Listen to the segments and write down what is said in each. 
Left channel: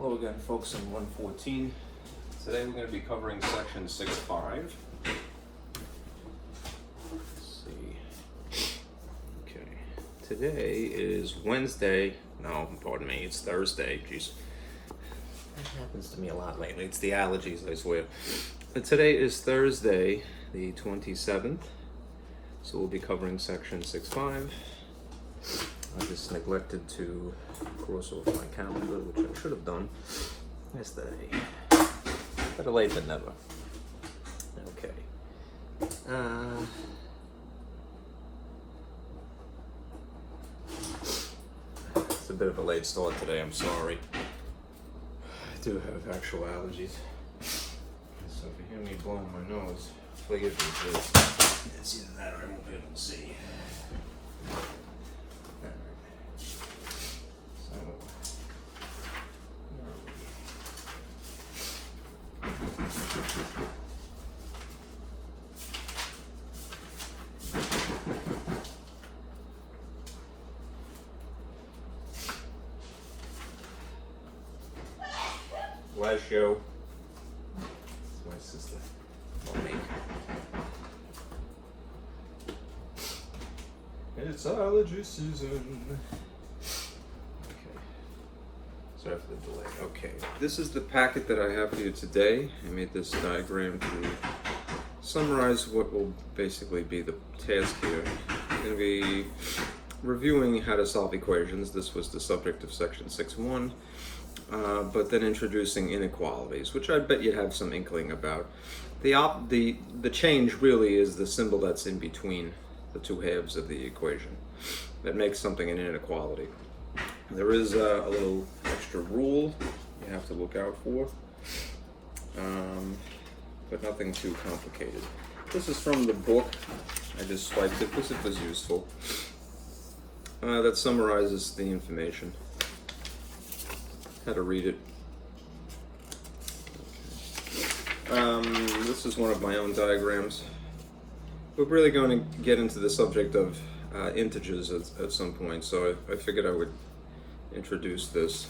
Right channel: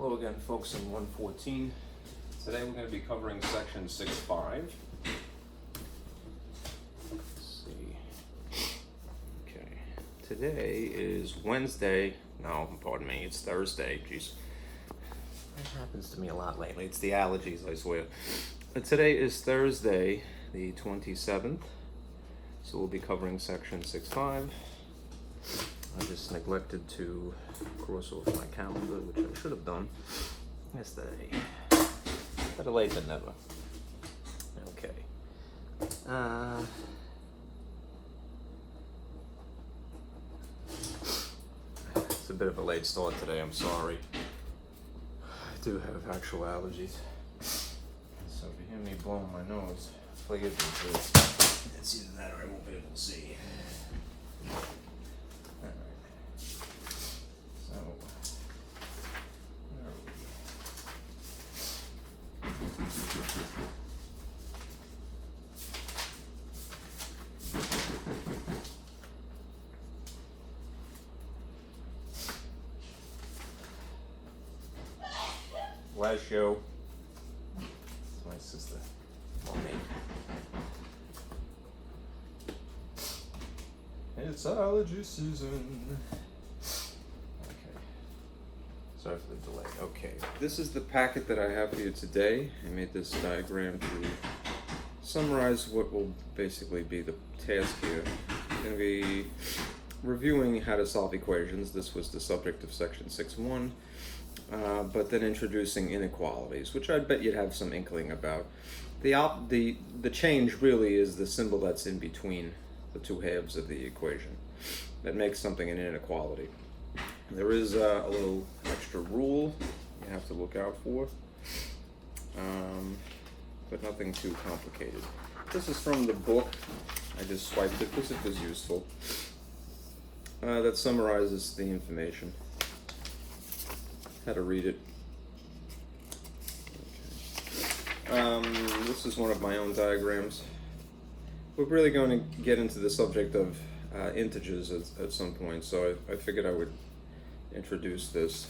Hello again, folks, in 114. Today we're going to be covering section 6.5. Let's see. Okay. Today is Wednesday. No, pardon me, it's Thursday. Jeez. That happens to me a lot lately. It's the allergies, I swear. But today is Thursday, the 27th. So we'll be covering section 6.5. I just neglected to cross off my calendar, which I should have done yesterday. Better late than never. Okay. It's a bit of a late start today, I'm sorry. I do have actual allergies. So if you hear me blowing my nose, forgive me, please. It's either that or I won't be able to see. Last show. It's my sister. Mommy. It's allergy season. Okay. Sorry for the delay. Okay. This is the packet that I have for you today. I made this diagram to summarize what will basically be the task here. I'm going to be reviewing how to solve equations. This was the subject of section 6.1. But then introducing inequalities, which I bet you'd have some inkling about. The change really is the symbol that's in between the two halves of the equation that makes something an inequality. There is a little extra rule you have to look out for, but nothing too complicated. This is from the book. I just swiped it because it was useful. That summarizes the information. How to read it. Okay. This is one of my own diagrams. We're really going to get into the subject of integers at some point, so I figured I would introduce this.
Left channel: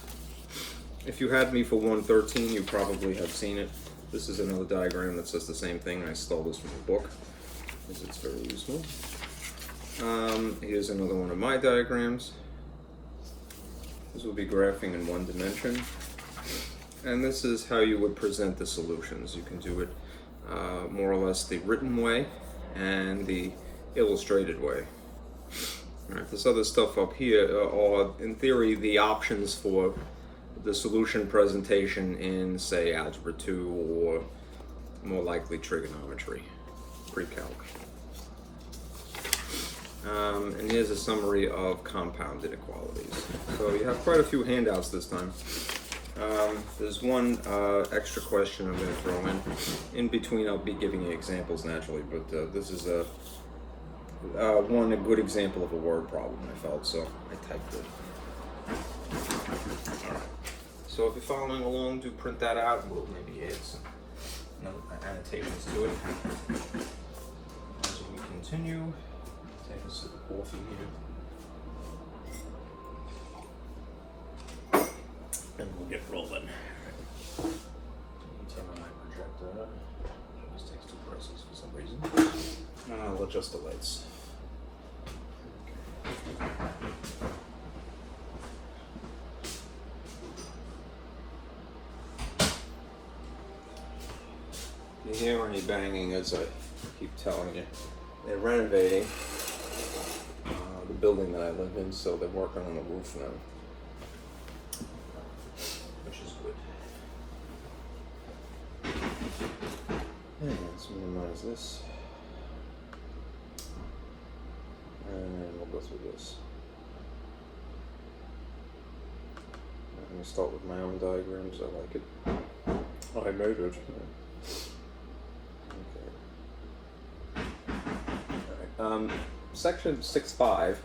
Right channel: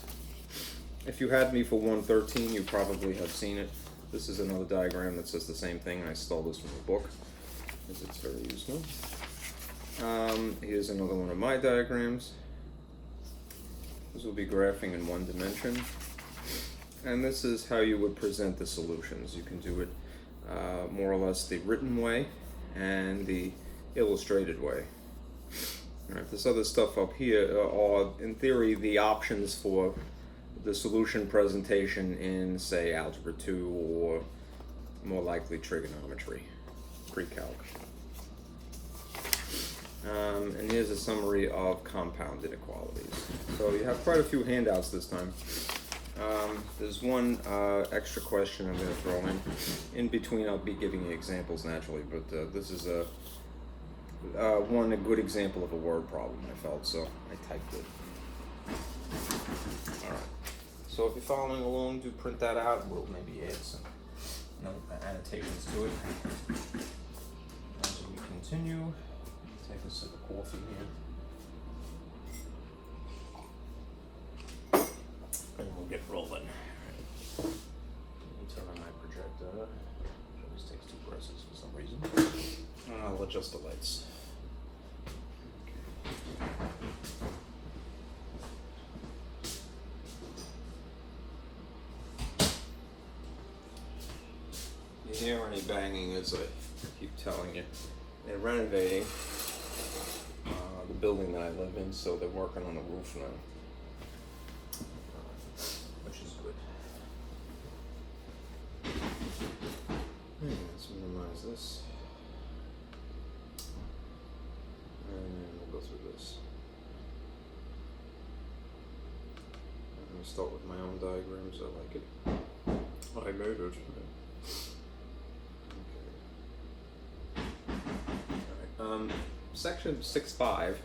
If you had me for 113, you probably have seen it. This is another diagram that says the same thing. I stole this from the book, because it's very useful. Here's another one of my diagrams. This will be graphing in one dimension. And this is how you would present the solutions. You can do it more or less the written way and the illustrated way. All right, this other stuff up here are, in theory, the options for the solution presentation in, say, Algebra 2 or more likely trigonometry, pre-calc. And here's a summary of compound inequalities. So you have quite a few handouts this time. There's one extra question I'm going to throw in. In between, I'll be giving you examples naturally, but this is a good example of a word problem, I felt, so I typed it. All right. So if you're following along, do print that out. We'll maybe add some annotations to it. As we continue. Take a sip of coffee here. And we'll get rolling. Let me turn on my projector. It always takes two presses for some reason. I'll adjust the lights. If you hear any banging, as I keep telling you, they're renovating the building that I live in, so they're working on the roof now, which is good. And let's minimize this, and we'll go through this. I'm going to start with my own diagrams. I like it. Oh, I made it. Section 6.5,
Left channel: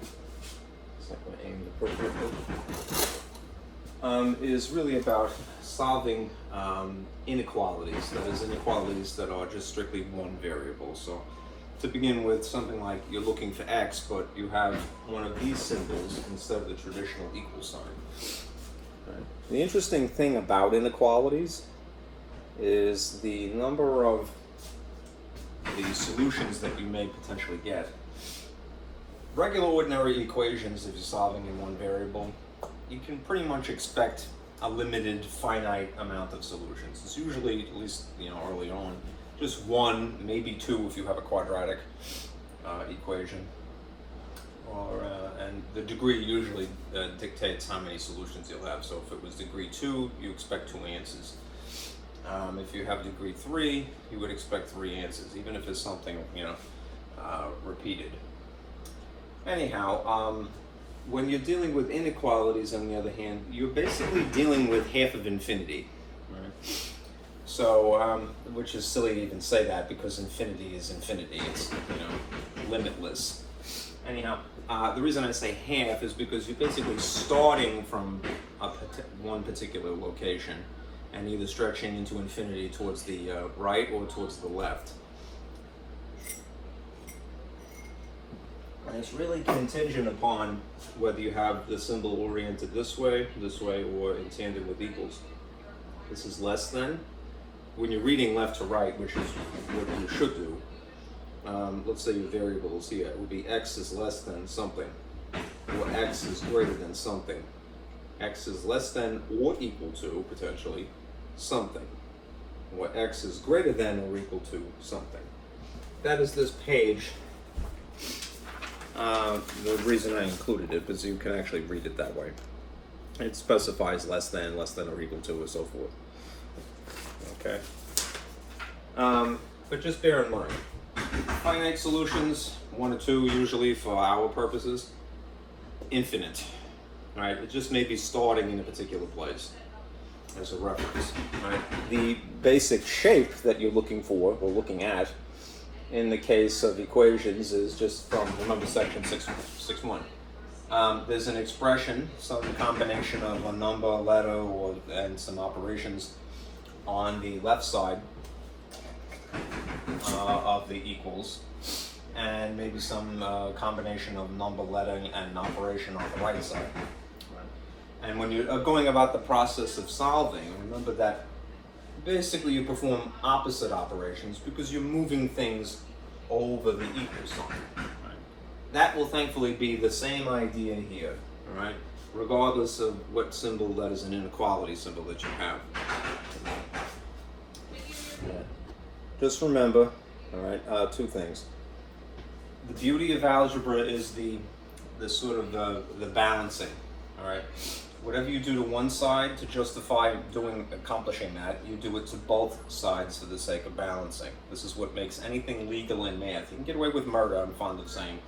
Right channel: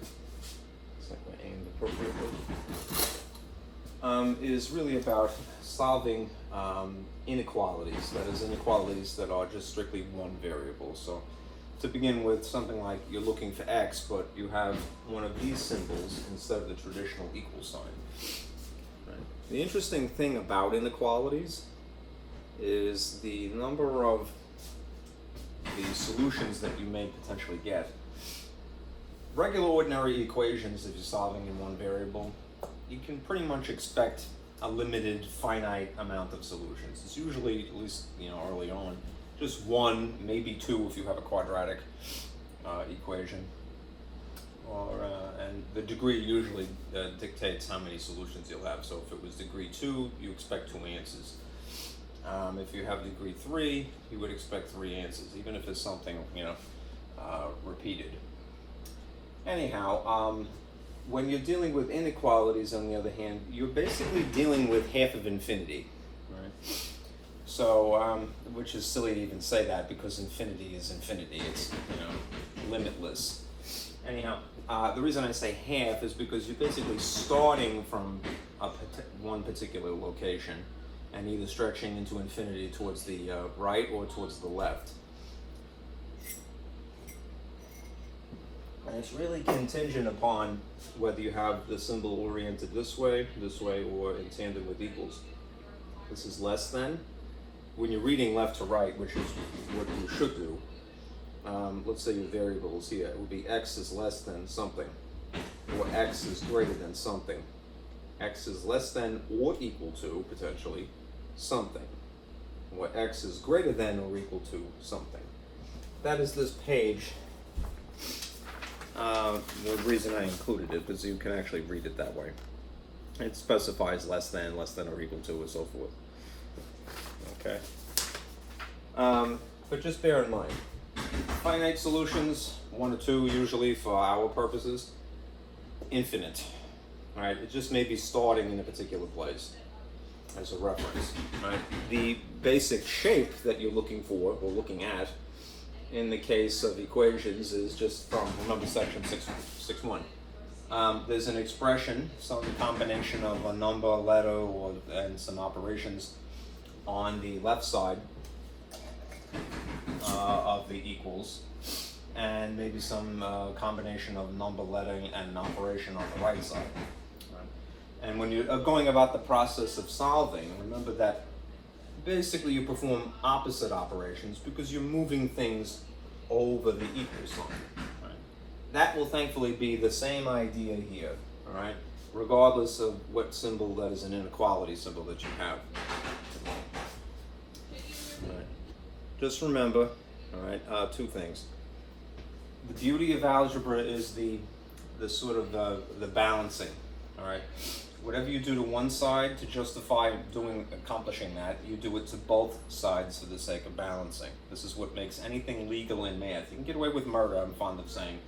it's not going to aim appropriately, is really about solving inequalities, that is, inequalities that are just strictly one variable. So to begin with, something like you're looking for x, but you have one of these symbols instead of the traditional equal sign. Right? The interesting thing about inequalities is the number of the solutions that you may potentially get. Regular ordinary equations, if you're solving in one variable, you can pretty much expect a limited, finite amount of solutions. It's usually, at least early on, just one, maybe two if you have a quadratic equation. And the degree usually dictates how many solutions you'll have. So if it was degree 2, you expect 2 answers. If you have degree 3, you would expect 3 answers, even if it's something repeated. Anyhow, when you're dealing with inequalities, on the other hand, you're basically dealing with half of infinity, right? So, which is silly to even say that, because infinity is infinity. It's limitless. Anyhow, the reason I say half is because you're basically starting from one particular location and either stretching into infinity towards the right or towards the left. And it's really contingent upon whether you have the symbol oriented this way, or in tandem with equals. This is less than. When you're reading left to right, which is what you should do, let's say your variables here, it would be x is less than something, or x is greater than something. X is less than or equal to, potentially, something, or x is greater than or equal to something. That is this page. The reason I included it is you can actually read it that way. It specifies less than or equal to, and so forth. Okay. But just bear in mind, finite solutions, 1 or 2 usually for our purposes, infinite. All right, it just may be starting in a particular place as a reference. Right? The basic shape that you're looking for or looking at in the case of equations is just from, remember, section 6.1. There's an expression, some combination of a number, a letter, and some operations on the left side of the equals, and maybe some combination of number, letter, and an operation on the right side. Right? And when you're going about the process of solving, remember that basically you perform opposite operations because you're moving things over the equal sign. Right? That will thankfully be the same idea here, all right? Regardless of what symbol that is an inequality symbol that you have. All right. Just remember, all right, 2 things. The beauty of algebra is the sort of the balancing, all right? Whatever you do to one side to justify accomplishing that, you do it to both sides for the sake of balancing. This is what makes anything legal in math. You can get away with murder, I'm fond of saying.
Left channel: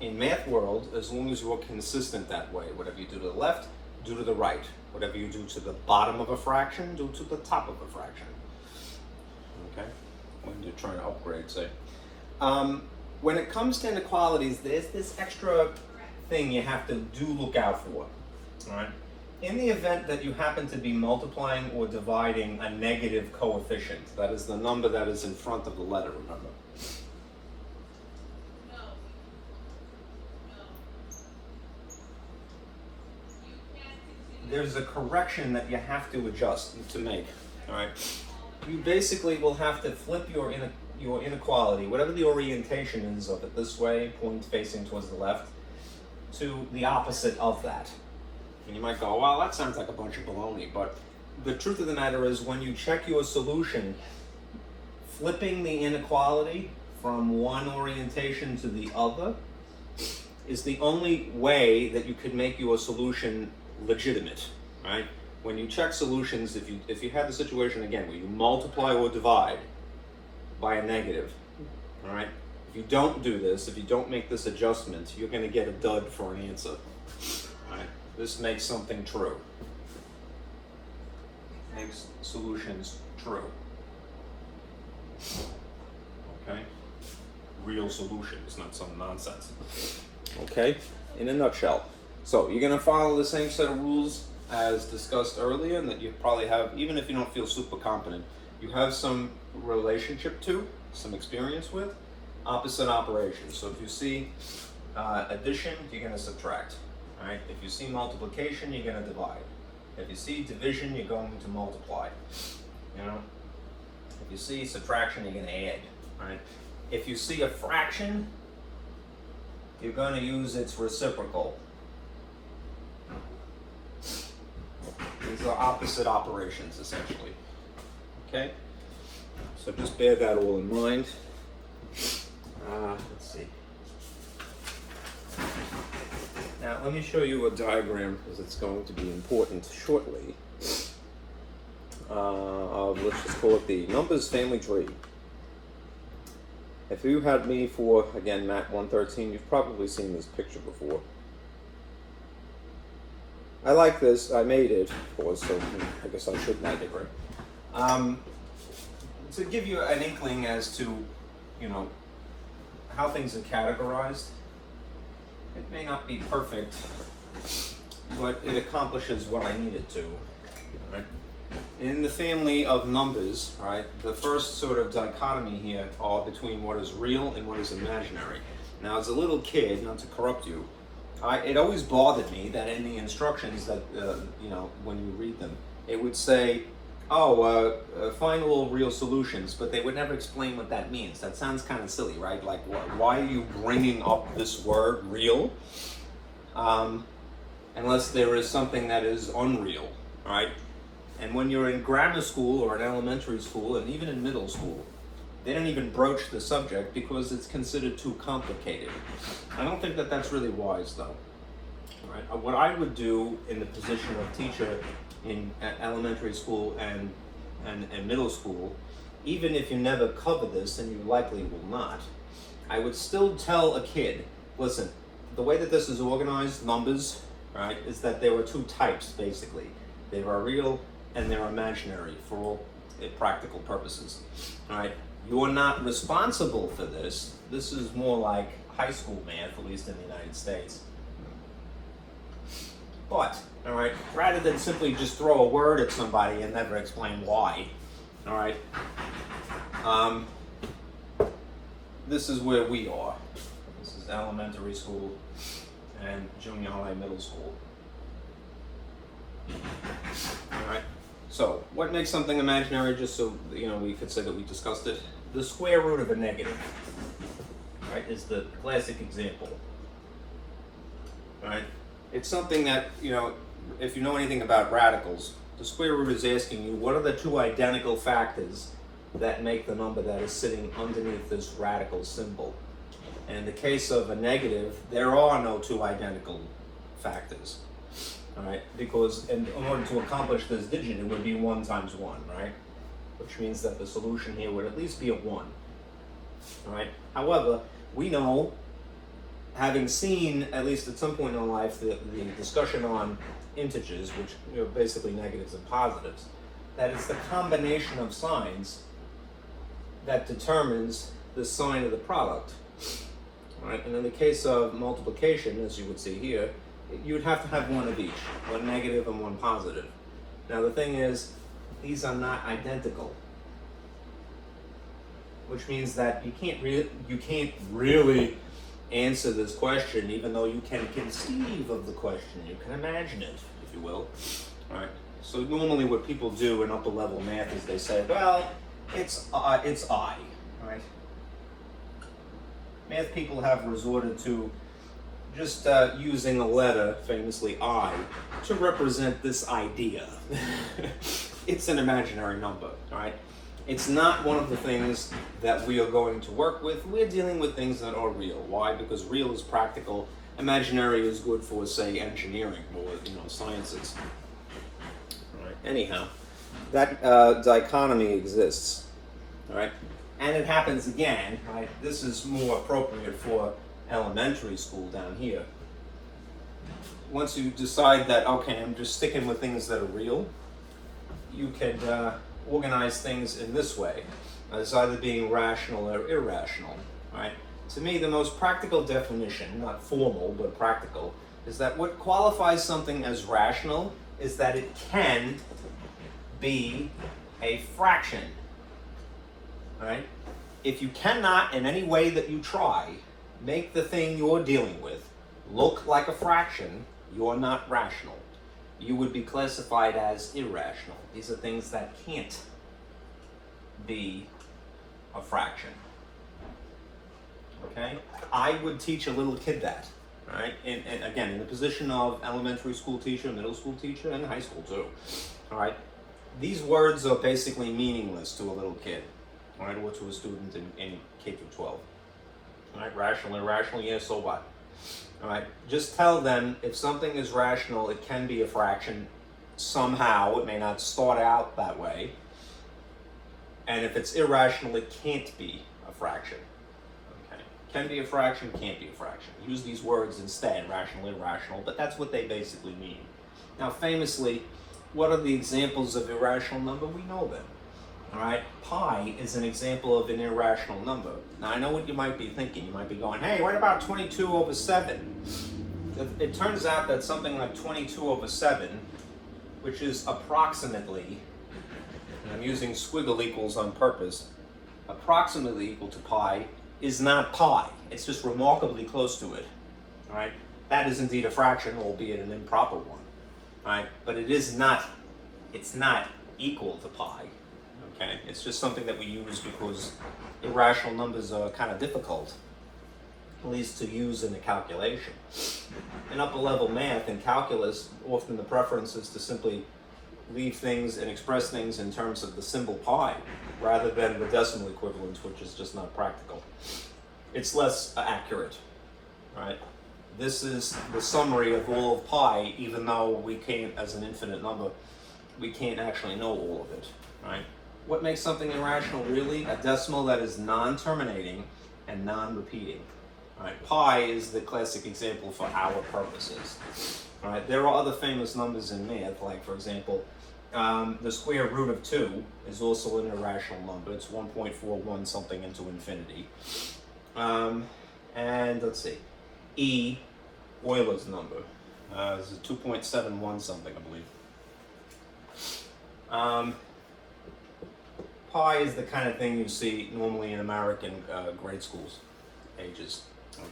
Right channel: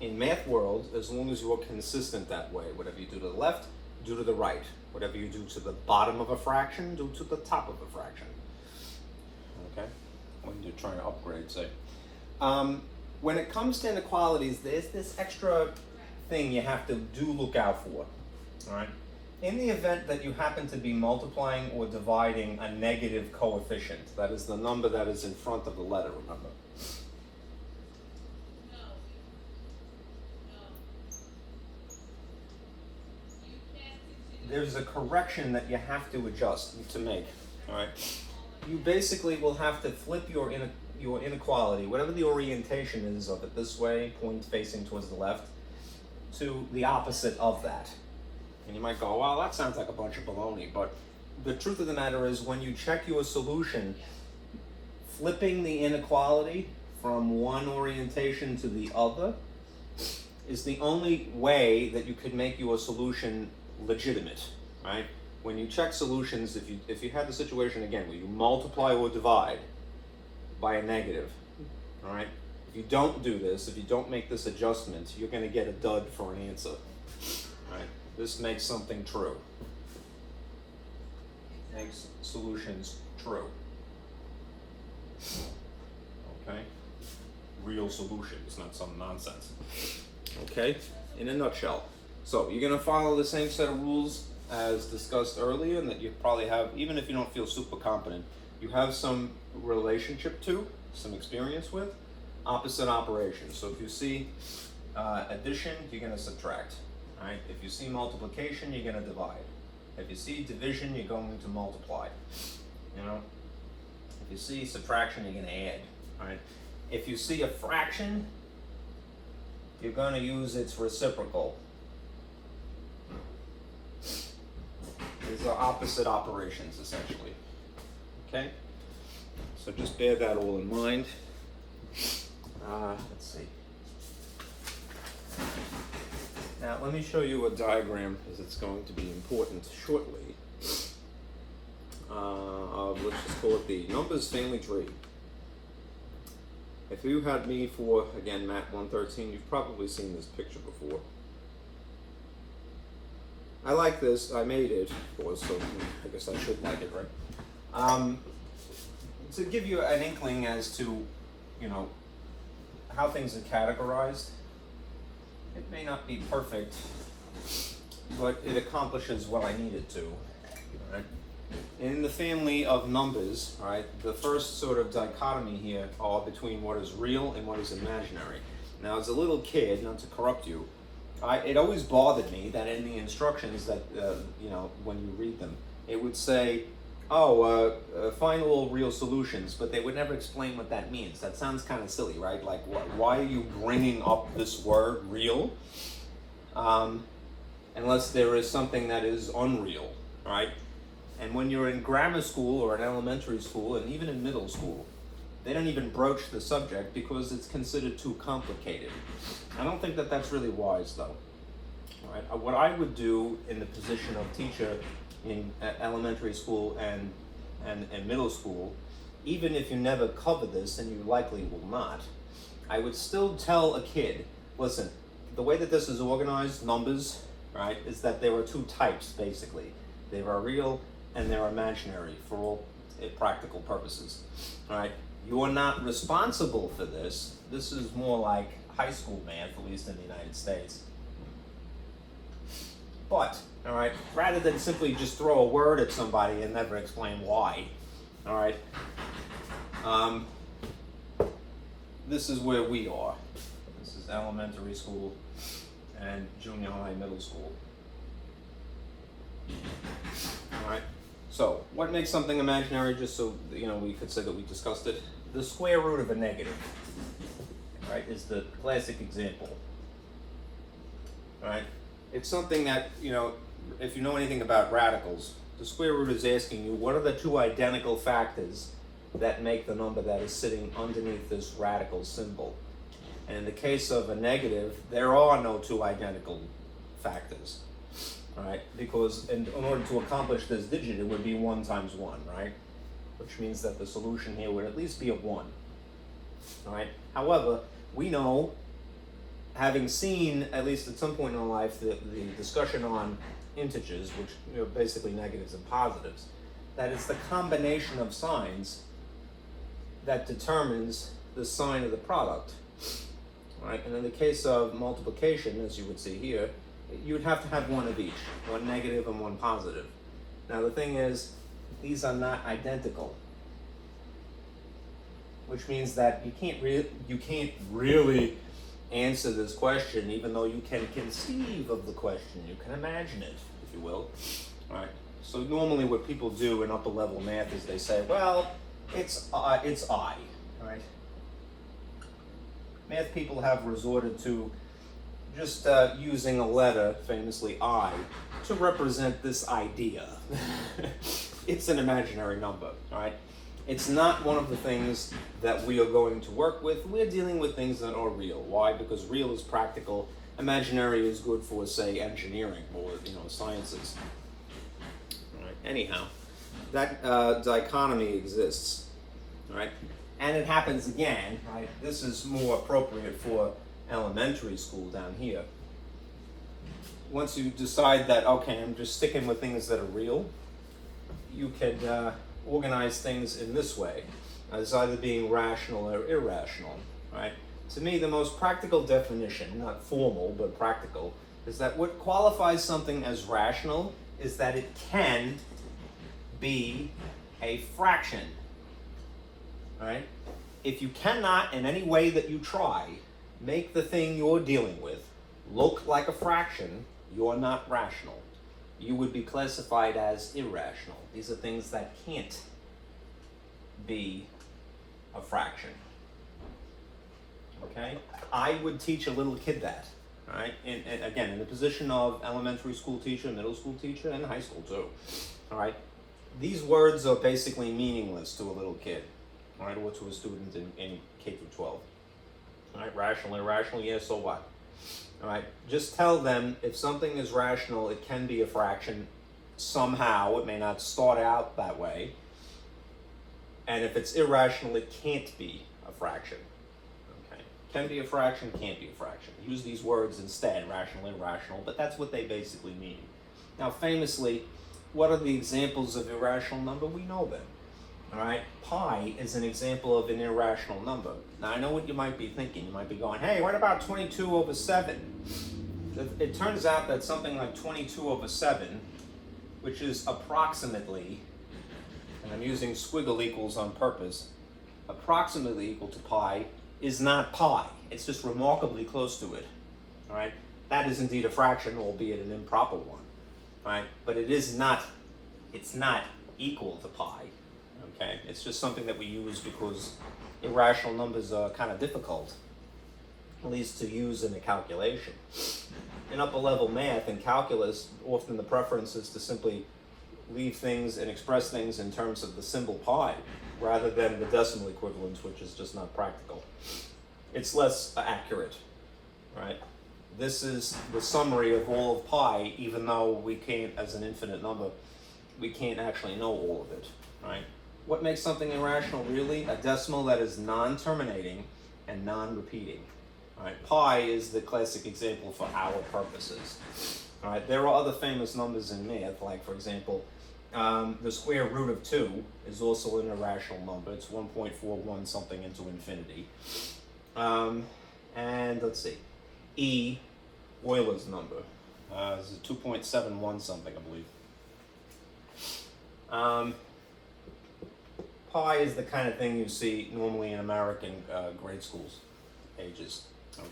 In math world, as long as you are consistent that way, whatever you do to the left, do to the right. Whatever you do to the bottom of a fraction, do to the top of a fraction. Okay? When you're trying to upgrade, say. When it comes to inequalities, there's this extra thing you have to look out for. All right? In the event that you happen to be multiplying or dividing a negative coefficient, that is the number that is in front of the letter, remember? There's a correction that you have to adjust to make, all right? You basically will have to flip your inequality, whatever the orientation is of it, this way, point facing towards the left, to the opposite of that. And you might go, well, that sounds like a bunch of baloney, but the truth of the matter is when you check your solution, flipping the inequality from one orientation to the other is the only way that you could make your solution legitimate, right? When you check solutions, if you had the situation again where you multiply or divide by a negative, all right? If you don't do this, if you don't make this adjustment, you're going to get a dud for an answer. All right? This makes something true. Makes solutions true. Okay? Real solutions, not some nonsense. Okay? In a nutshell. So you're going to follow the same set of rules as discussed earlier, and that you probably have, even if you don't feel super competent, you have some relationship to, some experience with, opposite operations. So if you see addition, you're going to subtract. Right? If you see multiplication, you're going to divide. If you see division, you're going to multiply. You know? If you see subtraction, you're going to add. Right? If you see a fraction, you're going to use its reciprocal. These are opposite operations, essentially. Okay? So just bear that all in mind. Let's see. Now, let me show you a diagram, because it's going to be important shortly, of, let's just call it the numbers family tree. If you had me for, again, MAT-114, you've probably seen this picture before. I like this. I made it, of course, so I guess I should like it, right? To give you an inkling as to, you know, how things are categorized. It may not be perfect, but it accomplishes what I need it to. Right? In the family of numbers, right, the first sort of dichotomy here are between what is real and what is imaginary. Now, as a little kid, not to corrupt you, it always bothered me that in the instructions that, you know, when you read them, it would say, find all real solutions, but they would never explain what that means. That sounds kind of silly, right? Like, why are you bringing up this word, real? Unless there is something that is unreal, right? And when you're in grammar school or in elementary school, and even in middle school, they don't even broach the subject because it's considered too complicated. I don't think that that's really wise, though. All right? What I would do in the position of teacher in elementary school and middle school, even if you never cover this, and you likely will not, I would still tell a kid, listen, the way that this is organized, numbers, right, is that there are two types, basically. There are real and they're imaginary for all practical purposes, all right? You're not responsible for this. This is more like high school math, at least in the United States. But, all right, rather than simply just throw a word at somebody and never explain why, all right, this is where we are. This is elementary school and junior high, middle school. All right, so what makes something imaginary, just so, you know, we could say that we discussed it? The square root of a negative, right, is the classic example, all right? It's something that, you know, if you know anything about radicals, the square root is asking you, what are the two identical factors that make the number that is sitting underneath this radical symbol? And in the case of a negative, there are no two identical factors, all right? Because in order to accomplish this digit, it would be 1 times 1, right? Which means that the solution here would at least be a 1, all right? However, we know, having seen, at least at some point in our life, the discussion on integers, which, you know, basically negatives and positives, that it's the combination of signs that determines the sign of the product. All right? And in the case of multiplication, as you would see here, you would have to have one of each, one negative and one positive. Now the thing is, these are not identical, which means that you can't really answer this question, even though you can conceive of the question, you can imagine it, if you will. All right. So normally, what people do in upper level math is they say, "Well, it's I." All right. Math people have resorted to just using a letter, famously I, to represent this idea. It's an imaginary number. All right. It's not one of the things that we are going to work with. We're dealing with things that are real. Why? Because real is practical. Imaginary is good for, say, engineering or, you know, sciences. All right. Anyhow, that dichotomy exists. All right. And it happens again. Right. This is more appropriate for elementary school down here. Once you decide that, okay, I'm just sticking with things that are real, you can organize things in this way, as either being rational or irrational, right? To me, the most practical definition, not formal, but practical, is that what qualifies something as rational is that it can be a fraction, right? If you cannot, in any way that you try, make the thing you're dealing with look like a fraction, you're not rational. you would be classified as irrational. These are things that can't be a fraction. Okay? I would teach a little kid that, right? And again, in the position of elementary school teacher, middle school teacher, and high school too. All right? These words are basically meaningless to a little kid, all right, or to a student in K through 12. All right? Rational, irrational, yeah, so what? All right? Just tell them if something is rational, it can be a fraction somehow. It may not start out that way. And if it's irrational, it can't be a fraction. Okay? Can be a fraction, can't be a fraction. Use these words instead, rational, irrational, but that's what they basically mean. Now, famously, what are the examples of irrational number? We know them. All right? Pi is an example of an irrational number. Now, I know what you might be thinking. You might be going, hey, what about 22 over 7? It turns out that something like 22 over 7, which is approximately, and I'm using squiggle equals on purpose, approximately equal to pi, is not pi. It's just remarkably close to it. All right? That is indeed a fraction, albeit an improper one. All right? But it's not equal to pi. Okay? It's just something that we use because irrational numbers are kind of difficult, at least to use in a calculation. In upper level math and calculus, often the preference is to simply leave things and express things in terms of the symbol pi rather than the decimal equivalent, which is just not practical. It's less accurate, right? This is the summary of all of pi, even though we can't, as an infinite number, we can't actually know all of it, right? What makes something irrational really? A decimal that is non-terminating and non-repeating. Right? Pi is the classic example for our purposes. All right? There are other famous numbers in math, like for example, the square root of 2 is also an irrational number. It's 1.41 something into infinity. And let's see, E, Euler's number, is a 2.71 something, I believe. Pi is the kind of thing you see normally in American grade schools ages,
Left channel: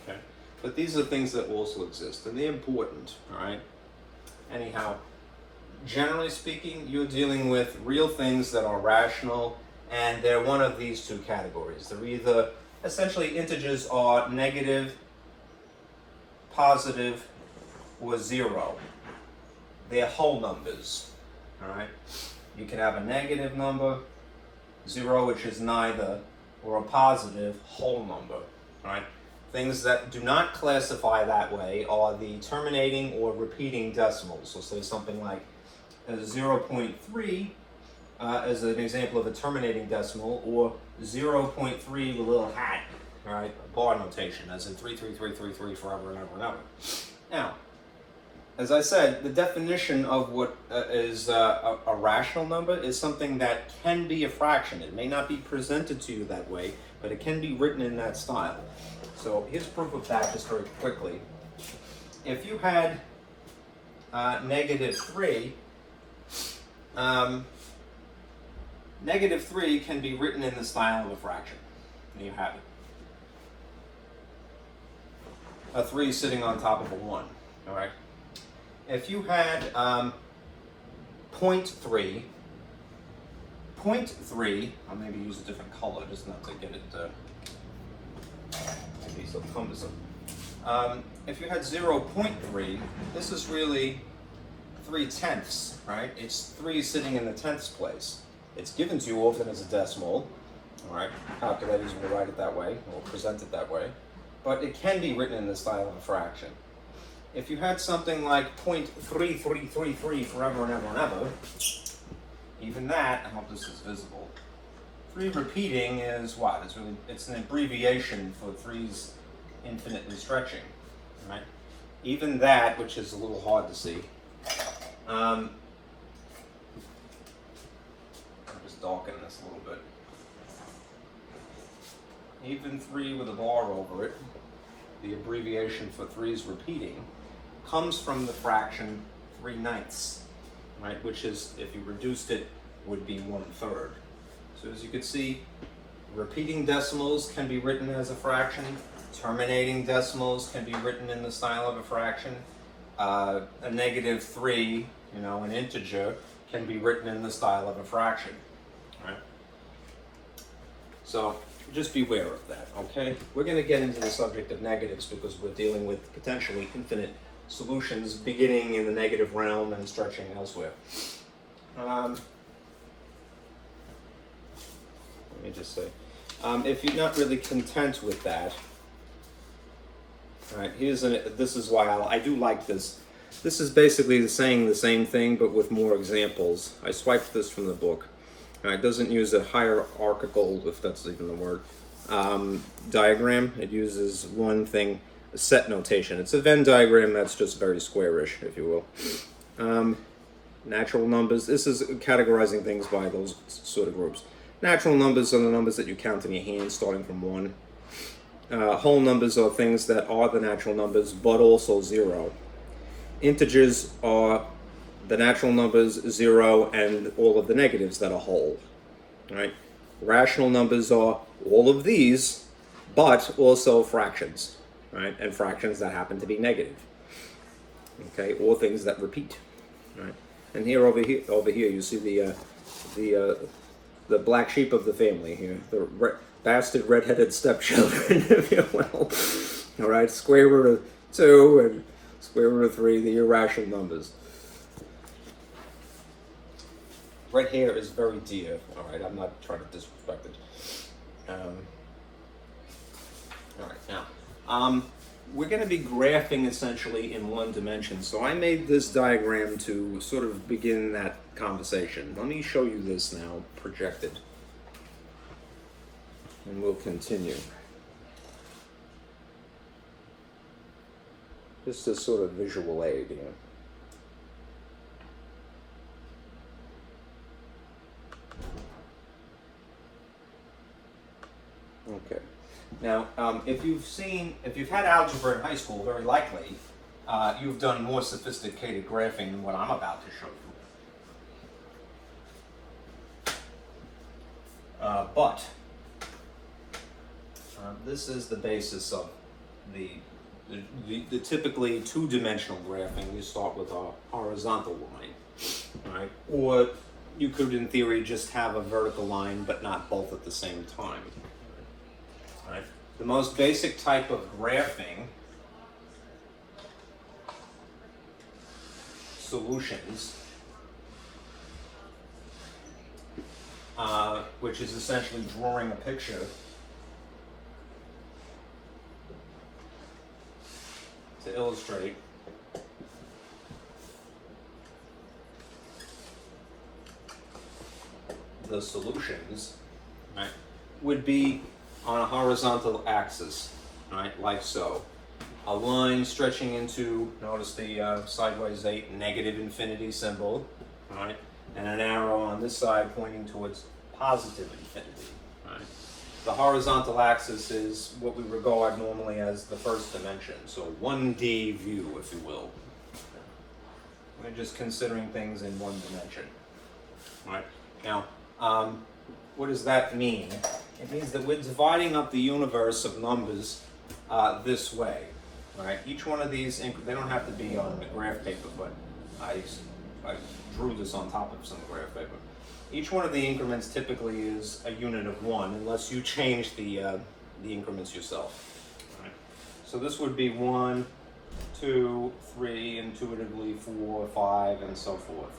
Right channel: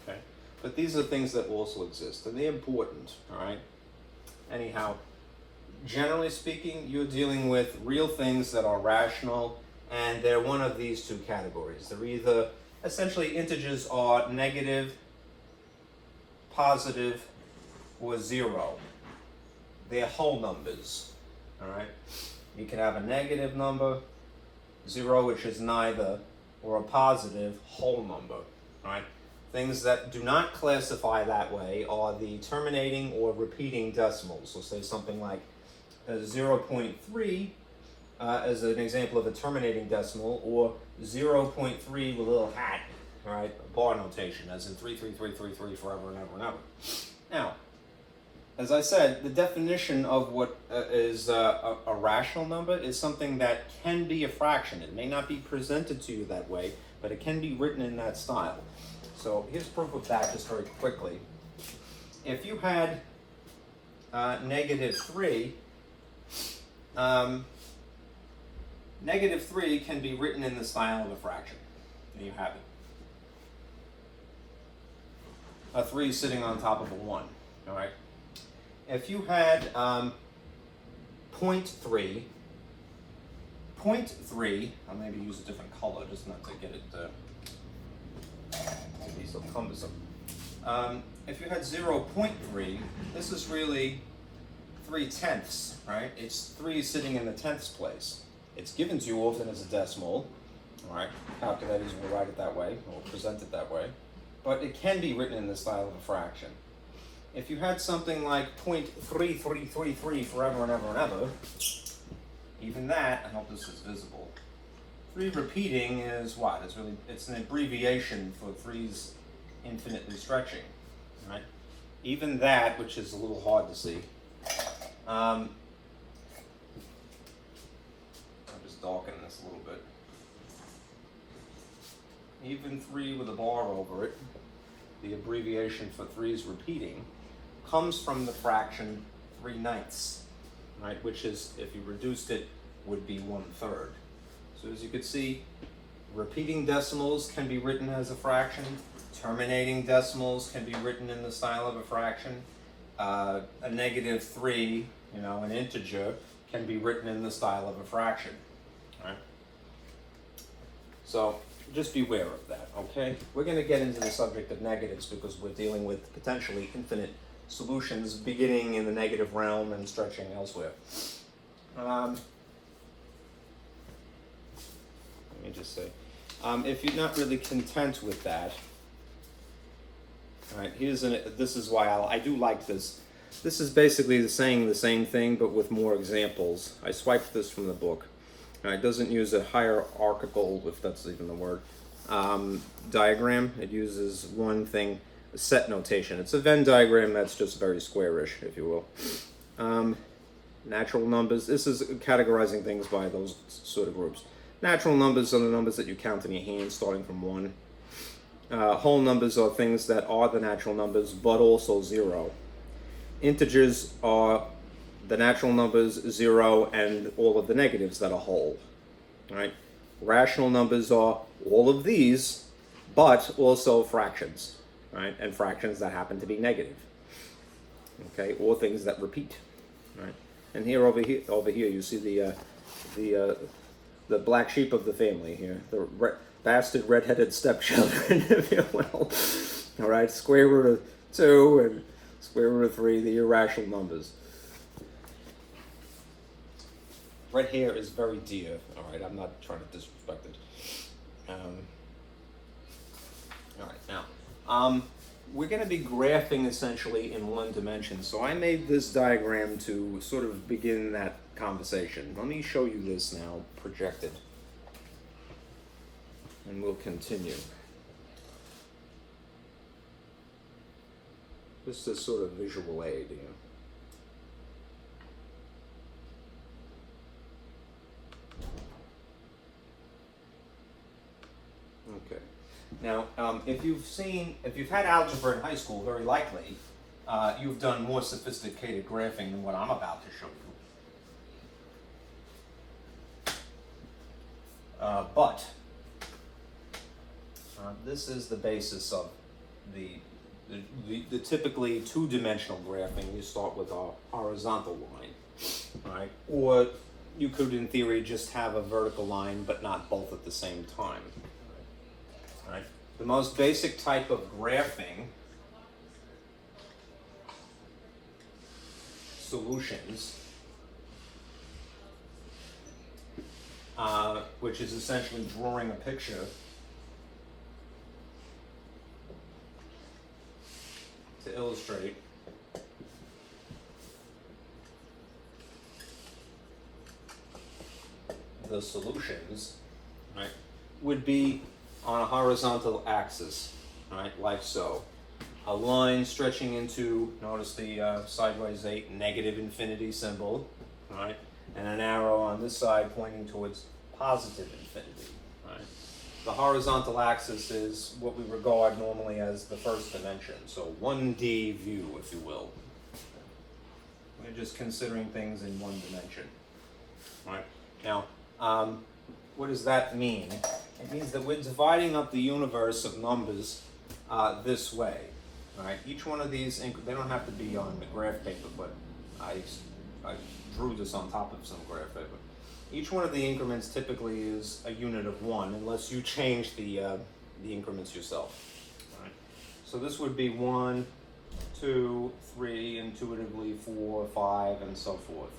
okay? But these are things that also exist, and they're important, all right? Anyhow, generally speaking, you're dealing with real things that are rational, and they're one of these two categories. They're either, essentially, integers are negative, positive, or 0. They're whole numbers, all right? You can have a negative number, 0, which is neither, or a positive whole number, right? Things that do not classify that way are the terminating or repeating decimals. So say something like 0.3 as an example of a terminating decimal, or 0.3 with a little hat, right? Bar notation, as in 33333 forever and ever and ever. Now, as I said, the definition of what is a rational number is something that can be a fraction. It may not be presented to you that way, but it can be written in that style. So here's proof of that just very quickly. If you had negative 3, negative 3 can be written in the style of a fraction. There you have it. A 3 sitting on top of a 1, all right? If you had 0.3, I'll maybe use a different color just not to get it to be so cumbersome. If you had 0.3, this is really 3/10, right? It's 3 sitting in the tenths place. It's given to you often as a decimal, all right? Calculators will write it that way, or present it that way, but it can be written in the style of a fraction. If you had something like 0.3333 forever and ever and ever, even that, I hope this is visible, 3 repeating is what? It's an abbreviation for 3's infinitely stretching, right? Even that, which is a little hard to see, I'll just darken this a little bit. Even 3 with a bar over it, the abbreviation for 3's repeating, comes from the fraction 3/9, right? Which is, if you reduced it, would be 1/3. So as you can see, repeating decimals can be written as a fraction. Terminating decimals can be written in the style of a fraction. A negative 3 You know, an integer can be written in the style of a fraction, right? So just beware of that, okay? We're going to get into the subject of negatives because we're dealing with potentially infinite solutions beginning in the negative realm and stretching elsewhere. Let me just say, if you're not really content with that, all right, this is why I do like this. This is basically saying the same thing, but with more examples. I swiped this from the book. It doesn't use a hierarchical, if that's even the word, diagram. It uses one thing, a set notation. It's a Venn diagram that's just very squarish, if you will. Natural numbers, this is categorizing things by those sort of groups. Natural numbers are the numbers that you count in your hand, starting from 1. Whole numbers are things that are the natural numbers, but also 0. Integers are the natural numbers, 0, and all of the negatives that are whole. Right? Rational numbers are all of these, but also fractions, right? And fractions that happen to be negative. Okay, or things that repeat. Right? And over here, you see the black sheep of the family here, the bastard redheaded stepchildren, if you will. All right, square root of 2 and square root of 3, the irrational numbers. Red hair is very dear. All right, I'm not trying to disrespect it. All right, now we're going to be graphing essentially in one dimension. So I made this diagram to sort of begin that conversation. Let me show you this now, projected. And we'll continue. Just a sort of visual aid here. Okay. Now, if you've had algebra in high school, very likely you've done more sophisticated graphing than what I'm about to show you. But this is the basis of the typically two-dimensional graphing. You start with a horizontal line, right? Or you could, in theory, just have a vertical line, but not both at the same time. Right? The most basic type of graphing solutions, which is essentially drawing a picture to illustrate the solutions, right, would be on a horizontal axis, right, like so. A line stretching into, notice the sideways 8 negative infinity symbol, right, and an arrow on this side pointing towards positive infinity, right. The horizontal axis is what we regard normally as the first dimension, so 1D view, if you will. We're just considering things in one dimension, right. Now, what does that mean? It means that we're dividing up the universe of numbers this way, right? Each one of these, they don't have to be on the graph paper, but I drew this on top of some graph paper. Each one of the increments typically is a unit of 1, unless you change the increments yourself. Right? So this would be 1, 2, 3, intuitively 4, 5, and so forth,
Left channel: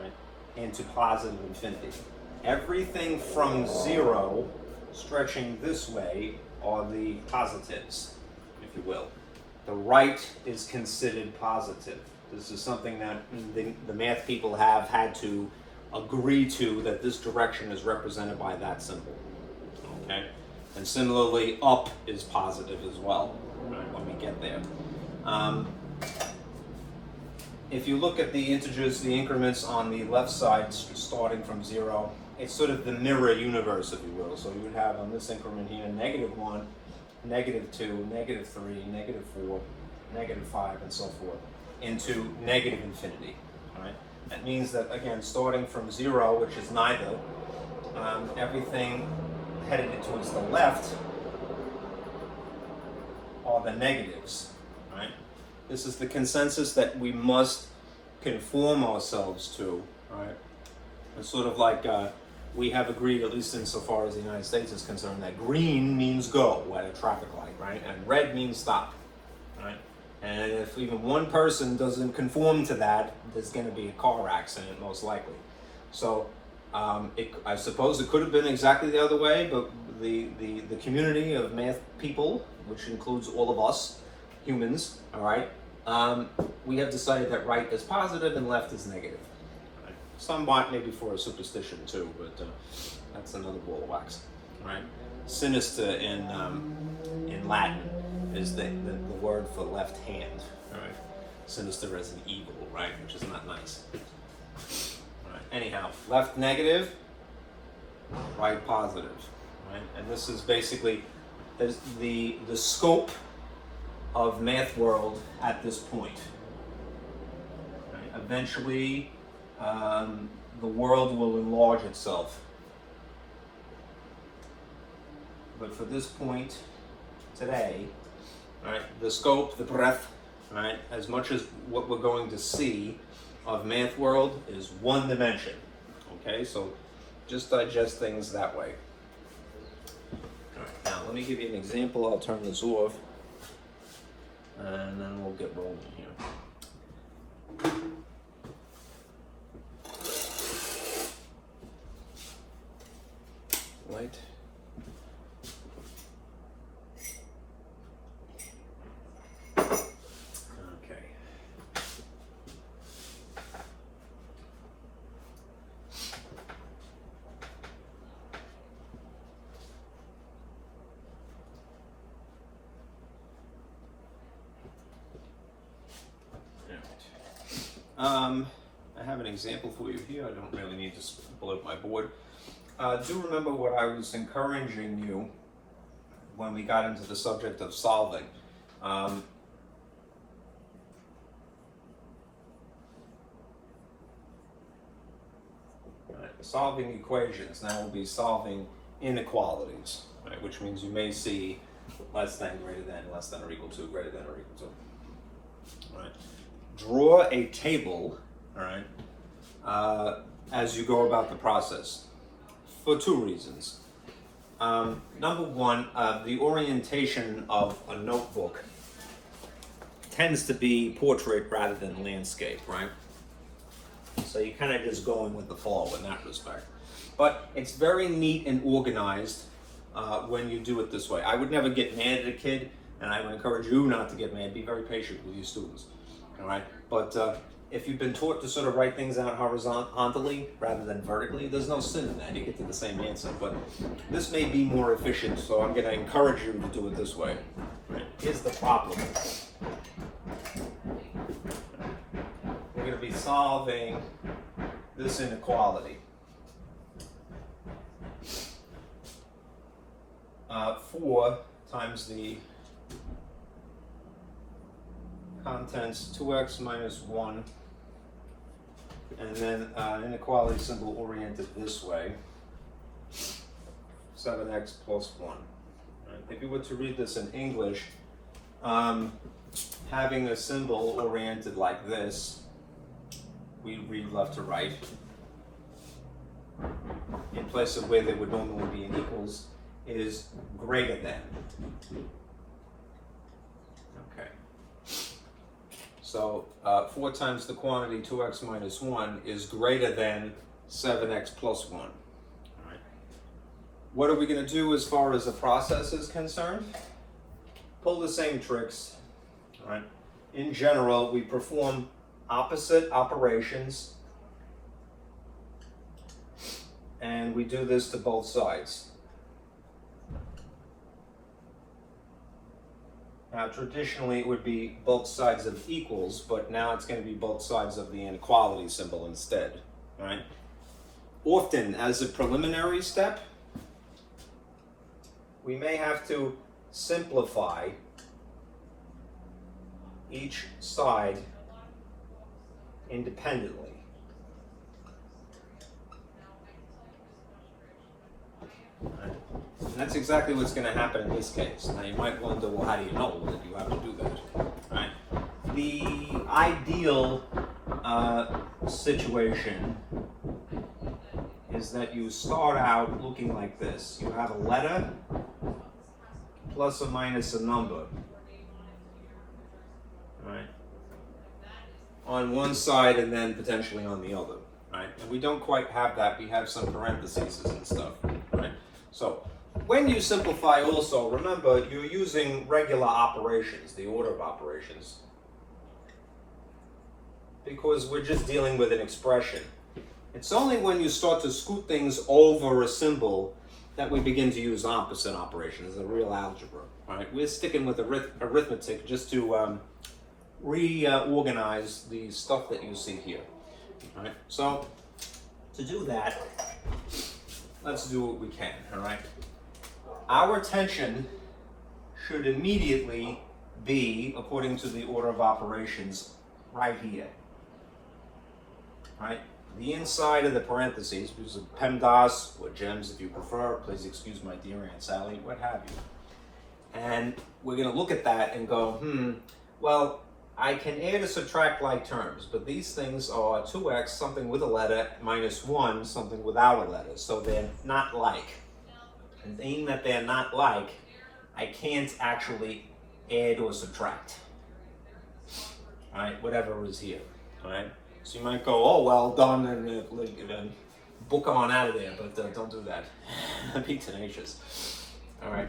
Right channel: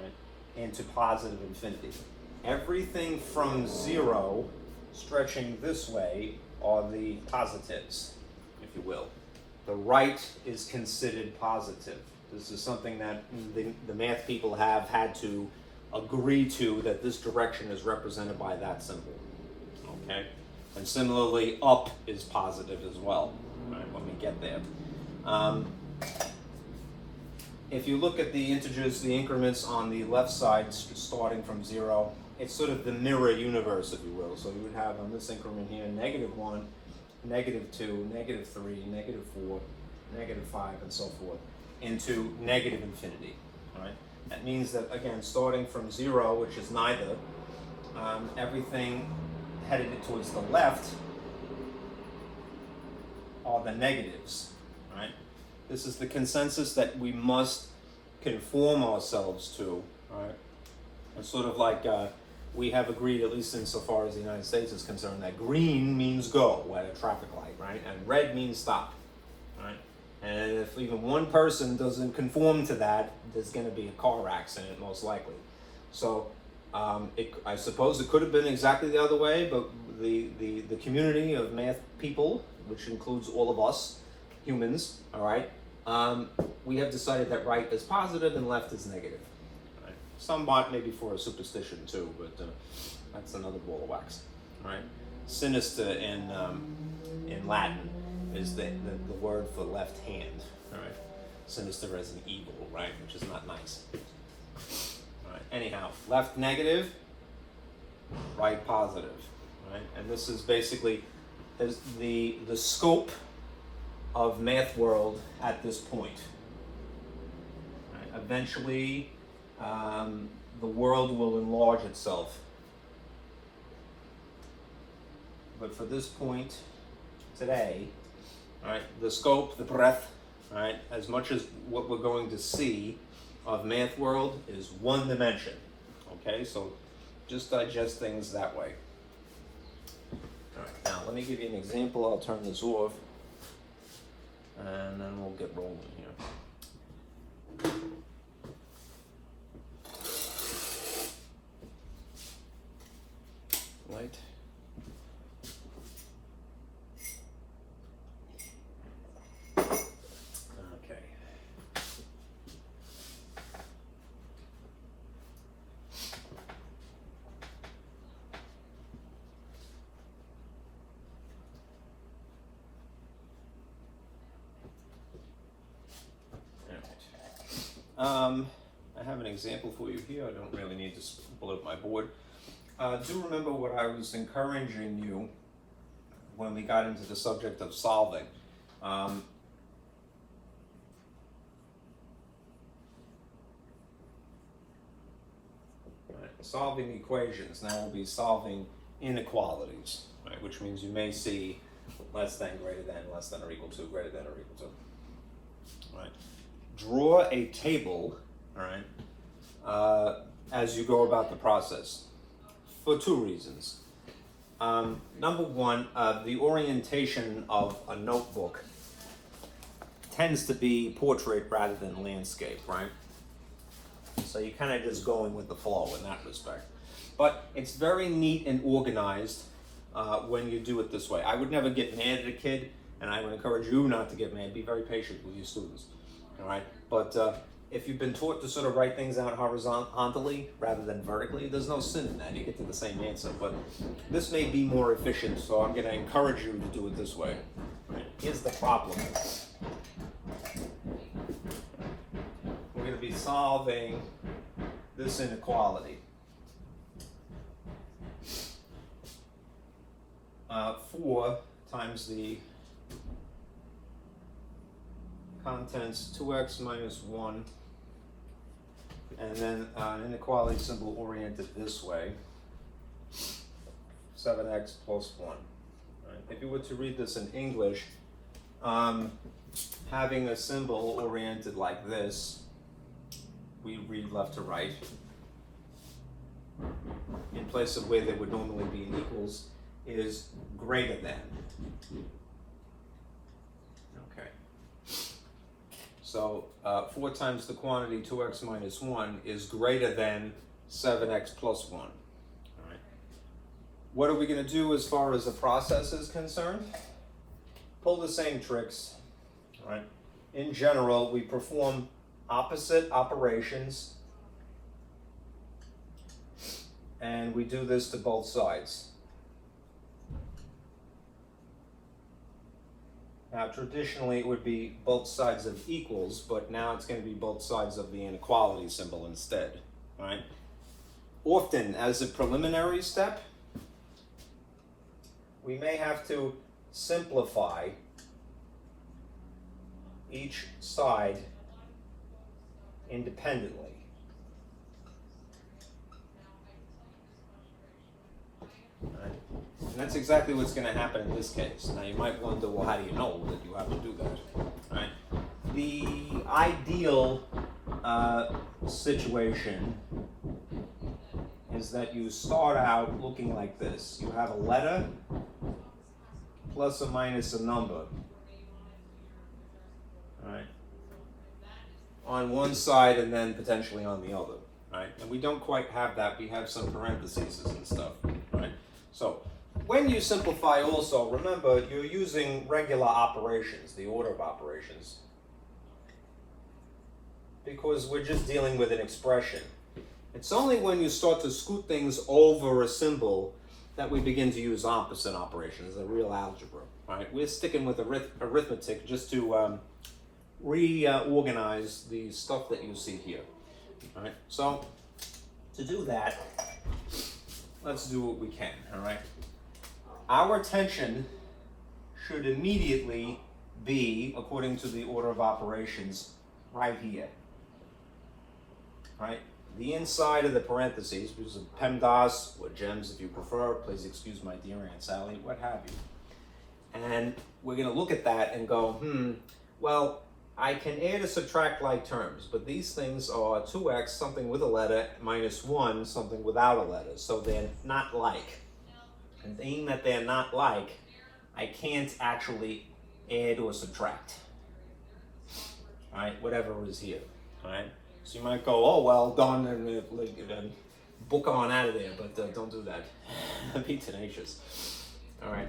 right? Into positive infinity. Everything from 0 stretching this way are the positives, if you will. The right is considered positive. This is something that the math people have had to agree to, that this direction is represented by that symbol. Okay? And similarly, up is positive as well, right, when we get there. If you look at the integers, the increments on the left side starting from 0, it's sort of the mirror universe, if you will. So you would have on this increment here -1, -2, -3, -4, -5, and so forth, into negative infinity. Right? That means that, again, starting from 0, which is neither, everything headed towards the left are the negatives. Right? This is the consensus that we must conform ourselves to, right? It's sort of like we have agreed, at least insofar as the United States is concerned, that green means go at a traffic light, right? And red means stop, right? And if even one person doesn't conform to that, there's going to be a car accident, most likely. So I suppose it could have been exactly the other way, but the community of math people, which includes all of us, humans, all right, we have decided that right is positive and left is negative. Right? Somewhat maybe for a superstition too, but that's another ball of wax, right? Sinister in Latin is the word for left hand, right? Sinister as an evil, right? Which is not nice. Right. Anyhow, left negative, right positive, right? And this is basically the scope of math world at this point. Right? Eventually, the world will enlarge itself. But for this point today, right, the scope, the breadth, right, as much as what we're going to see of math world is one dimension. Okay, so just digest things that way. All right, now let me give you an example. I'll turn this off, and then we'll get rolling here. Right. I have an example for you here. I don't really need to pull up my board. Do remember what I was encouraging you when we got into the subject of solving. Right, solving equations. Now we'll be solving inequalities, right? Which means you may see less than, greater than, less than or equal to, greater than or equal to. Right. Draw a table, all right, as you go about the process, for two reasons. Number one, the orientation of a notebook tends to be portrait rather than landscape, right? So you're kind of just going with the flow in that respect. But it's very neat and organized when you do it this way. I would never get mad at a kid, and I would encourage you not to get mad. Be very patient with your students. All right, but if you've been taught to sort of write things out horizontally rather than vertically, there's no sin in that. You get to the same answer, but this may be more efficient, so I'm going to encourage you to do it this way. Right. Here's the problem. We're going to be solving this inequality. 4 times the contents 2x minus 1, and then an inequality symbol oriented this way, 7x plus 1. Right. If you were to read this in English, having a symbol oriented like this, we read left to right, in place of where there would normally be an equals, is greater than. Okay. So 4 times the quantity 2x minus 1 is greater than 7x plus 1. All right. What are we going to do as far as the process is concerned? Pull the same tricks. All right. In general, we perform opposite operations, and we do this to both sides. Now, traditionally, it would be both sides of equals, but now it's going to be both sides of the inequality symbol instead, right? Often, as a preliminary step, we may have to simplify each side independently. Right. And that's exactly what's going to happen in this case. Now you might wonder, well, how do you know that you have to do that? Right? The ideal situation is that you start out looking like this. You have a letter plus or minus a number. Right? On one side and then potentially on the other. Right? And we don't quite have that. We have some parentheses and stuff. Right? So when you simplify also, remember you're using regular operations, the order of operations, because we're just dealing with an expression. It's only when you start to scoot things over a symbol that we begin to use opposite operations, a real algebra. Right? We're sticking with arithmetic just to reorganize the stuff that you see here. All right? So to do that, let's do what we can. All right? Our attention should immediately be, according to the order of operations, right here. Right? The inside of the parentheses, which is PEMDAS or GEMS if you prefer, please excuse my dear Aunt Sally, what have you. And we're going to look at that and go, well, I can add or subtract like terms, but these things are 2x, something with a letter, minus 1, something without a letter. So they're not like. And being that they're not like, I can't actually add or subtract. All right, whatever is here. All right. So you might go, oh, well done, and book on out of there, but don't do that. Be tenacious. All right.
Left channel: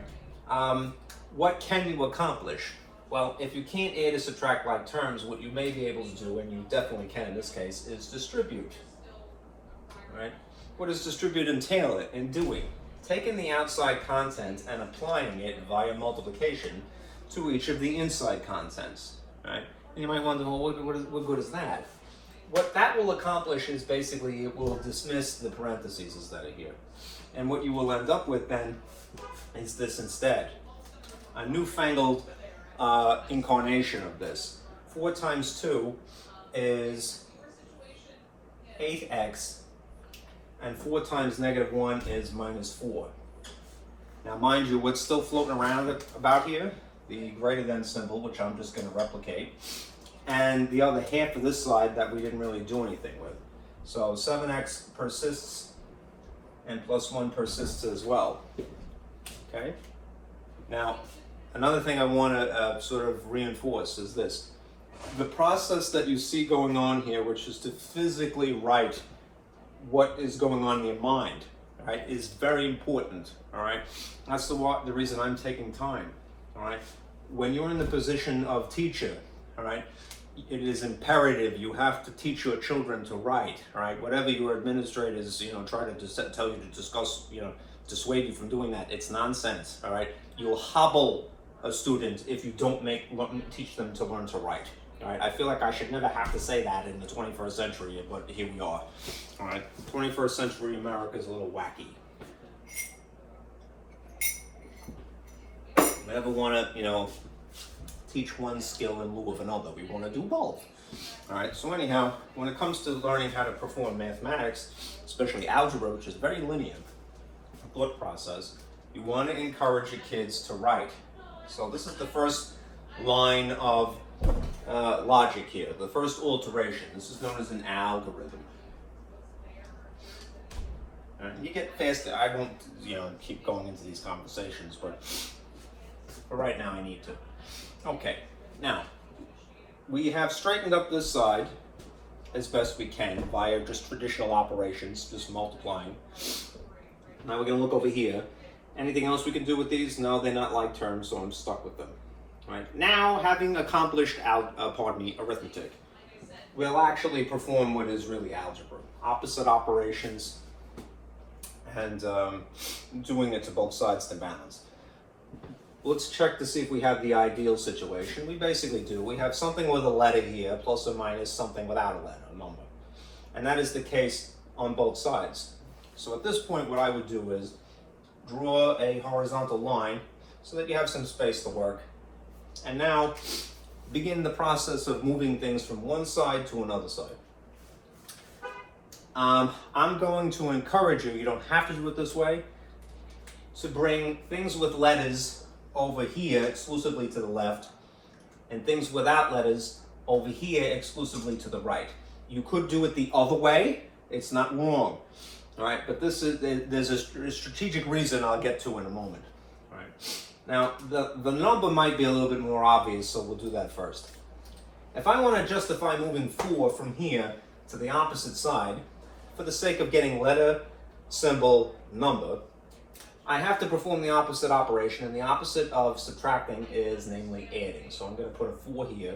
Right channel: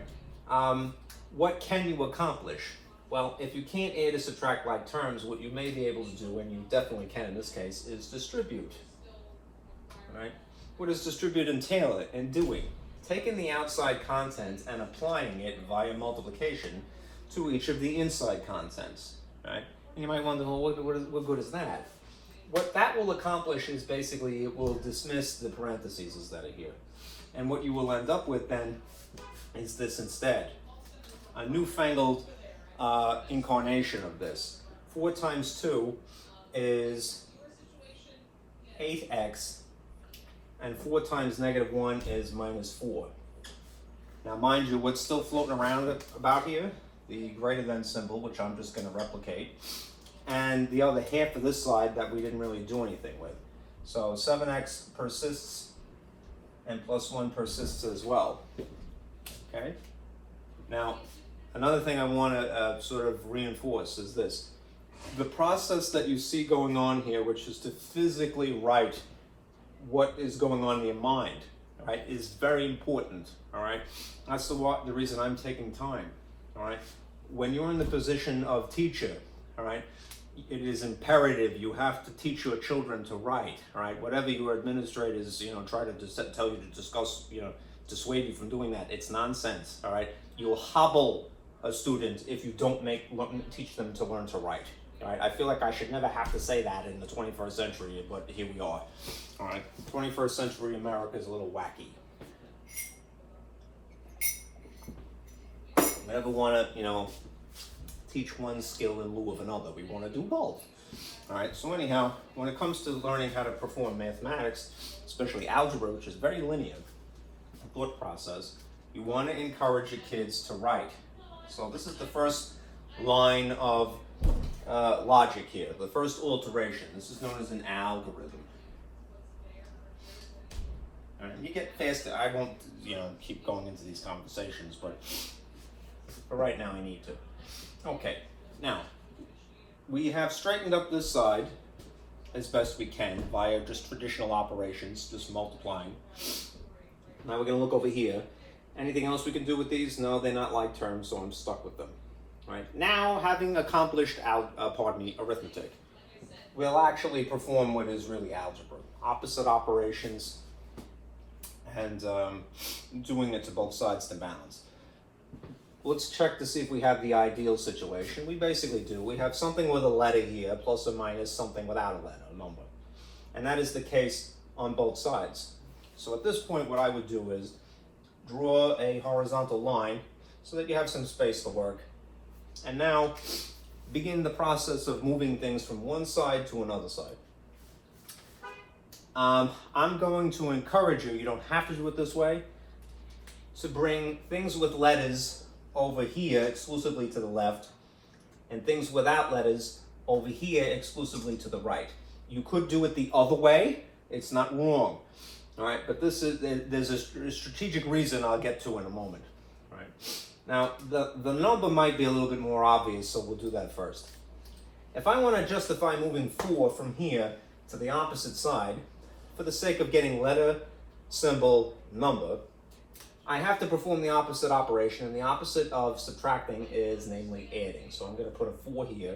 What can you accomplish? Well, if you can't add or subtract like terms, what you may be able to do, and you definitely can in this case, is distribute. All right. What does distribute entail in doing? Taking the outside content and applying it via multiplication to each of the inside contents. Right? And you might wonder, well, what good is that? What that will accomplish is basically it will dismiss the parentheses that are here. And what you will end up with then is this instead. A newfangled incarnation of this. 4 times 2 is 8x, and 4 times negative 1 is minus 4. Now mind you, what's still floating around about here? The greater than symbol, which I'm just going to replicate. And the other half of this side that we didn't really do anything with. So 7x persists, and plus 1 persists as well. Okay? Now, another thing I want to sort of reinforce is this. The process that you see going on here, which is to physically write what is going on in your mind, right, is very important, all right? That's the reason I'm taking time, all right? When you're in the position of teacher, all right, it is imperative you have to teach your children to write, all right? Whatever your administrators, try to tell you to discuss, dissuade you from doing that, it's nonsense, all right? You'll hobble a student if you don't teach them to learn to write, all right? I feel like I should never have to say that in the 21st century, but here we are, all right? 21st century America is a little wacky. We never want to, teach one skill in lieu of another. We want to do both. All right, so anyhow, when it comes to learning how to perform mathematics, especially algebra, which is very linear, thought process, you want to encourage your kids to write. So this is the first line of logic here, the first alteration. This is known as an algorithm. All right, you get faster. I won't, keep going into these conversations, but for right now I need to. Okay, now, we have straightened up this side as best we can via just traditional operations, just multiplying. Now we're going to look over here. Anything else we can do with these? No, they're not like terms, so I'm stuck with them. Right? Now, having accomplished arithmetic, we'll actually perform what is really algebra. Opposite operations, and doing it to both sides to balance. Let's check to see if we have the ideal situation. We basically do. We have something with a letter here, plus or minus something without a letter, a number. And that is the case on both sides. So at this point, what I would do is draw a horizontal line so that you have some space to work. And now, begin the process of moving things from one side to another side. I'm going to encourage you don't have to do it this way, to bring things with letters over here exclusively to the left, and things without letters over here exclusively to the right. You could do it the other way. It's not wrong. All right, but there's a strategic reason I'll get to in a moment. All right. Now, the number might be a little bit more obvious, so we'll do that first. If I want to justify moving 4 from here to the opposite side, for the sake of getting letter, symbol, number, I have to perform the opposite operation, and the opposite of subtracting is namely adding. So I'm going to put a 4 here,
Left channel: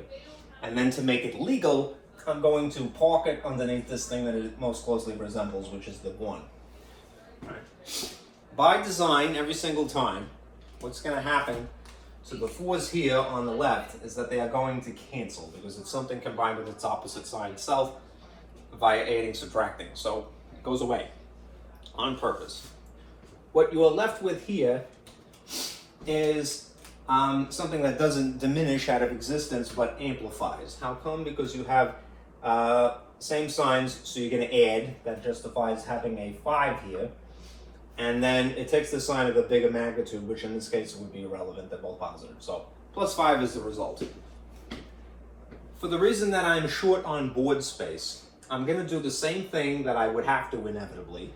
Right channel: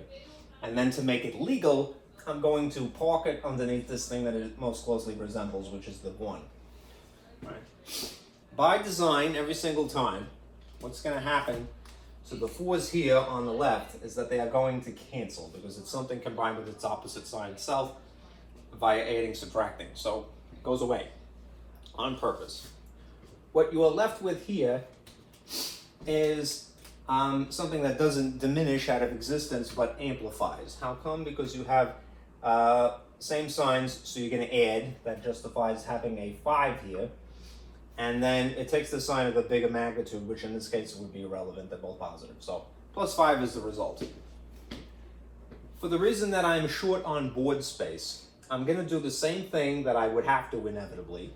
and then to make it legal, I'm going to park it underneath this thing that it most closely resembles, which is the 1. Right. By design, every single time, what's going to happen to the 4's here on the left is that they are going to cancel, because it's something combined with its opposite sign itself via adding, subtracting. So it goes away on purpose. What you are left with here is something that doesn't diminish out of existence but amplifies. How come? Because you have same signs, so you're going to add. That justifies having a 5 here. And then it takes the sign of the bigger magnitude, which in this case would be irrelevant. They're both positive. So plus 5 is the result. For the reason that I'm short on board space, I'm going to do the same thing that I would have to inevitably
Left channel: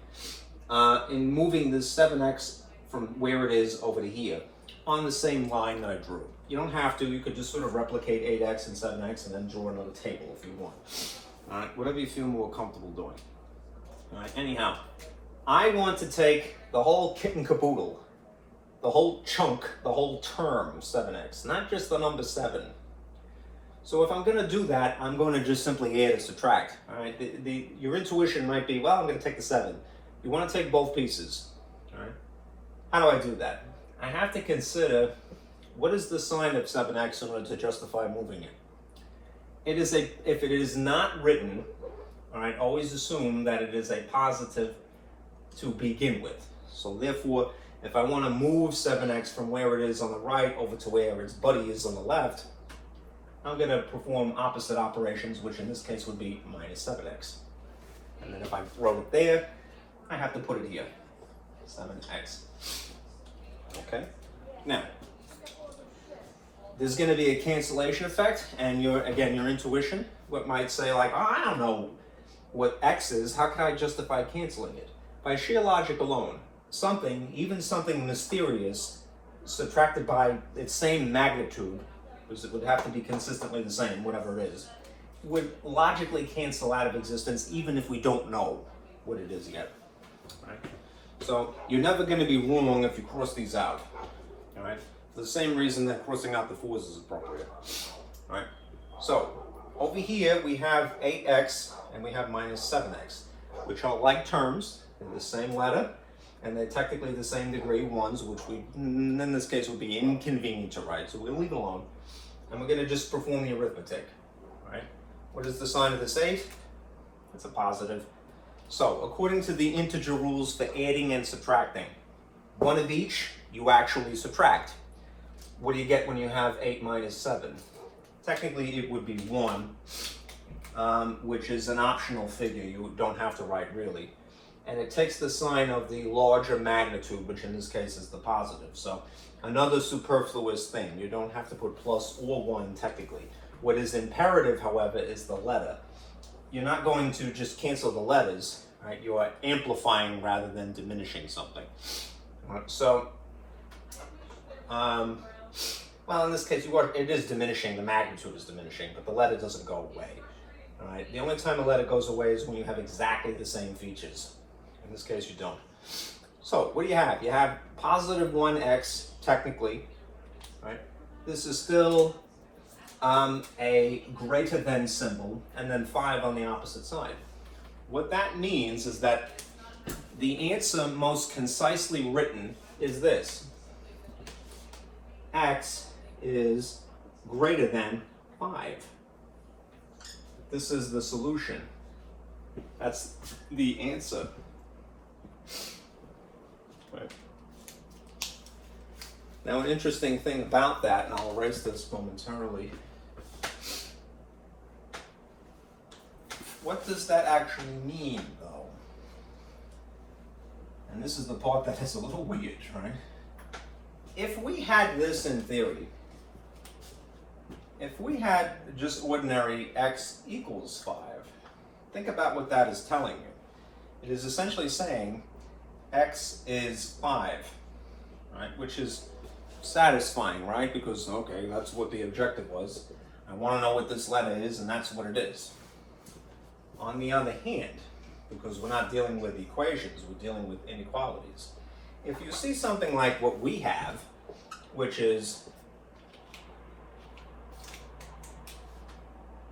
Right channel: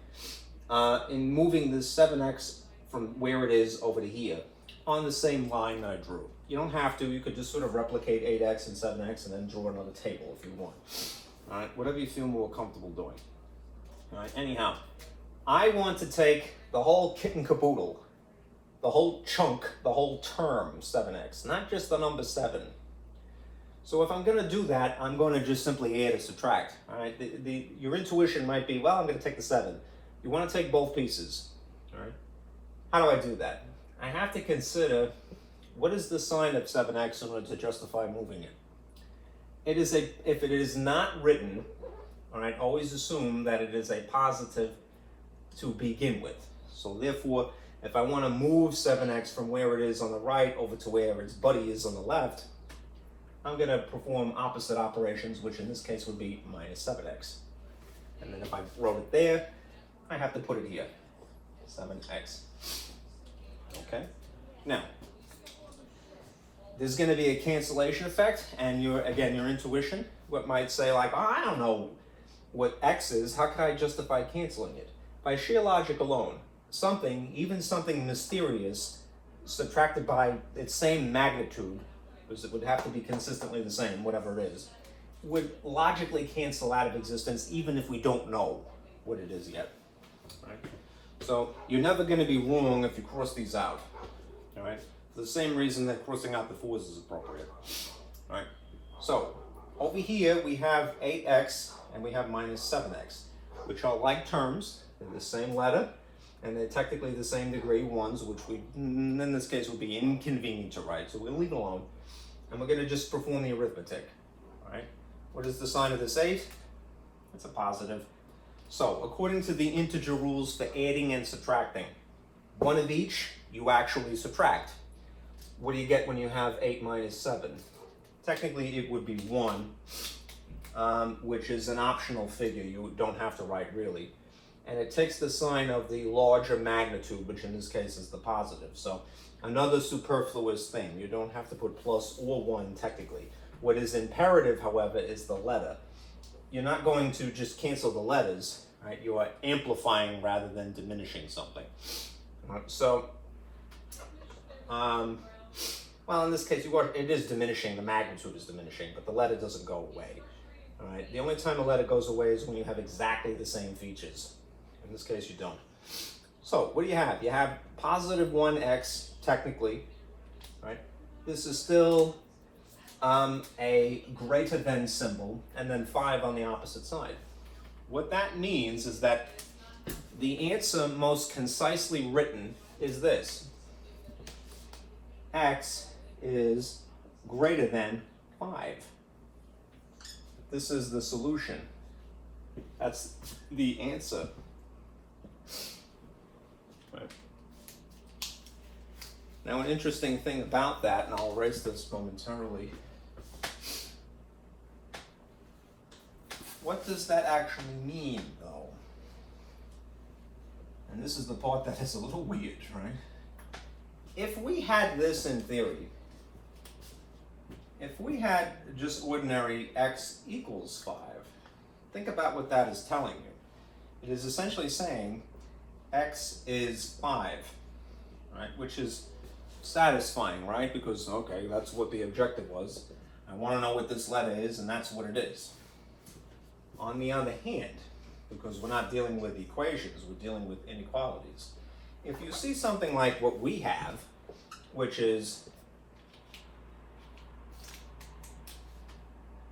in moving this 7x from where it is over to here on the same line that I drew. You don't have to. You could just sort of replicate 8x and 7x and then draw another table if you want. All right, whatever you feel more comfortable doing. All right, anyhow, I want to take the whole kit and caboodle, the whole chunk, the whole term 7x, not just the number 7. So if I'm going to do that, I'm going to just simply add or subtract. All right, your intuition might be, well, I'm going to take the 7. You want to take both pieces. All right, how do I do that? I have to consider what is the sign of 7x in order to justify moving it. It is if it is not written, all right, always assume that it is a positive to begin with. So therefore, if I want to move 7x from where it is on the right over to where its buddy is on the left, I'm going to perform opposite operations, which in this case would be minus 7x. And then if I throw it there, I have to put it here, 7x. Okay? Now, there's going to be a cancellation effect, and your intuition might say like, oh, I don't know what x is, how can I justify canceling it? By sheer logic alone, something, even something mysterious, subtracted by its same magnitude, because it would have to be consistently the same, whatever it is, would logically cancel out of existence even if we don't know what it is yet. Right? So you're never going to be wrong if you cross these out. All right? For the same reason that crossing out the 4's is appropriate. All right? So over here we have 8x and we have minus 7x, which are like terms. They're the same letter, and they're technically the same degree, 1s, which we, in this case, would be inconvenient to write. So we'll leave it alone, and we're going to just perform the arithmetic. All right? What is the sign of this 8? It's a positive. So according to the integer rules for adding and subtracting, one of each you actually subtract. What do you get when you have 8 minus 7? Technically, it would be 1, which is an optional figure. You don't have to write really. And it takes the sign of the larger magnitude, which in this case is the positive. So another superfluous thing. You don't have to put plus or 1 technically. What is imperative, however, is the letter. You're not going to just cancel the letters, right? You are amplifying rather than diminishing something. So, well, in this case, it is diminishing. The magnitude is diminishing, but the letter doesn't go away. All right. The only time a letter goes away is when you have exactly the same features. In this case, you don't. So what do you have? You have positive 1x, technically, right? This is still a greater than symbol, and then 5 on the opposite side. What that means is that the answer most concisely written is this. X is greater than 5. This is the solution. That's the answer. Right. Now, an interesting thing about that, and I'll erase this momentarily. What does that actually mean, though? And this is the part that is a little weird, right? If we had this in theory, if we had just ordinary x equals 5, think about what that is telling you. It is essentially saying x is 5, right? Which is satisfying, right? Because, okay, that's what the objective was. I want to know what this letter is, and that's what it is. On the other hand, because we're not dealing with equations, we're dealing with inequalities. If you see something like what we have, which is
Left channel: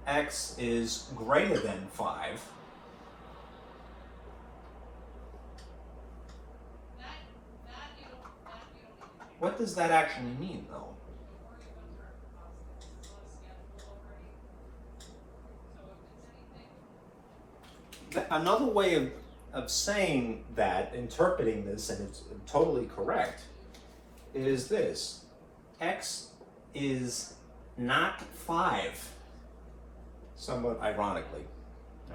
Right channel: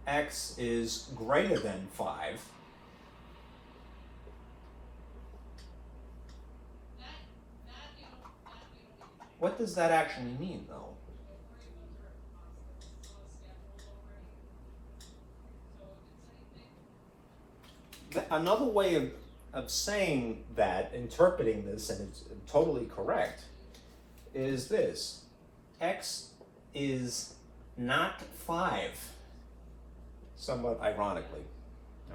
x is greater than 5, what does that actually mean, though? Another way of saying that, interpreting this, and it's totally correct, is this. X is not 5, somewhat ironically,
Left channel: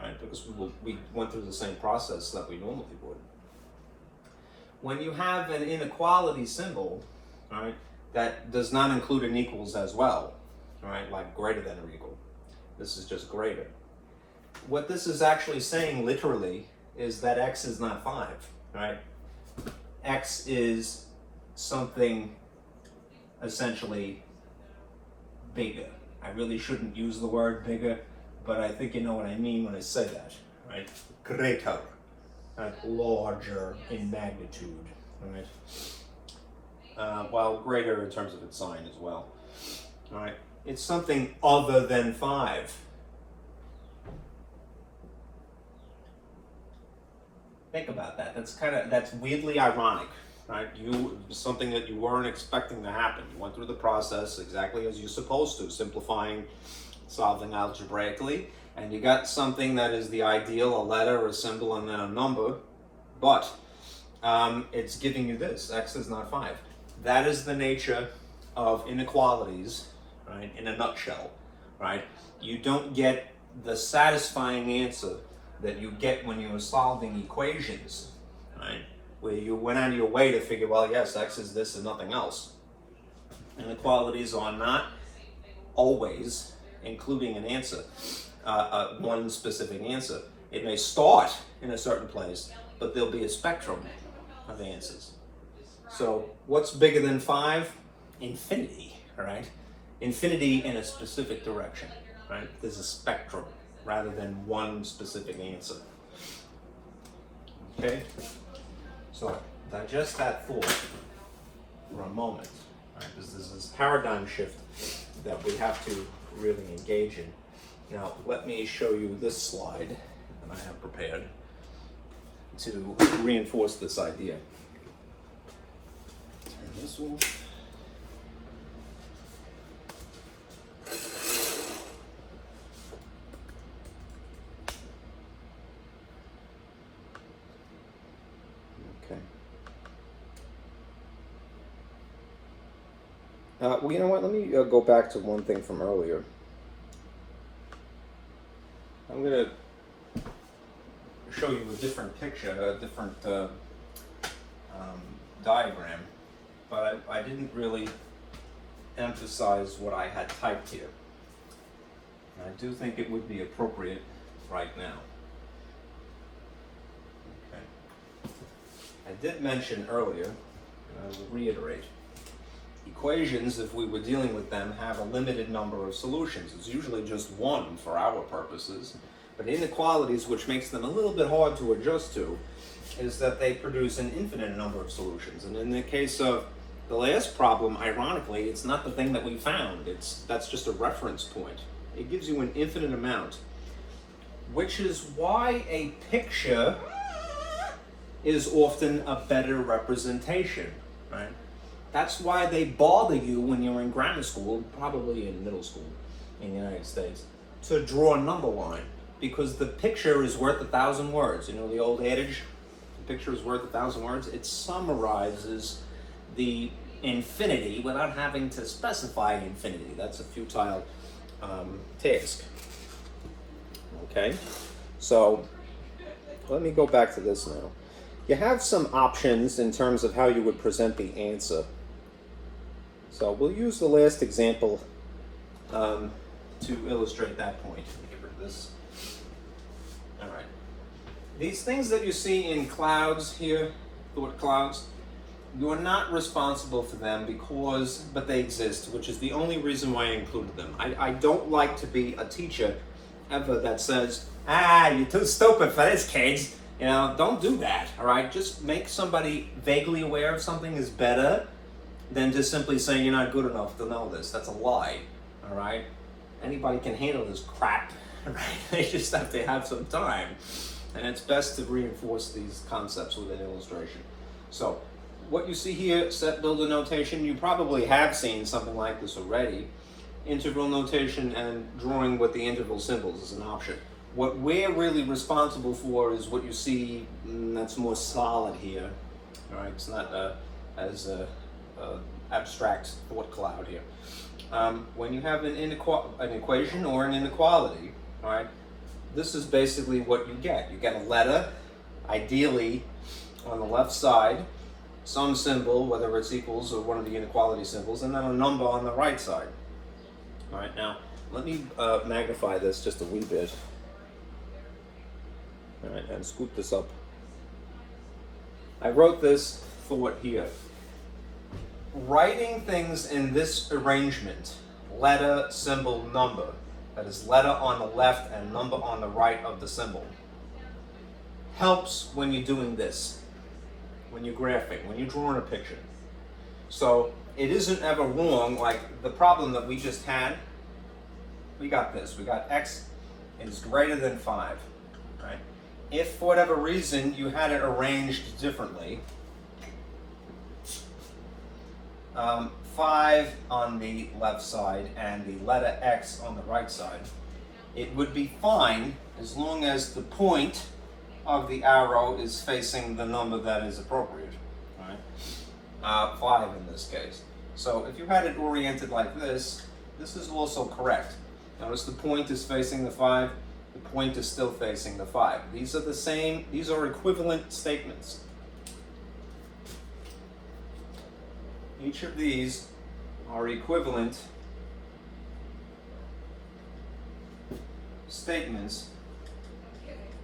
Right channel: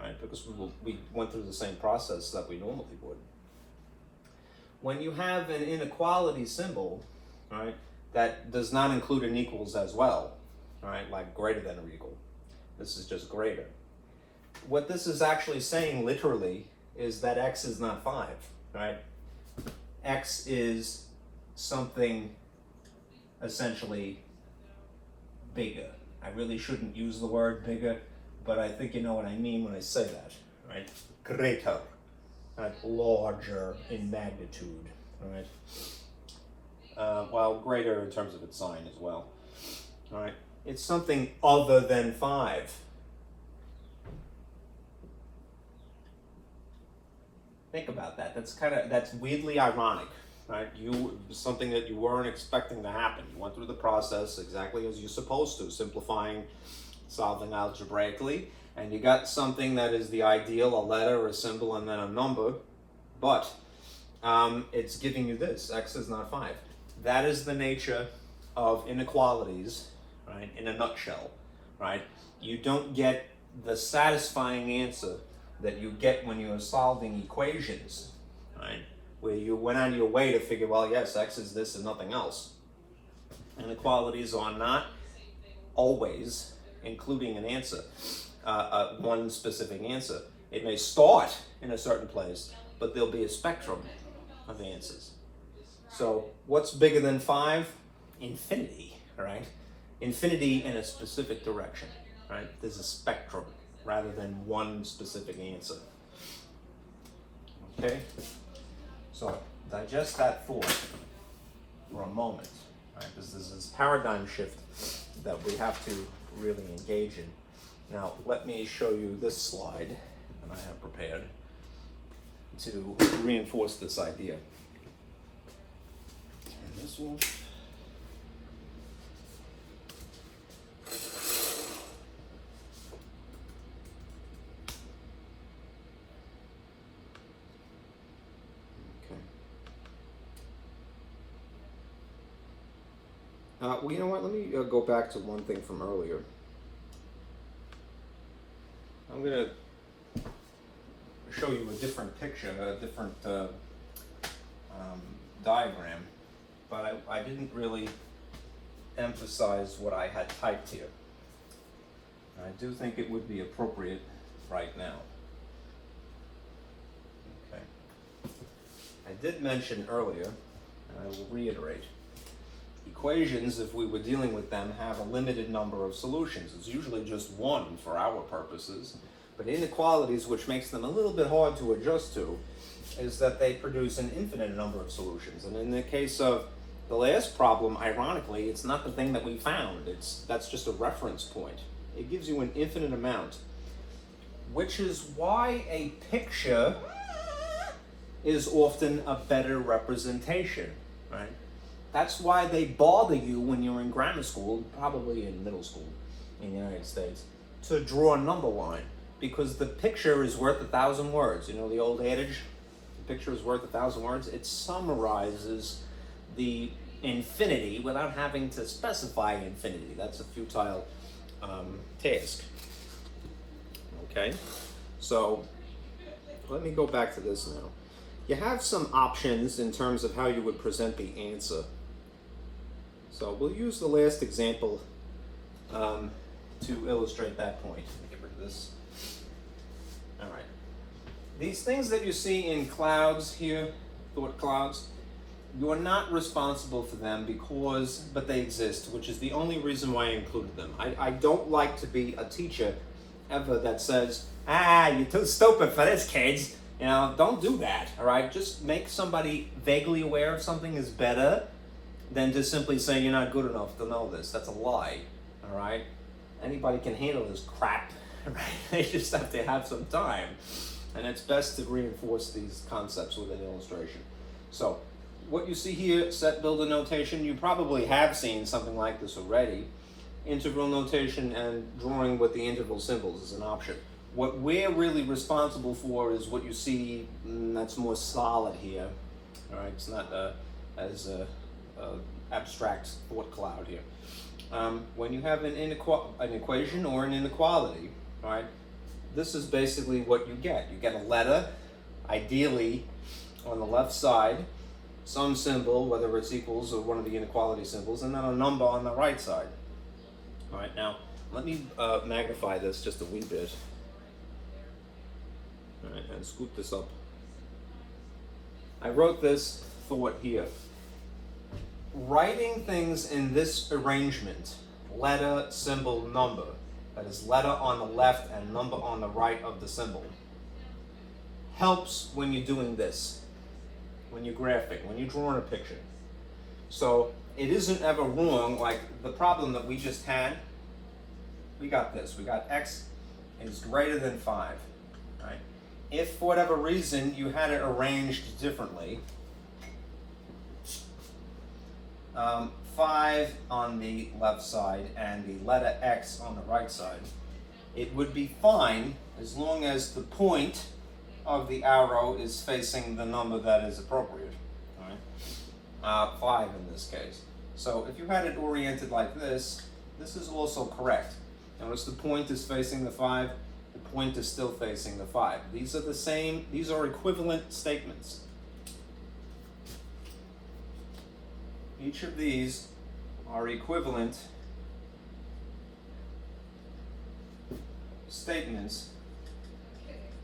right? Because we went through the same process that we normally would. When you have an inequality symbol, right, that does not include an equals as well, right, like greater than or equal. This is just greater. What this is actually saying literally is that x is not 5, right? X is something essentially bigger. I really shouldn't use the word bigger, but I think you know what I mean when I say that, right? Greater, right? Larger in magnitude, right? While greater in terms of its sign as well, all right? It's something other than 5. Think about that. That's weirdly ironic, right? Something that you weren't expecting to happen. You went through the process exactly as you're supposed to, simplifying, solving algebraically, and you got something that is the ideal, a letter, a symbol, and then a number, but it's giving you this, x is not 5. That is the nature of inequalities, right, in a nutshell, right? You don't get the satisfying answer that you get when you're solving equations, right? Where you went out of your way to figure, well, yes, x is this and nothing else. Inequalities are not always including an answer, one specific answer. It may start in a certain place, but there'll be a spectrum of answers. So what's bigger than 5? Infinity, right? Infinity in a specific direction, right? There's a spectrum rather than one specific answer. Okay? So digest that thought for a moment, right? Because there's this paradigm shift that we have to really engage in. Now, let me show you this slide that I have prepared to reinforce this idea. And this one. Well, you know what? Let me go back to one thing from earlier. I'm going to show you a different picture, a different diagram, but I didn't really emphasize what I had typed here. And I do think it would be appropriate right now. Okay. I did mention earlier, and I will reiterate, equations, if we were dealing with them, have a limited number of solutions. It's usually just one for our purposes. But inequalities, which makes them a little bit hard to adjust to, is that they produce an infinite number of solutions. And in the case of the last problem, ironically, it's not the thing that we found. That's just a reference point. It gives you an infinite amount, which is why a picture is often a better representation, right? That's why they bother you when you're in grammar school, probably in middle school in the United States, to draw a number line, because the picture is worth 1,000 words. You know the old adage, the picture is worth 1,000 words? It summarizes the infinity without having to specify infinity. That's a futile task. Okay, so let me go back to this now. You have some options in terms of how you would present the answer. So we'll use the last example to illustrate that point. Get rid of this. These things that you see in clouds here, thought clouds, you're not responsible for them but they exist, which is the only reason why I included them. I don't like to be a teacher ever that says, you're too stupid for this, kids. You know, don't do that, all right? Just make somebody vaguely aware of something is better than just simply saying you're not good enough to know this. That's a lie, all right? Anybody can handle this crap, right? They just have to have some time. And it's best to reinforce these concepts with an illustration. So, what you see here, set builder notation, you probably have seen something like this already. Integral notation and drawing with the interval symbols is an option. What we're really responsible for is what you see that's more solid here. All right, it's not as abstract thought cloud here. When you have an equation or an inequality, all right, this is basically what you get. You get a letter, ideally on the left side, some symbol, whether it's equals or one of the inequality symbols, and then a number on the right side. All right, now let me magnify this just a wee bit. All right, and scoop this up. I wrote this thought here. Writing things in this arrangement, letter, symbol, number, that is letter on the left and number on the right of the symbol, helps when you're doing this, when you're graphing, when you're drawing a picture. So it isn't ever wrong, like the problem that we just had, we got this, we got x is greater than 5, right? If for whatever reason you had it arranged differently, 5 on the left side and the letter X on the right side, it would be fine as long as the point of the arrow is facing the number that is appropriate, right? 5 in this case. So if you had it oriented like this is also correct. Notice the point is facing the 5, the point is still facing the 5. These are the same, these are equivalent statements. Each of these are equivalent statements,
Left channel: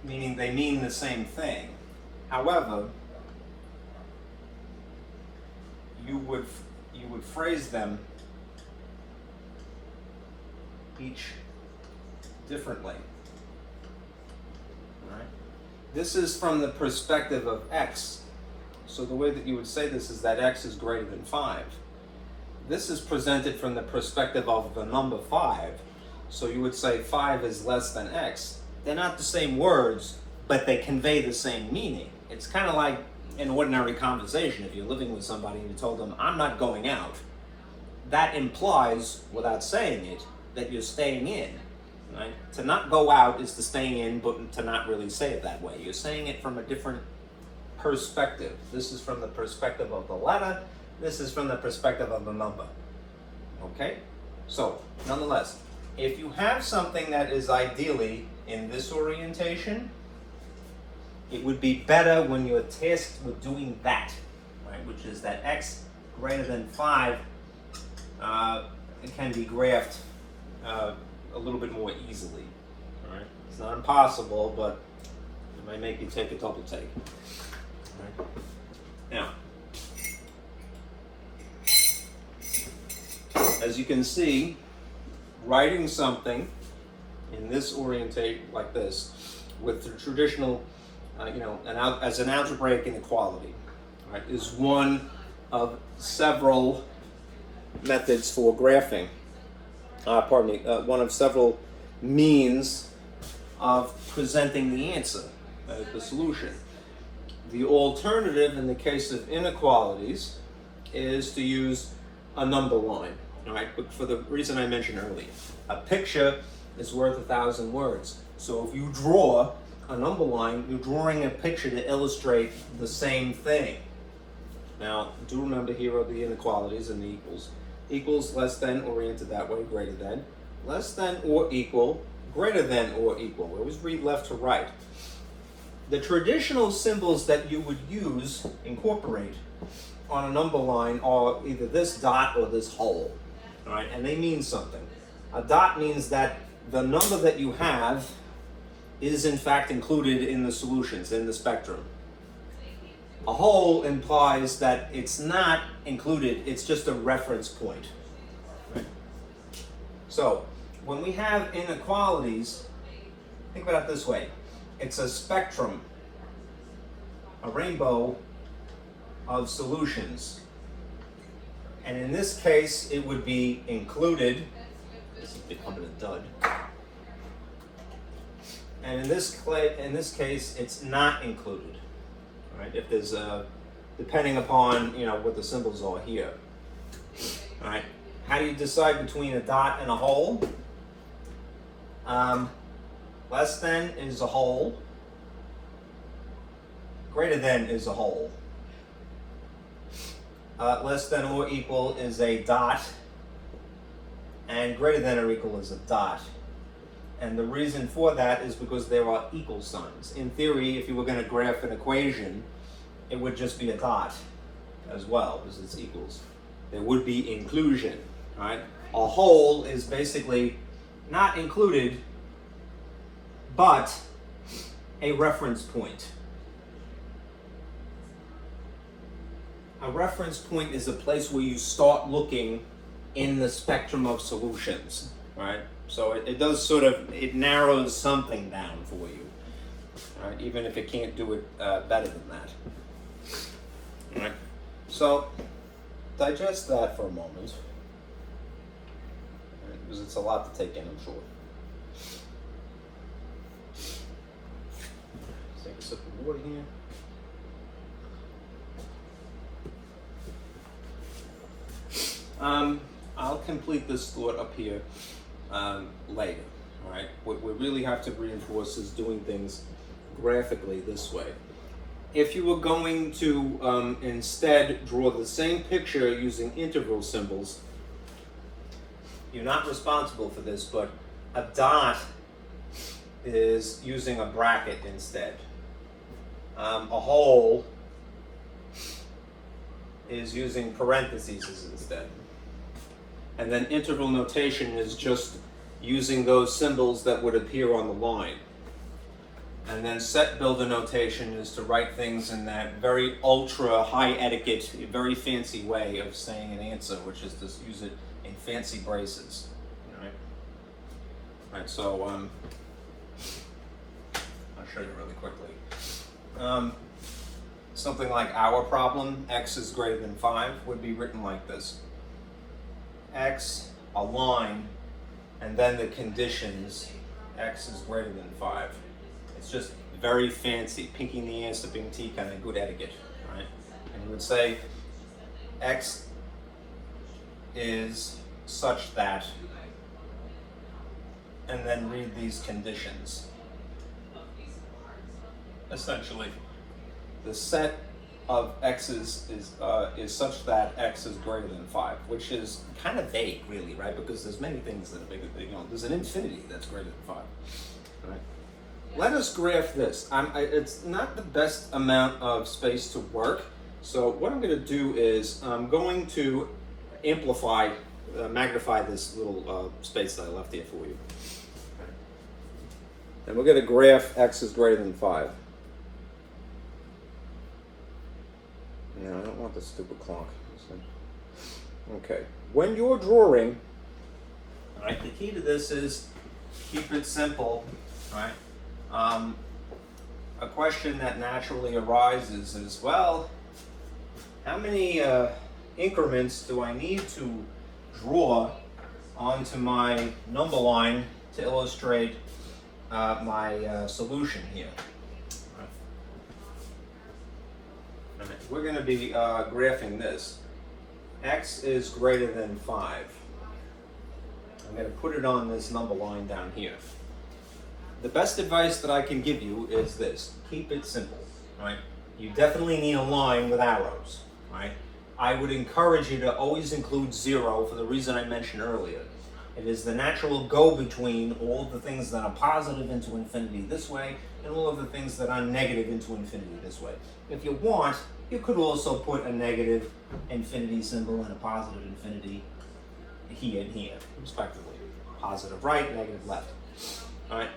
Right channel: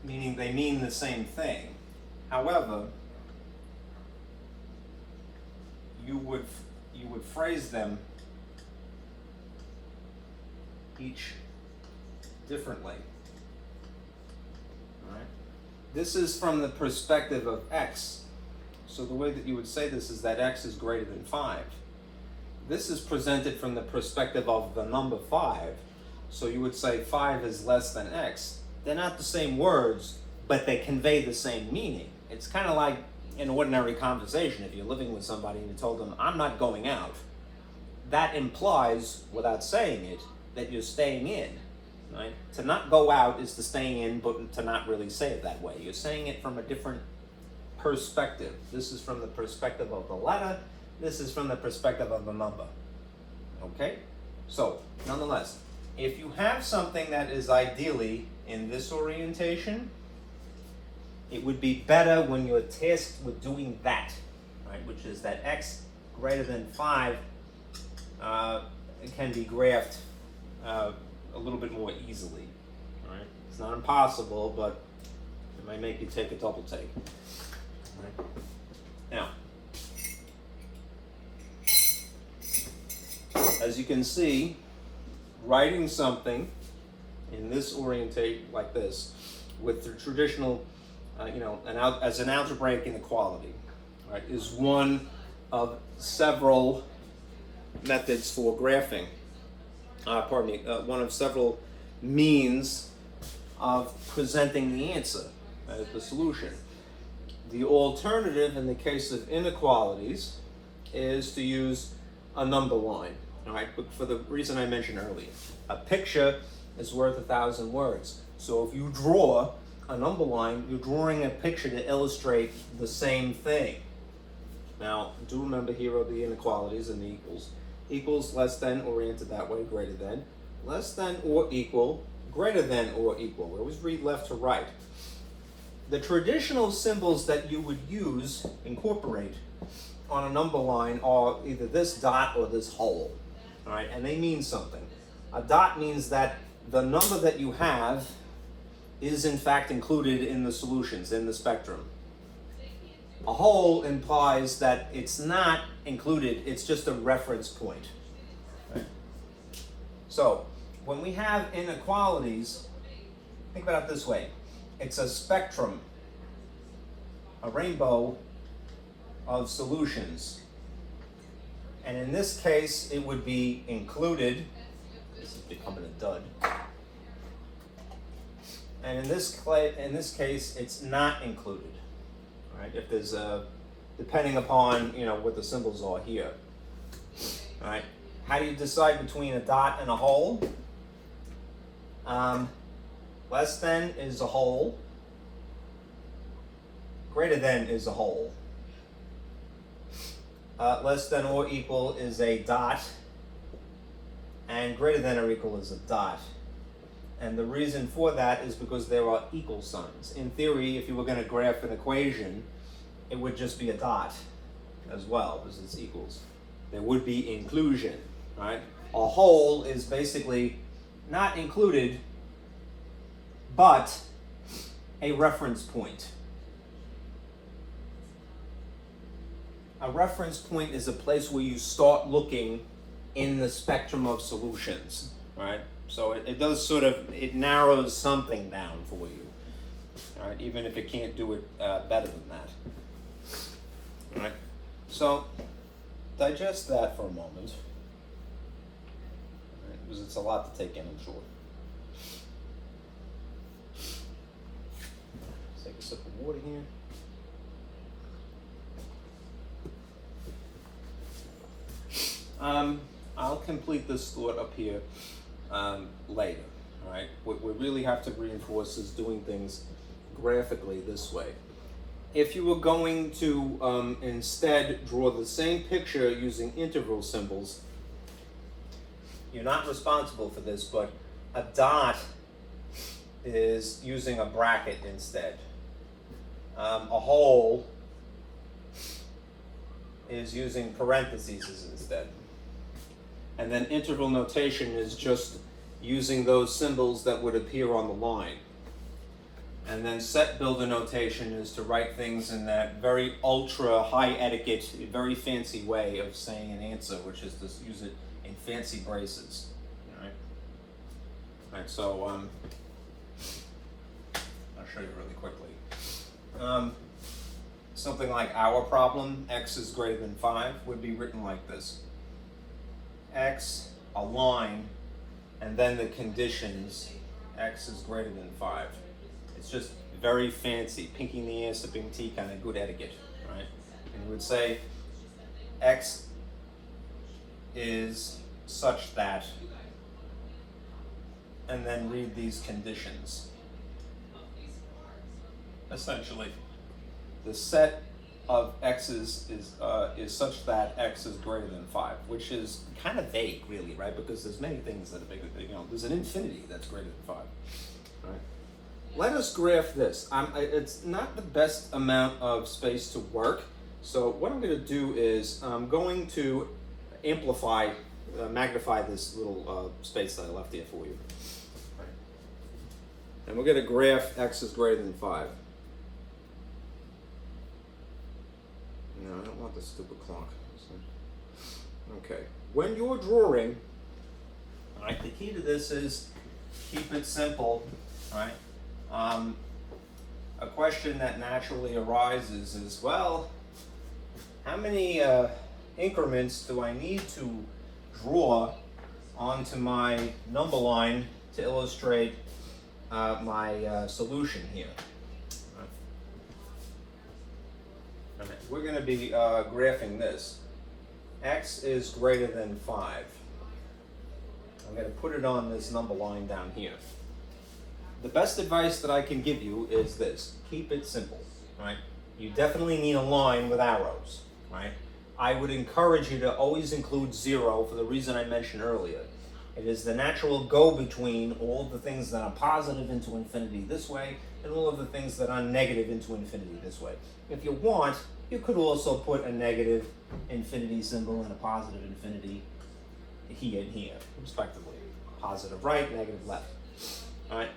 meaning they mean the same thing. However, you would phrase them each differently. All right? This is from the perspective of x. So the way that you would say this is that x is greater than 5. This is presented from the perspective of the number 5. So you would say 5 is less than x. They're not the same words, but they convey the same meaning. It's kind of like an ordinary conversation. If you're living with somebody and you told them, I'm not going out, that implies, without saying it, that you're staying in. Right? To not go out is to stay in, but to not really say it that way. You're saying it from a different perspective. This is from the perspective of the letter. This is from the perspective of the number. Okay? So, nonetheless, if you have something that is ideally in this orientation, it would be better when you're tasked with doing that, right? Which is that x greater than 5 can be graphed a little bit more easily. Right? It's not impossible, but it might make you take a double take. Right? Now, as you can see, writing something in this orientation like this with the traditional, as an algebraic inequality, right, is one of several methods for graphing. One of several means of presenting the answer, the solution. The alternative in the case of inequalities is to use a number line, all right? But for the reason I mentioned earlier, a picture is worth 1,000 words. So if you draw a number line, you're drawing a picture to illustrate the same thing. Now, do remember here are the inequalities and the equals. Equals, less than, oriented that way, greater than. Less than or equal, greater than or equal. We always read left to right. The traditional symbols that you would use, incorporate on a number line are either this dot or this hole, all right? And they mean something. A dot means that the number that you have is in fact included in the solutions, in the spectrum. A hole implies that it's not included, it's just a reference point. Right? So, when we have inequalities, think about it this way. It's a spectrum, a rainbow of solutions. And in this case, it would be included. This is becoming a dud. And in this case, it's not included. Right? If there's a, depending upon what the symbols are here. All right. How do you decide between a dot and a hole? Less than is a hole. Greater than is a hole. Less than or equal is a dot. And greater than or equal is a dot. And the reason for that is because there are equal signs. In theory, if you were going to graph an equation, it would just be a dot as well, because it's equals. There would be inclusion, right? A hole is basically not included, but a reference point. A reference point is a place where you start looking in the spectrum of solutions, right? So it does sort of, it narrows something down for you, all right? Even if it can't do it better than that. All right, so digest that for a moment, right, because it's a lot to take in, I'm sure. Let's take a sip of water here. I'll complete this thought up here later. All right, what we really have to reinforce is doing things graphically this way. If you were going to instead draw the same picture using interval symbols, you're not responsible for this, but a dot is using a bracket instead. A hole is using parentheses instead. And then interval notation is just using those symbols that would appear on the line. And then set builder notation is to write things in that very ultra high etiquette, very fancy way of saying an answer, which is to use it in fancy braces. All right. All right. So I'll show you really quickly. Something like our problem, x is greater than 5, would be written like this: x, a line, and then the conditions, x is greater than 5. It's just very fancy, pinking the ass to Bing T kind of good etiquette, right? And you would say x is such that, and then read these conditions. Essentially, the set of x's is such that x is greater than 5, which is kind of vague, really, right? Because there's many things that are bigger. There's an infinity that's greater than 5, right? Let us graph this. It's not the best amount of space to work, so what I'm going to do is I'm going to magnify this little space that I left here for you. And we're going to graph x is greater than 5. No, I don't want the stupid clock. Okay. When you're drawing, all right, the key to this is keep it simple, all right? A question that naturally arises is, well, how many increments do I need to draw onto my number line to illustrate my solution here? All right. We're going to be graphing this. X is greater than 5. I'm going to put it on this number line down here. The best advice that I can give you is this: keep it simple, right? You definitely need a line with arrows, right? I would encourage you to always include 0 for the reason I mentioned earlier. It is the natural go-between all the things that are positive into infinity this way, and all of the things that are negative into infinity this way. If you want, you could also put a negative infinity symbol and a positive infinity here and here, respectively. Positive right, negative left. All right.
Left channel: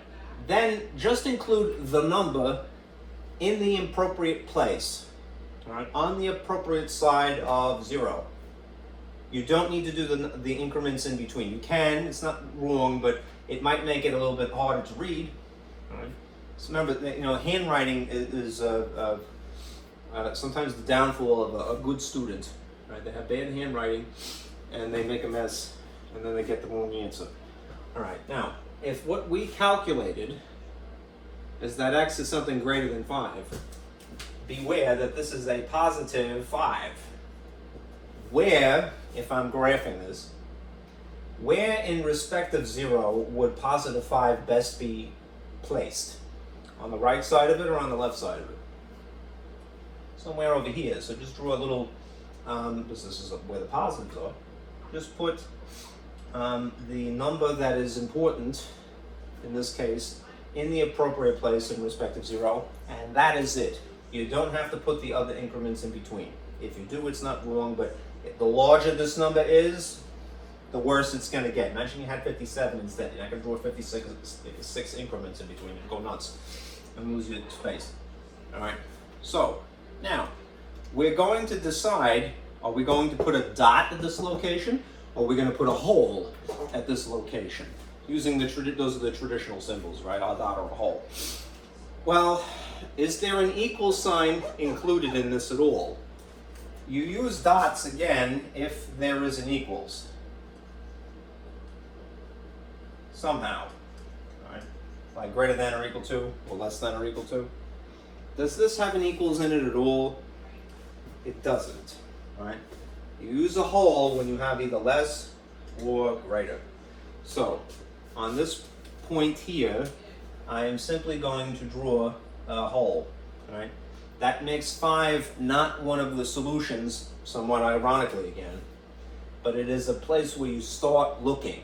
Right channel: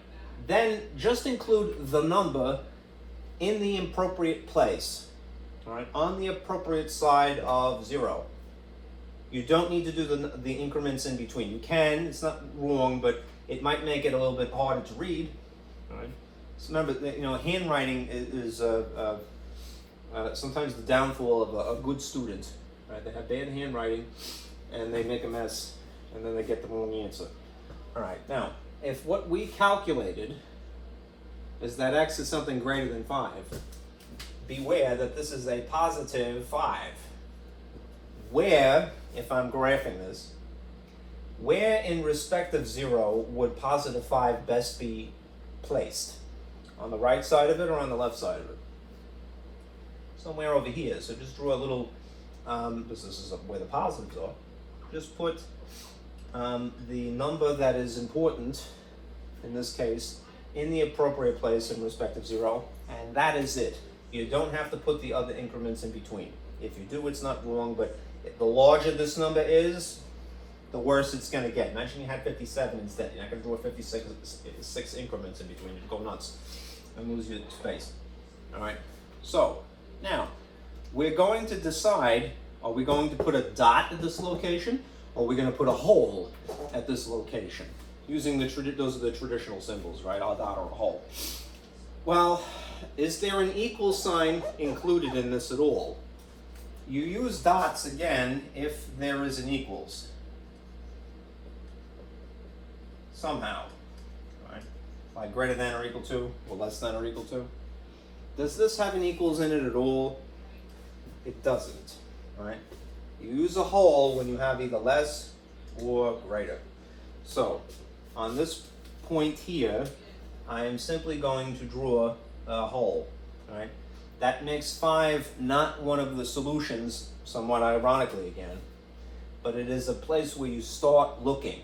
then just include the number in the appropriate place, all right, on the appropriate side of 0. You don't need to do the increments in between. You can, it's not wrong, but it might make it a little bit harder to read. All right. So remember that, handwriting is sometimes the downfall of a good student. Right? They have bad handwriting, and they make a mess, and then they get the wrong answer. All right. Now, if what we calculated is that x is something greater than 5, beware that this is a positive 5. Where, if I'm graphing this, where in respect of 0 would positive 5 best be placed? On the right side of it or on the left side of it? Somewhere over here. So just draw a little, this is where the positives are. Just put the number that is important, in this case, in the appropriate place in respect of 0, and that is it. You don't have to put the other increments in between. If you do, it's not wrong, but the larger this number is, the worse it's going to get. Imagine you had 57 instead. You're not going to draw 56 increments in between. You'd go nuts and lose your space. All right. So now we're going to decide: are we going to put a dot at this location, or are we going to put a hole at this location? Using those are the traditional symbols, right? A dot or a hole. Well, is there an equal sign included in this at all? You use dots again if there is an equals. Somehow. Right? Like greater than or equal to, or less than or equal to. Does this have an equals in it at all? It doesn't. Right? You use a hole when you have either less or greater. So, on this point here, I am simply going to draw a hole. Right? That makes 5 not one of the solutions, somewhat ironically again, but it is a place where you start looking.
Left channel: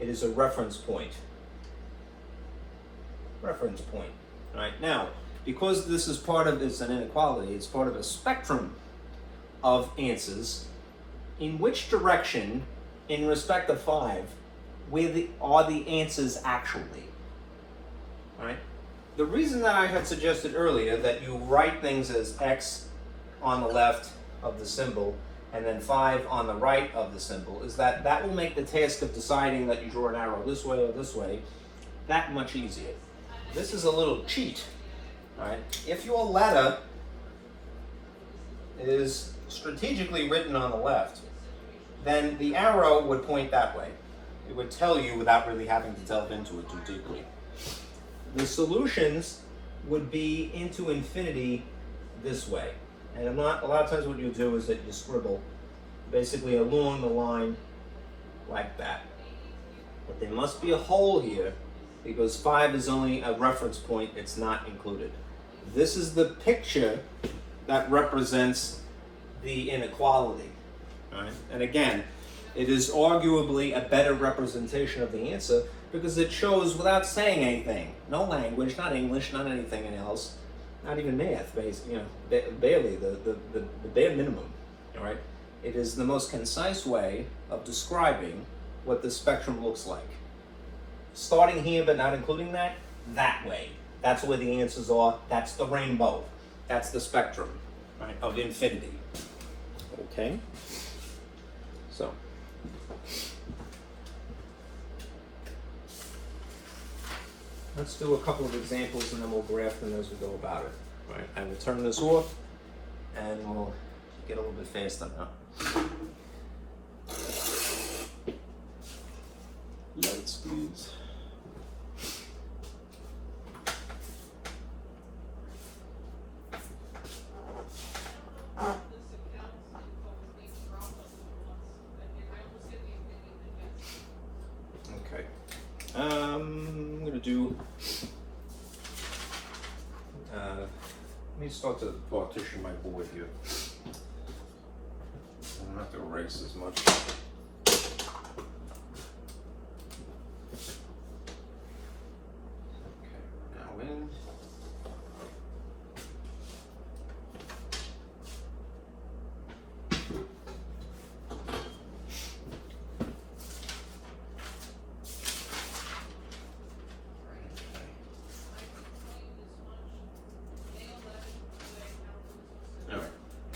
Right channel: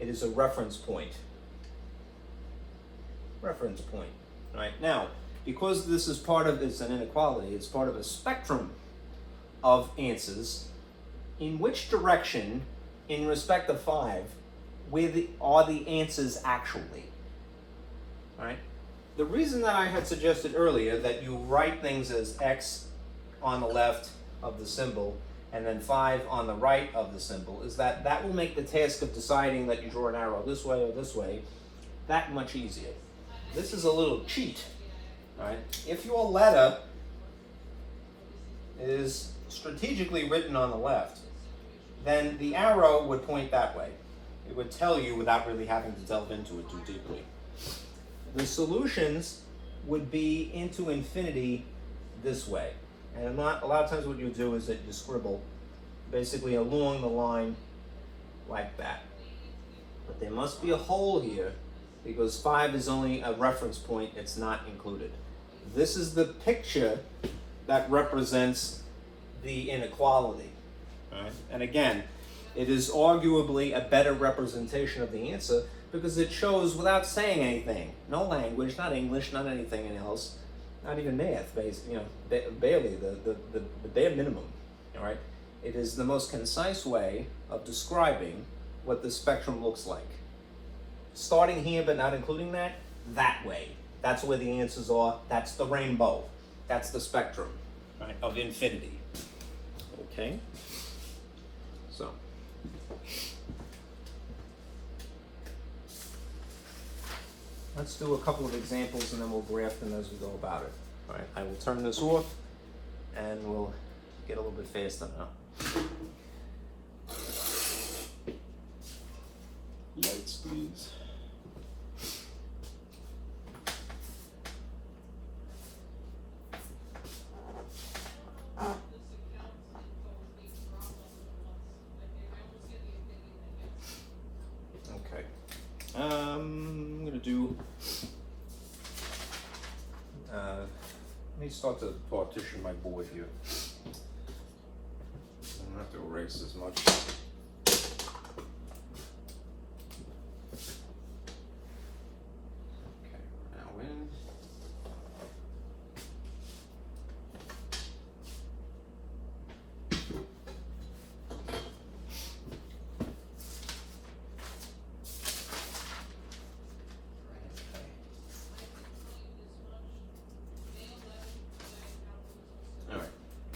It is a reference point. Reference point. Right? Now, because this is it's an inequality, it's part of a spectrum of answers, in which direction, in respect of 5, are the answers actually? Right? The reason that I had suggested earlier that you write things as x on the left of the symbol and then 5 on the right of the symbol is that will make the task of deciding that you draw an arrow this way or this way that much easier. This is a little cheat, right? If your letter is strategically written on the left, then the arrow would point that way. It would tell you without really having to delve into it too deeply. The solutions would be into infinity this way. And a lot of times what you do is that you scribble basically along the line like that. But there must be a hole here because 5 is only a reference point, it's not included. This is the picture that represents the inequality. Right? And again, it is arguably a better representation of the answer because it shows without saying anything. No language, not English, not anything else, not even math, barely, the bare minimum. All right? It is the most concise way of describing what the spectrum looks like. Starting here but not including that way. That's where the answers are. That's the rainbow. That's the spectrum, right, of infinity. Okay? So. Let's do a couple of examples and then we'll graph them as we go about it. All right, I will turn this off and we'll get a little bit faster now. Lights, please. Okay. I'm gonna do. Let me start to partition my board here. I don't have to erase as much. Okay, now in.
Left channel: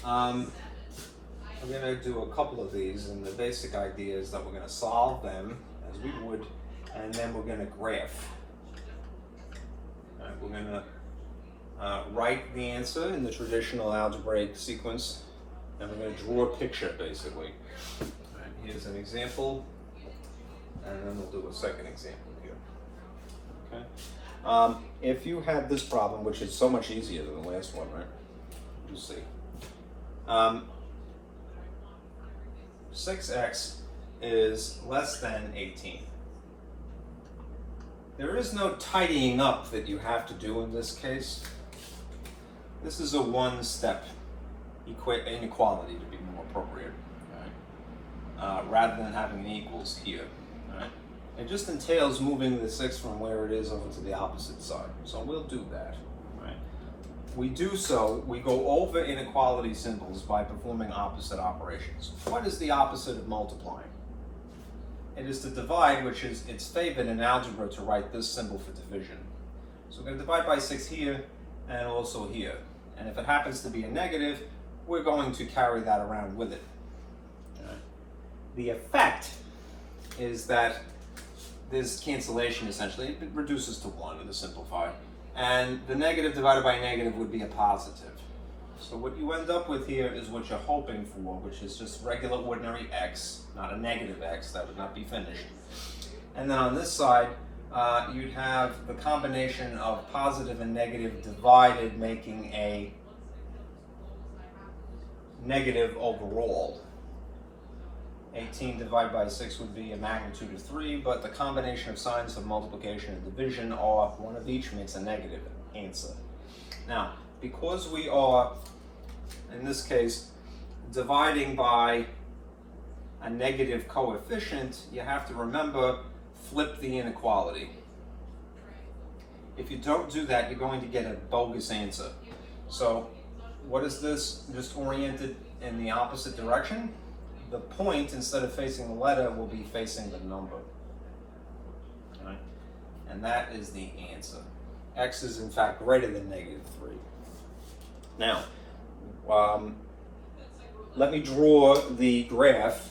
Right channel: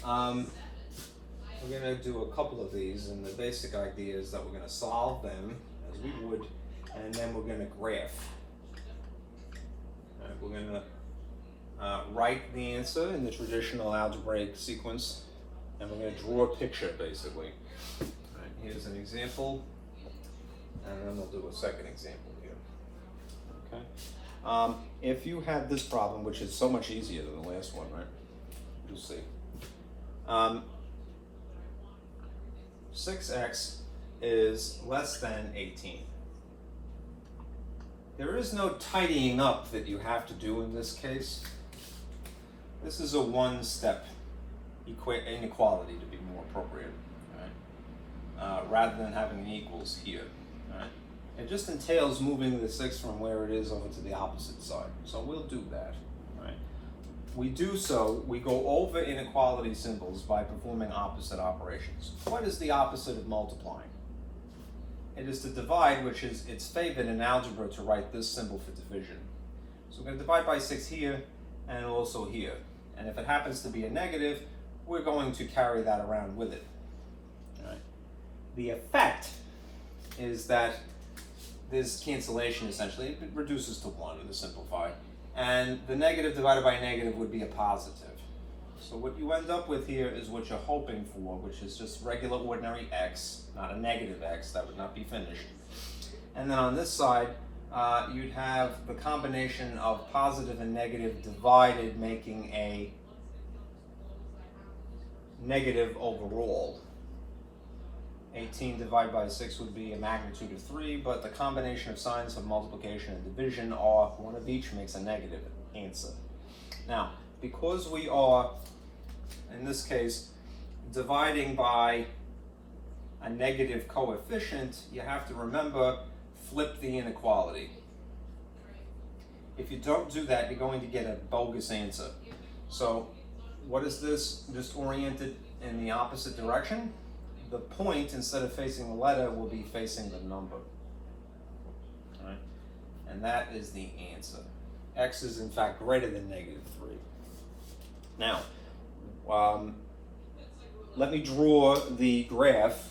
we're going to do a couple of these, and the basic idea is that we're going to solve them as we would, and then we're going to graph. All right, we're going to write the answer in the traditional algebraic sequence, and we're going to draw a picture, basically. All right, here's an example, and then we'll do a second example here. Okay. If you had this problem, which is so much easier than the last one, right? You'll see. 6x is less than 18. There is no tidying up that you have to do in this case. This is a one-step inequality, to be more appropriate, right? Rather than having an equals here. Right? It just entails moving the 6 from where it is over to the opposite side. So we'll do that. Right? We do so, we go over inequality symbols by performing opposite operations. What is the opposite of multiplying? It is to divide, which is, it's favored in algebra to write this symbol for division. So we're going to divide by 6 here and also here. And if it happens to be a negative, we're going to carry that around with it. All right. The effect is that this cancellation essentially, it reduces to 1 to simplify. And the negative divided by negative would be a positive. So what you end up with here is what you're hoping for, which is just regular ordinary x, not a negative x, that would not be finished. And then on this side, you'd have the combination of positive and negative divided, making a negative overall. 18 divided by 6 would be a magnitude of 3, but the combination of signs of multiplication and division are one of each makes a negative answer. Now, because we are, in this case, dividing by a negative coefficient, you have to remember, flip the inequality. If you don't do that, you're going to get a bogus answer. So, what is this? Just oriented in the opposite direction? The point, instead of facing the letter, will be facing the number. Right? And that is the answer. X is in fact greater than negative 3. Now, let me draw the graph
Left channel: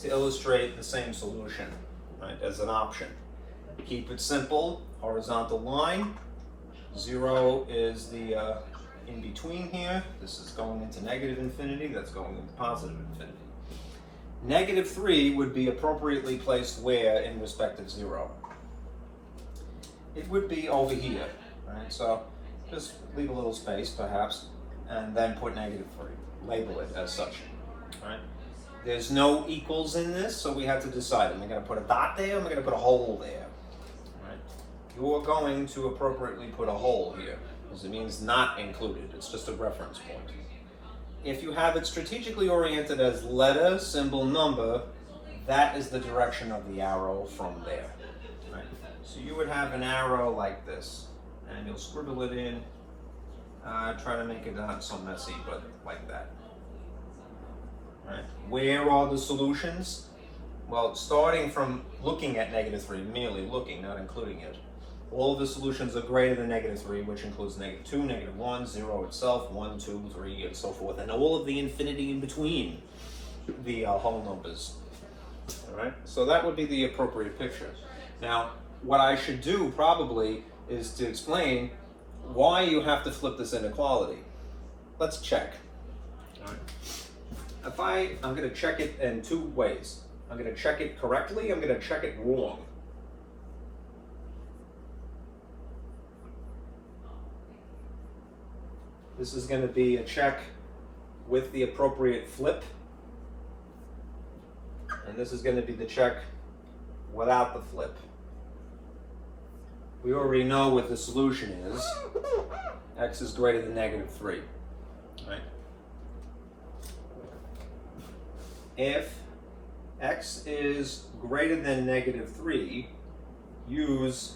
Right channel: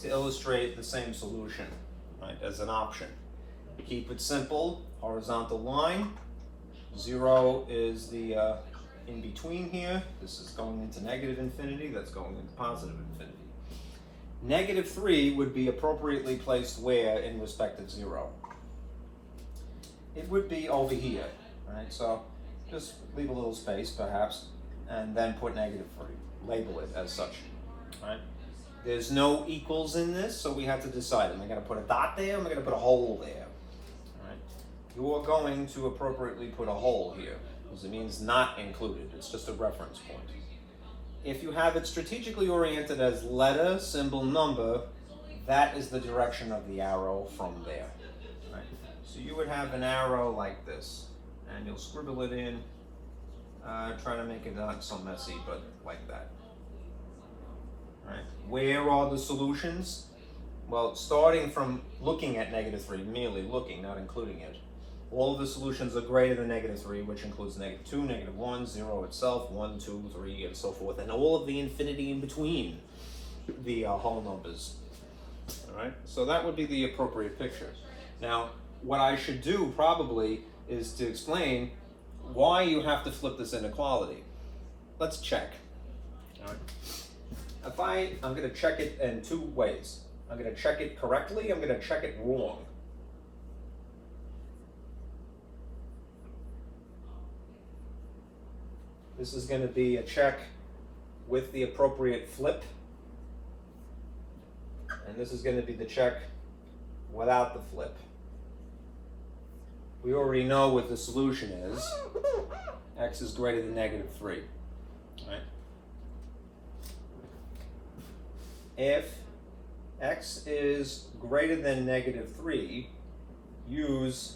to illustrate the same solution, right, as an option. Keep it simple, horizontal line. 0 is the in between here. This is going into negative infinity, that's going into positive infinity. Negative 3 would be appropriately placed where in respect of 0? It would be over here, right? So just leave a little space perhaps, and then put negative 3. Label it as such, right? There's no equals in this, so we have to decide, am I going to put a dot there, or am I going to put a hole there? Right? You're going to appropriately put a hole here, because it means not included. It's just a reference point. If you have it strategically oriented as letter, symbol, number, that is the direction of the arrow from there. Right? So you would have an arrow like this, and you'll scribble it in. Try to make it not so messy, but like that. Right. Where are the solutions? Well, starting from looking at negative 3, merely looking, not including it, all of the solutions are greater than negative 3, which includes negative 2, negative 1, 0 itself, 1, 2, 3, and so forth, and all of the infinity in between the whole numbers. All right, so that would be the appropriate picture. Now, what I should do probably is to explain why you have to flip this inequality. Let's check. All right. I'm going to check it in 2 ways. I'm going to check it correctly, I'm going to check it wrong. This is going to be a check with the appropriate flip. And this is going to be the check without the flip. We already know what the solution is. X is greater than negative 3. Right? If x is greater than negative 3, use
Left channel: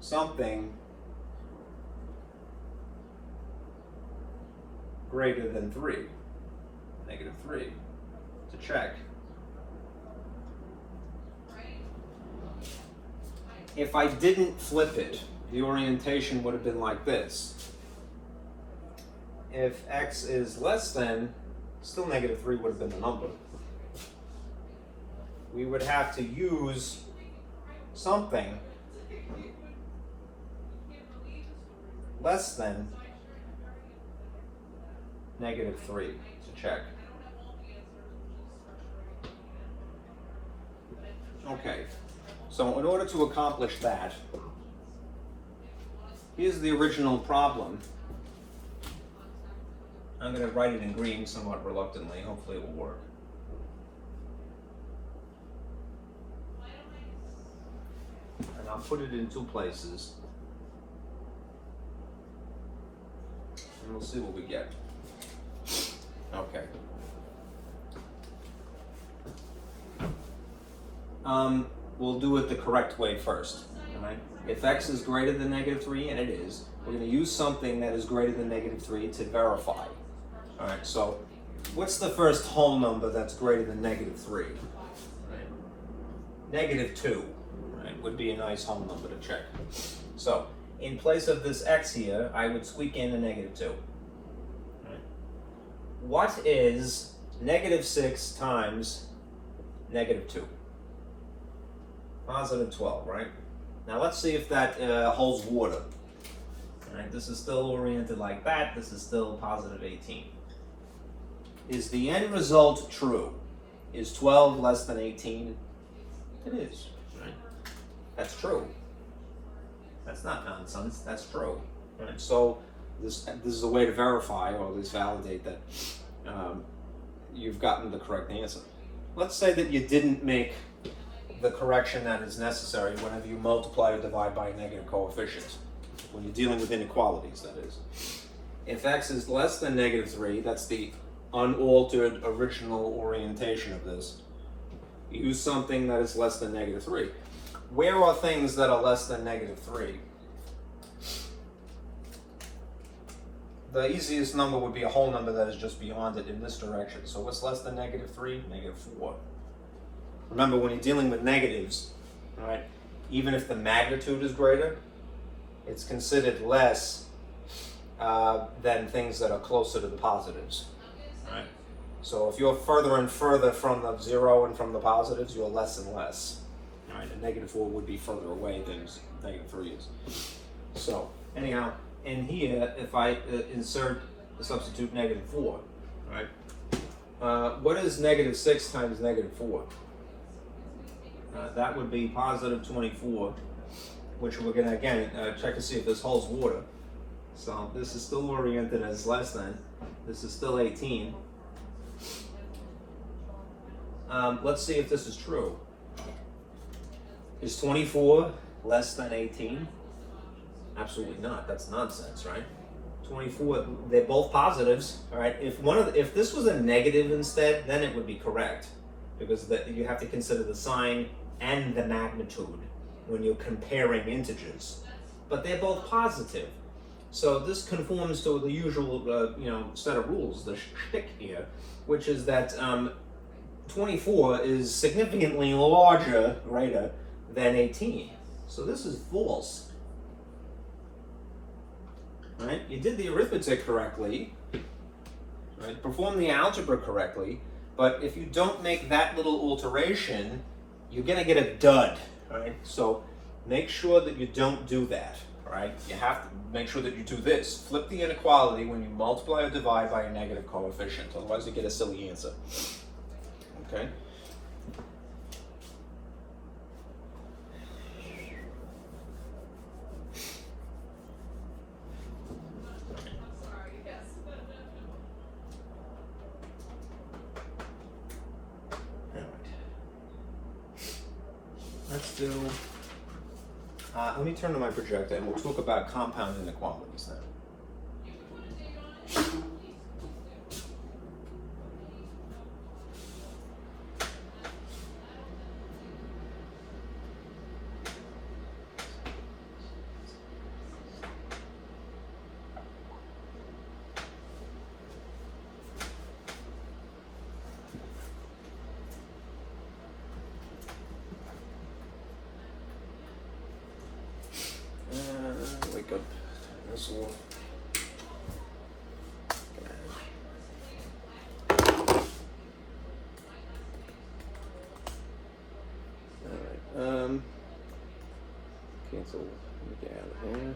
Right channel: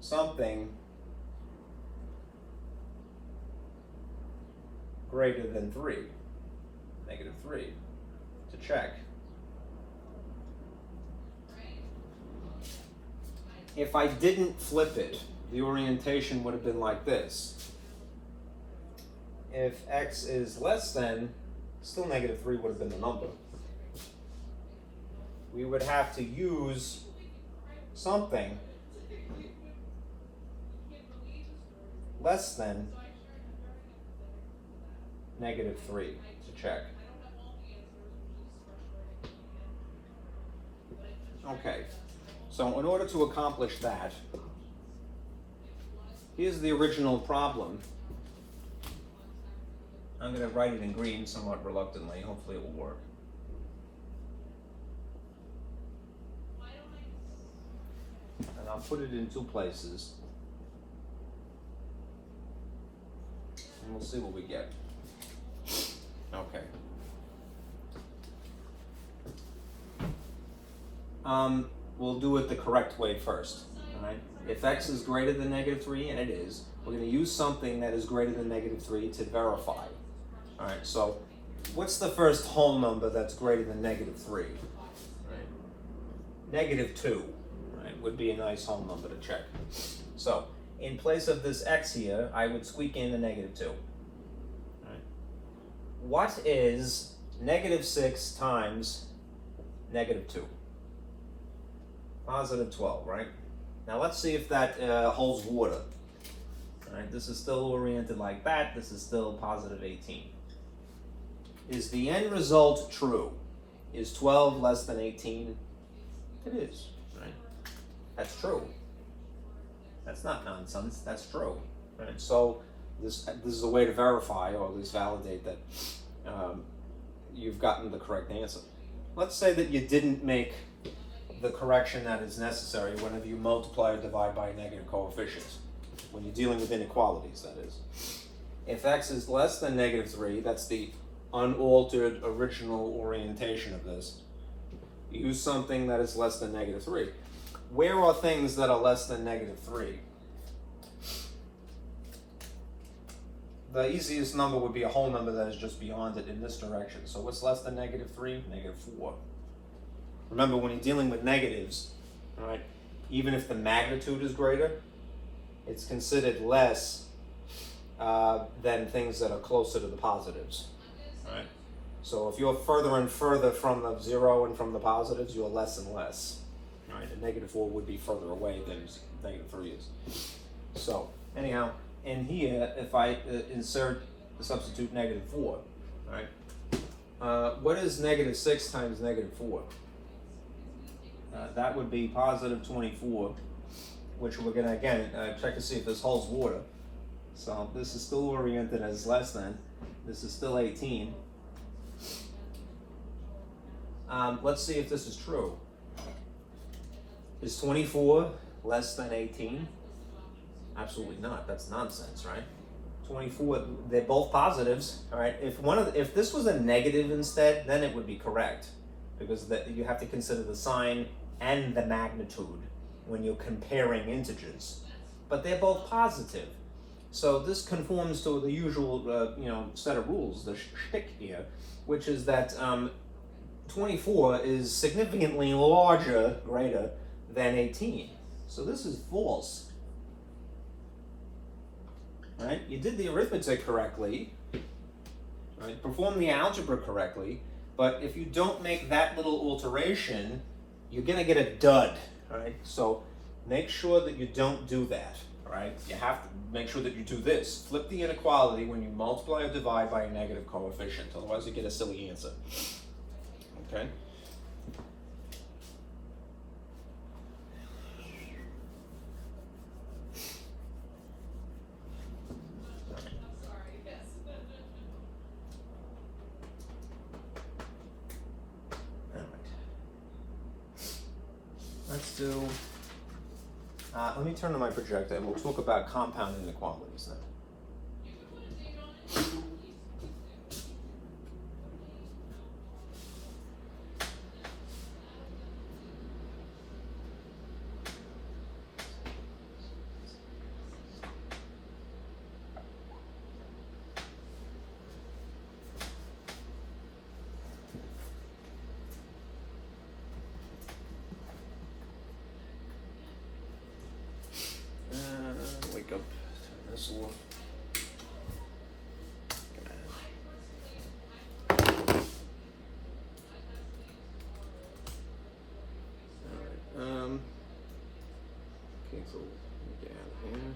something greater than 3, negative 3, to check. If I didn't flip it, the orientation would have been like this. if x is less than, still negative 3 would have been the number. We would have to use something less than negative 3 to check. Okay, so in order to accomplish that, here's the original problem. I'm going to write it in green somewhat reluctantly. Hopefully it will work. And I'll put it in 2 places. And we'll see what we get. Okay. We'll do it the correct way first. All right? If x is greater than negative 3, and it is, we're going to use something that is greater than negative 3 to verify. All right, so what's the first whole number that's greater than negative 3? Right. Negative 2, right, would be a nice whole number to check. So in place of this x here, I would squeak in a negative 2. Right. What is negative 6 times negative 2? Positive 12, right? Now let's see if that holds water. All right, this is still oriented like that. This is still positive 18. Is the end result true? Is 12 less than 18? It is, right? That's true. That's not nonsense. That's true. Right? So this is a way to verify or at least validate that you've gotten the correct answer. Let's say that you didn't make the correction that is necessary whenever you multiply or divide by a negative coefficient. When you're dealing with inequalities, that is. If x is less than negative 3, that's the unaltered original orientation of this. Use something that is less than negative 3. Where are things that are less than negative 3? The easiest number would be a whole number that is just beyond it in this direction. So what's less than negative 3? Negative 4. Remember, when you're dealing with negatives, all right, even if the magnitude is greater, it's considered less than things that are closer to the positives. All right? So if you're further and further from the 0 and from the positives, you're less and less. All right? And negative 4 would be further away than negative 3 is. So anyhow, in here, if I substitute negative 4, all right, what is negative 6 times negative 4? That would be positive 24, which we're going to, again, check to see if this holds water. So this is still oriented as less than. This is still 18. Let's see if this is true. Is 24 less than 18? Absolutely not. That's nonsense, right? 24, they're both positives, all right? If this was a negative instead, then it would be correct, because you have to consider the sign and the magnitude when you're comparing integers. But they're both positive. So this conforms to the usual set of rules, the shtick here, which is that 24 is significantly greater than 18. So this is false. Right? You did the arithmetic correctly, right? Performed the algebra correctly, but if you don't make that little alteration, you're going to get a dud, right? So make sure that you don't do that, right? You have to make sure that you do this. Flip the inequality when you multiply or divide by a negative coefficient, otherwise you get a silly answer. Okay? Let's do, let me turn to my projector and we'll talk about compound inequalities now. Wake up, turn this off. So let me get out of here.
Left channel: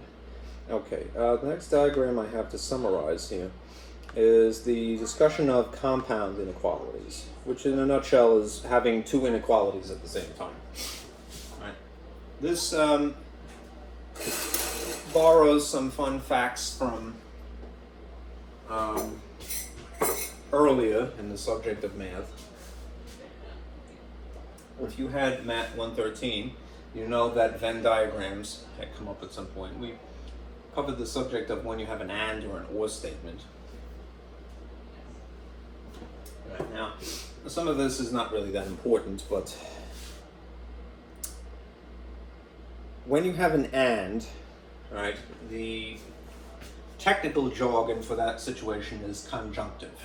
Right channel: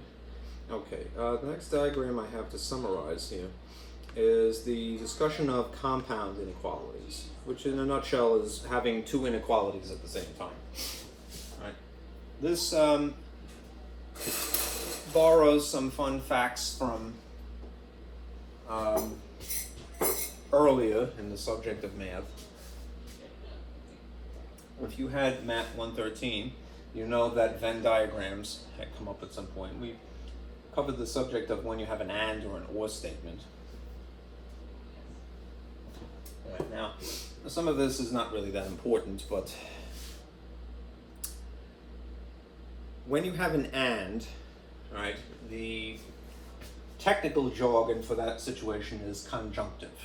Okay, the next diagram I have to summarize here is the discussion of compound inequalities, which in a nutshell is having two inequalities at the same time. Right. This borrows some fun facts from earlier in the subject of math. If you had MAT-113, you know that Venn diagrams had come up at some point. We covered the subject of when you have an and or an or statement. Right, now, some of this is not really that important, but when you have an and, right, the technical jargon for that situation is conjunctive.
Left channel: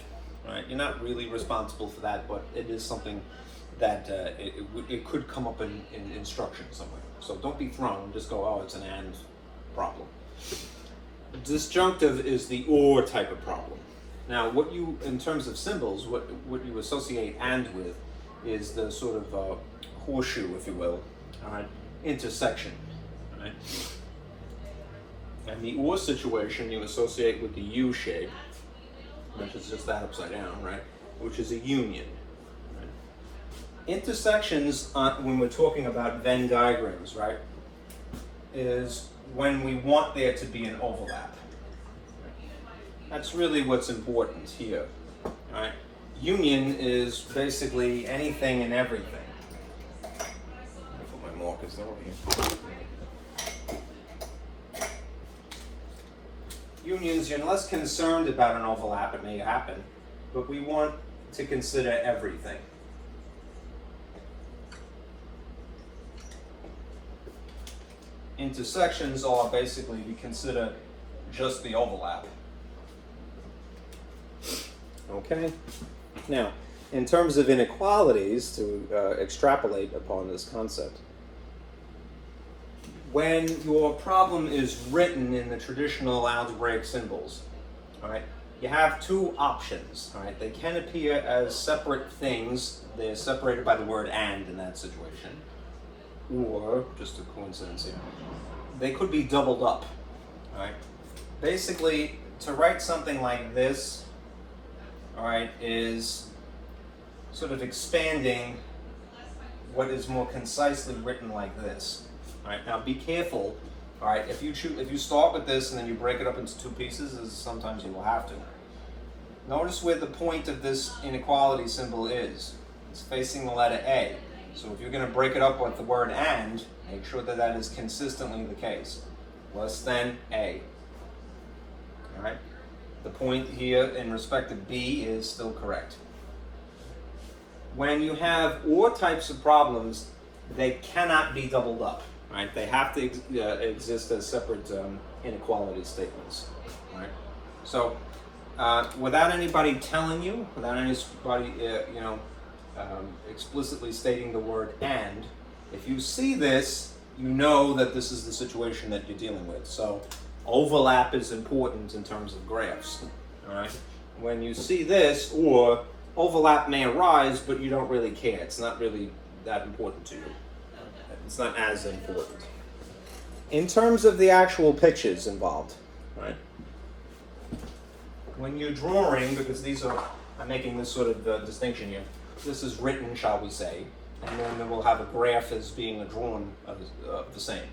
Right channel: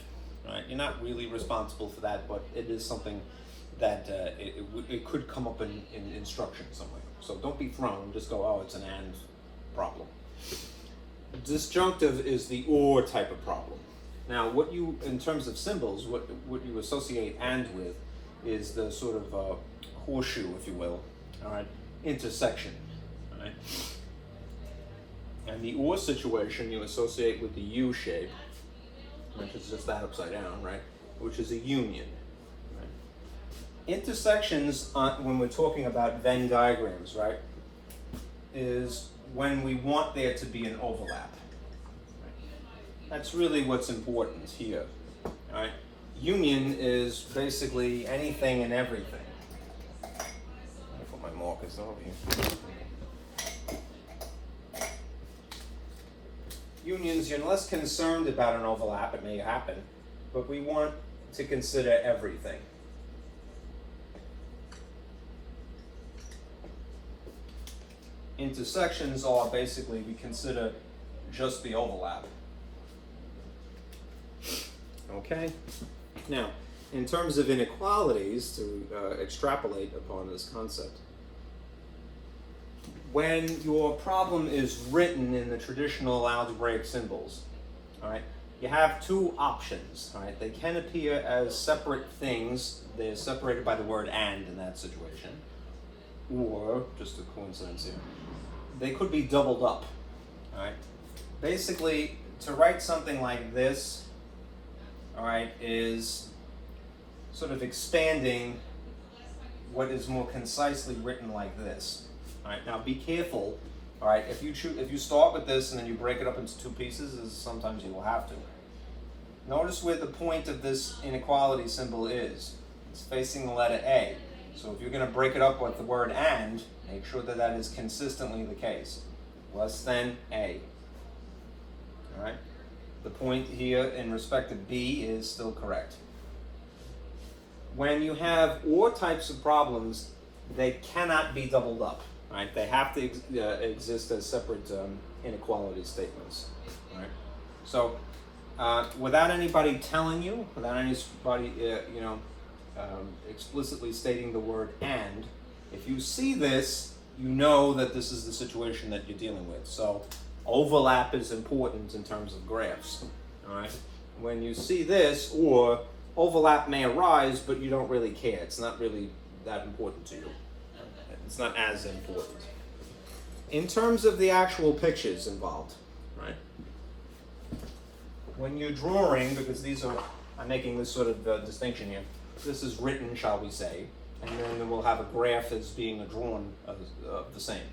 Right? You're not really responsible for that, but it is something that it could come up in instruction somewhere. So don't be thrown, just go, oh, it's an and problem. Disjunctive is the or type of problem. Now, what you, in terms of symbols, what you associate and with is the sort of horseshoe, if you will, all right, intersection, all right? And the or situation you associate with the U shape, which is just that upside down, right, which is a union. Right? Intersections, when we're talking about Venn diagrams, right, is when we want there to be an overlap. That's really what's important here, right? Union is basically anything and everything. Let me put my markers over here. Unions, you're less concerned about an overlap, it may happen, but we want to consider everything. Intersections are basically, we consider just the overlap. Okay? Now, in terms of inequalities, to extrapolate upon this concept, when your problem is written in the traditional algebraic symbols, all right, you have two options. All right, they can appear as separate things. They're separated by the word and in that situation, or just a coincidence here. They could be doubled up. All right, basically, to write something like this, all right, is sort of expanding what is more concisely written like this. All right, now be careful. All right, if you start with this and then you break it up into two pieces, as sometimes you will have to. Notice where the point of this inequality symbol is. It's facing the letter A. So if you're going to break it up with the word and, make sure that that is consistently the case. Less than A. All right. The point here in respect to B is still correct. When you have or types of problems, they cannot be doubled up. Right? They have to exist as separate inequality statements. Right? So, without anybody telling you, without anybody, explicitly stating the word and, if you see this, you know that this is the situation that you're dealing with. So, overlap is important in terms of graphs. All right? When you see this, or overlap may arise, but you don't really care. It's not really that important to you. It's not as important. In terms of the actual pictures involved, right? When you're drawing, because I'm making this sort of distinction here. This is written, shall we say, and then we'll have a graph as being a drawn of the same.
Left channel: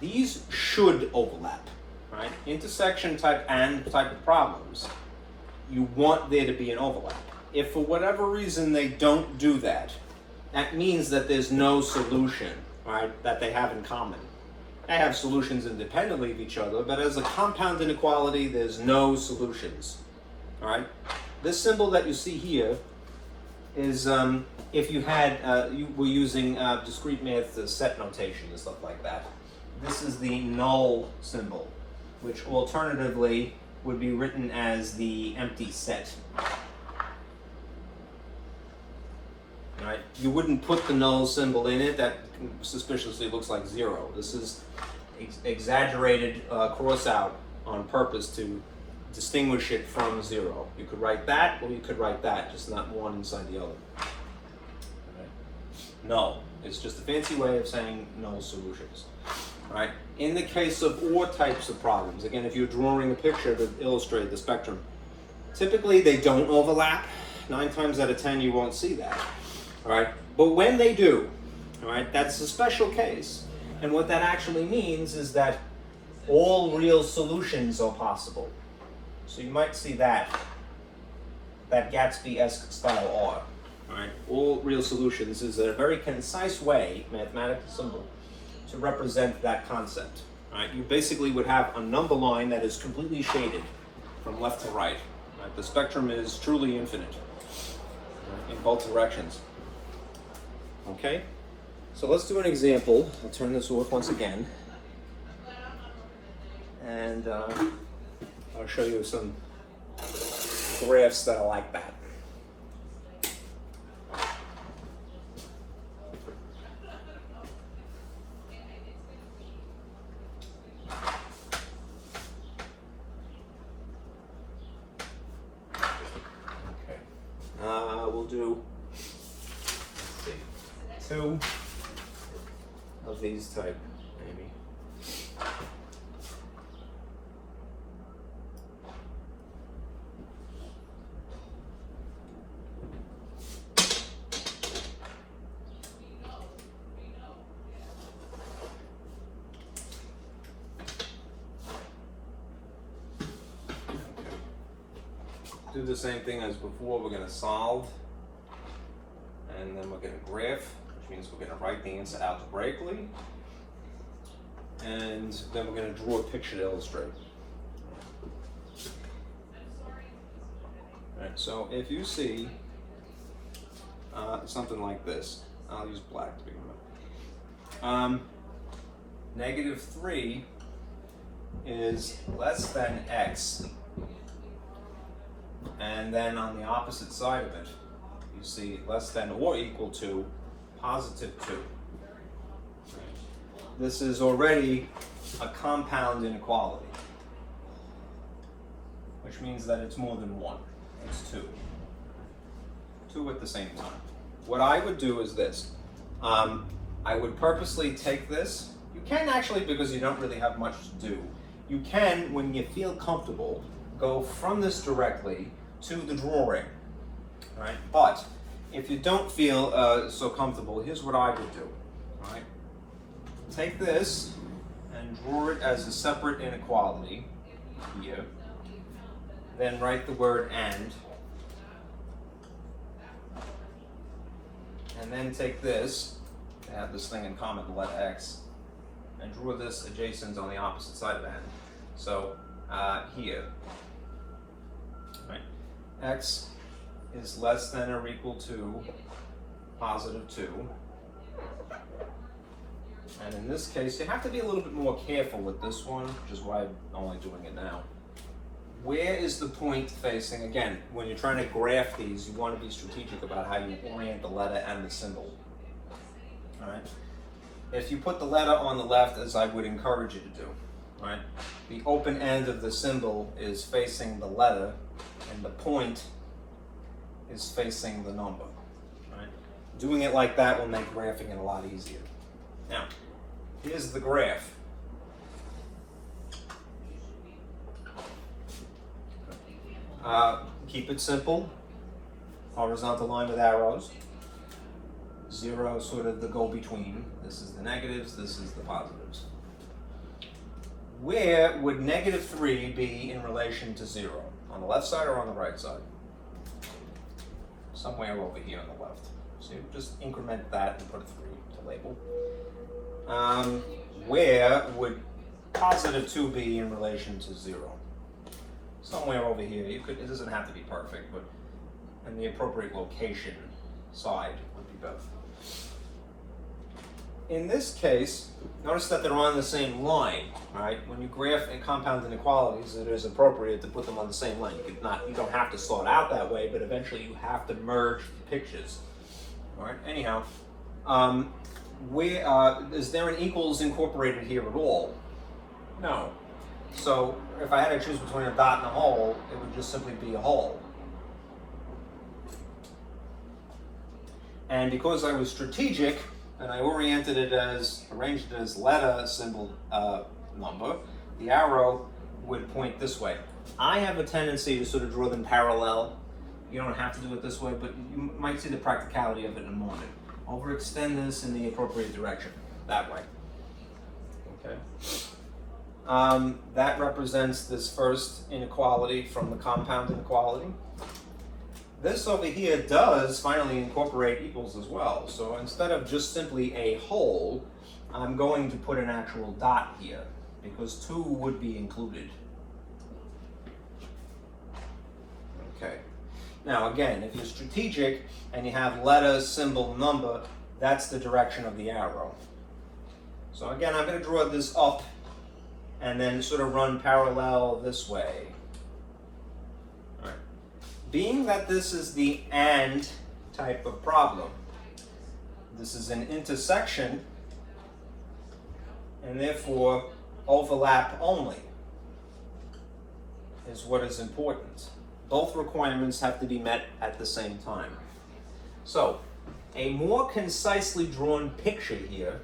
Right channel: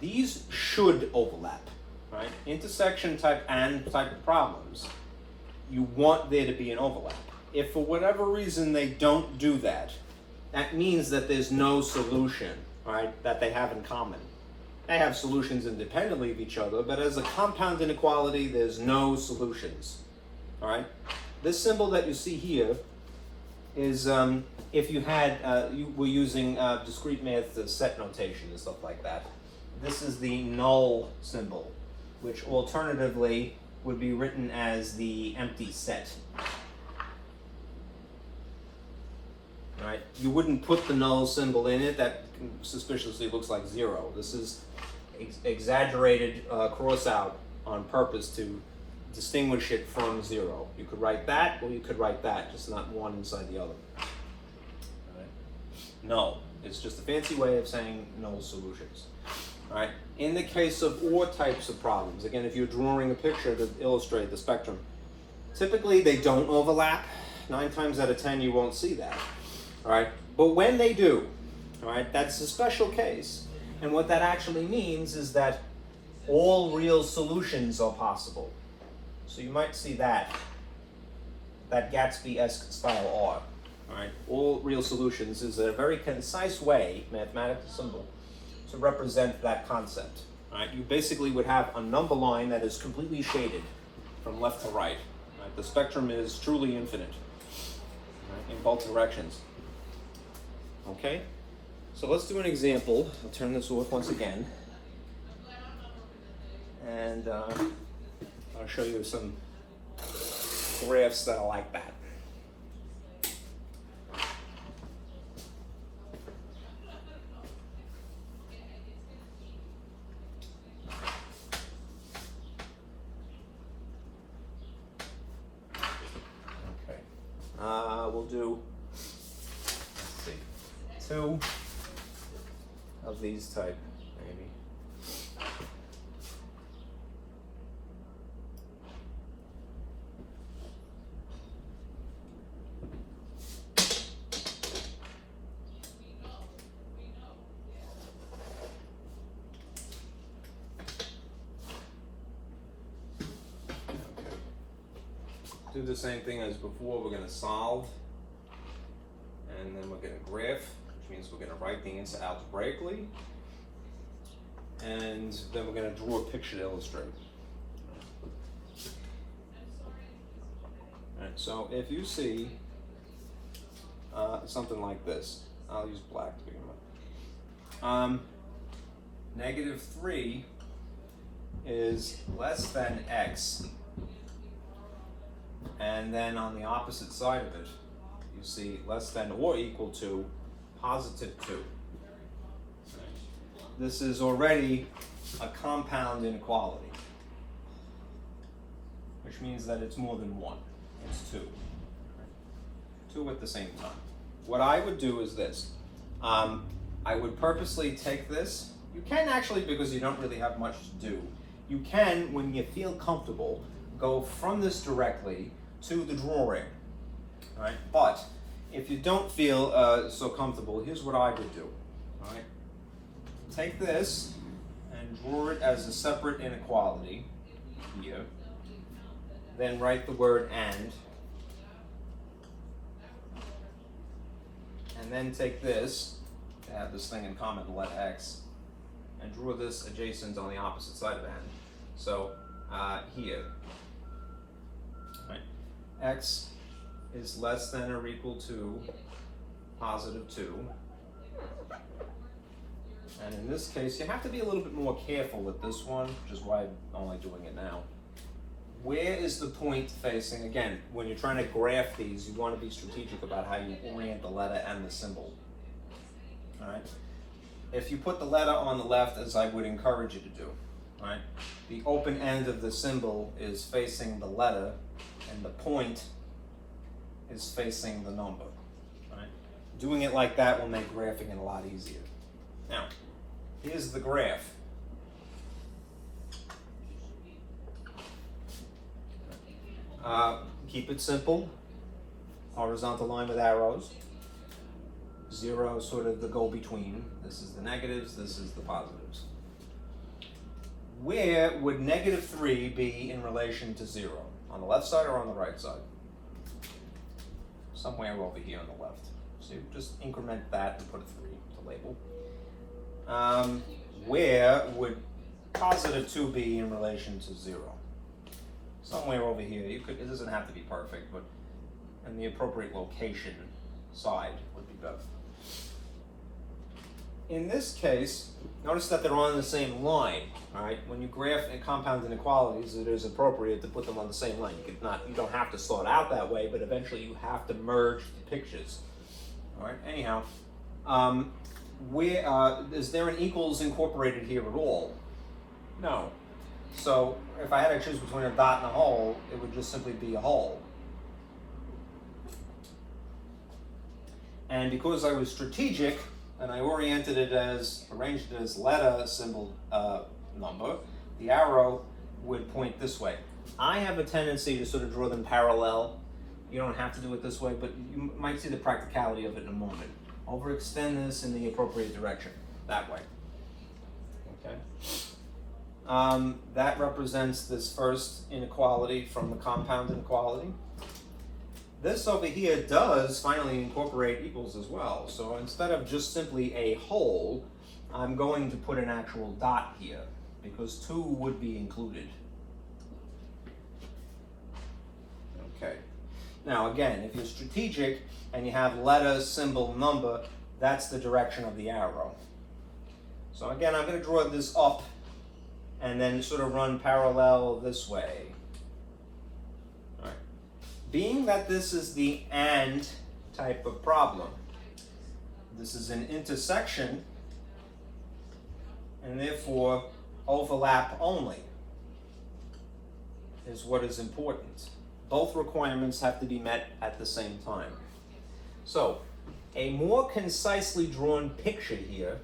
These should overlap, right? Intersection type and type of problems, you want there to be an overlap. If for whatever reason they don't do that, that means that there's no solution, right, that they have in common. They have solutions independently of each other, but as a compound inequality, there's no solutions. All right? This symbol that you see here is if you had, you were using discrete math set notation and stuff like that. This is the null symbol, which alternatively would be written as the empty set. Right? You wouldn't put the null symbol in it. That suspiciously looks like 0. This is exaggerated cross out on purpose to distinguish it from 0. You could write that, or you could write that, just not one inside the other. Right? Null. It's just a fancy way of saying no solutions. All right. In the case of OR types of problems, again, if you're drawing a picture to illustrate the spectrum, typically they don't overlap. 9 times out of 10, you won't see that. All right. But when they do, all right, that's a special case. And what that actually means is that all real solutions are possible. So you might see that Gatsby-esque style R. All right. All real solutions is a very concise way, mathematical symbol, to represent that concept. All right. You basically would have a number line that is completely shaded from left to right. Right? The spectrum is truly infinite, right, in both directions. Okay. So let's do an example. I'll turn this off once again. And I'll show you some graphs that are like that. Okay. We'll do, let's see, 2 of these type, maybe. Do the same thing as before. We're going to solve, and then we're going to graph, which means we're going to write the answer algebraically, and then we're going to draw a picture to illustrate. All right, so if you see something like this, I'll use black to begin with. -3 is less than x. And then on the opposite side of it, you see less than or equal to +2. This is already a compound inequality, which means that it's more than 1. It's 2. 2 at the same time. What I would do is this. I would purposely take this. You can actually, because you don't really have much to do, you can, when you feel comfortable, go from this directly to the drawing, right? But if you don't feel so comfortable, here's what I would do, right? Take this and draw it as a separate inequality here. Then write the word and then take this, to have this thing in common, the letter x, and draw this adjacent on the opposite side of the and. So here, right? X is less than or equal to +2. And in this case, you have to be a little bit more careful with this one, which is why I'm only doing it now. Where is the point facing? Again, when you're trying to graph these, you want to be strategic about how you orient the letter and the symbol. All right? If you put the letter on the left, as I would encourage you to do, right? The open end of the symbol is facing the letter, and the point is facing the number. Right? Doing it like that will make graphing it a lot easier. Now, here's the graph. Keep it simple. Horizontal line with arrows. 0 sort of the go-between. This is the negatives, this is the positives. Where would -3 be in relation to 0? On the left side or on the right side? Somewhere over here on the left. So you just increment that and put a 3 to label. Where would +2 be in relation to 0? Somewhere over here. You could. It doesn't have to be perfect, but in the appropriate location side would be better. In this case, notice that they're on the same line, right? When you graph compound inequalities, it is appropriate to put them on the same line. You don't have to sort out that way, but eventually you have to merge the pictures. All right. Anyhow, is there an equals incorporated here at all? No. So if I had to choose between a dot and a hole, it would just simply be a hole. And because I was strategic, and I arranged it as letter symbol number, the arrow would point this way. I have a tendency to sort of draw them parallel. You don't have to do it this way, but you might see the practicality of it in a moment. Overextend this in the appropriate direction, that way. Okay. That represents this first inequality from the compound inequality. This over here does finally incorporate equals as well. So instead of just simply a whole, I'm going to put an actual dot here because 2 would be included. Okay. Now again, if you're strategic and you have letter, symbol, number, that's the direction of the arrow. So again, I'm going to draw this up and then sort of run parallel this way. All right. Being that this is the AND type of problem, this is an intersection and therefore overlap only is what is important. Both requirements have to be met at the same time. So, a more concisely drawn picture here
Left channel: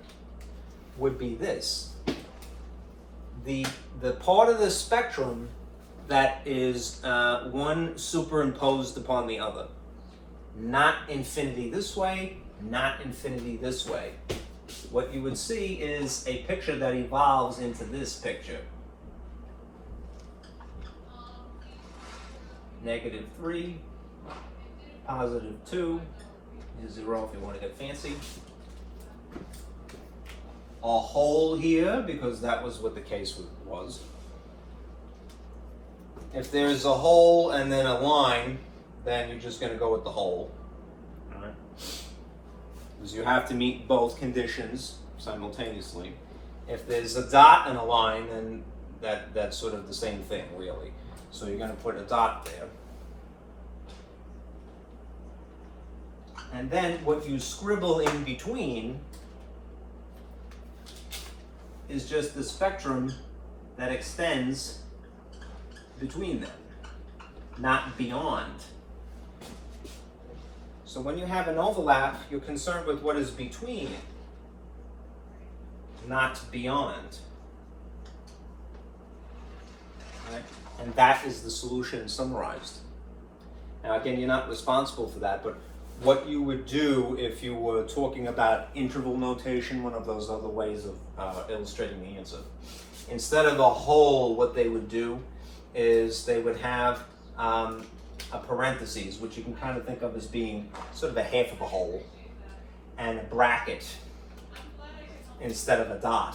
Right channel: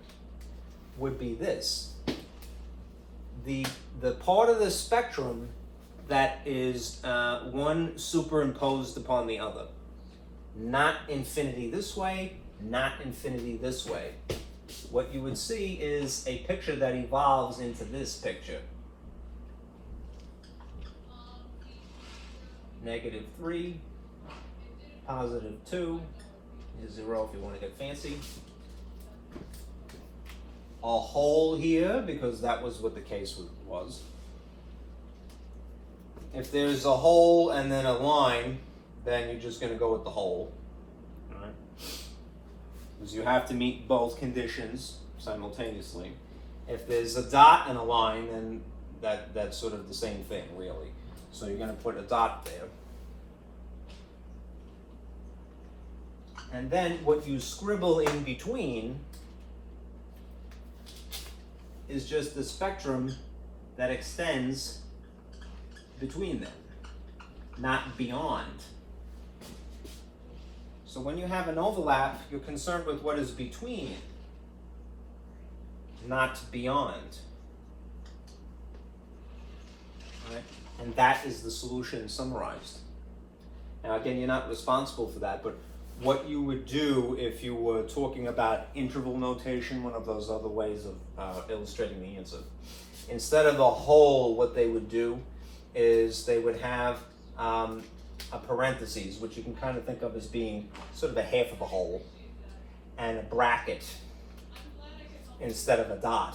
would be this. The part of the spectrum that is one superimposed upon the other. Not infinity this way, not infinity this way. What you would see is a picture that evolves into this picture. -3, +2, is 0 if you want to get fancy. A whole here, because that was what the case was. If there's a hole and then a line, then you're just going to go with the hole. All right? Because you have to meet both conditions simultaneously. If there's a dot and a line, then that's sort of the same thing, really. So you're going to put a dot there. And then what you scribble in between is just the spectrum that extends between them, not beyond. So when you have an overlap, you're concerned with what is between, not beyond. Right? And that is the solution summarized. Now again, you're not responsible for that, but what you would do if you were talking about interval notation, one of those other ways of illustrating the answer. Instead of a whole, what they would do is they would have a parentheses, which you can kind of think of as being sort of a half of a whole, and a bracket instead of a dot.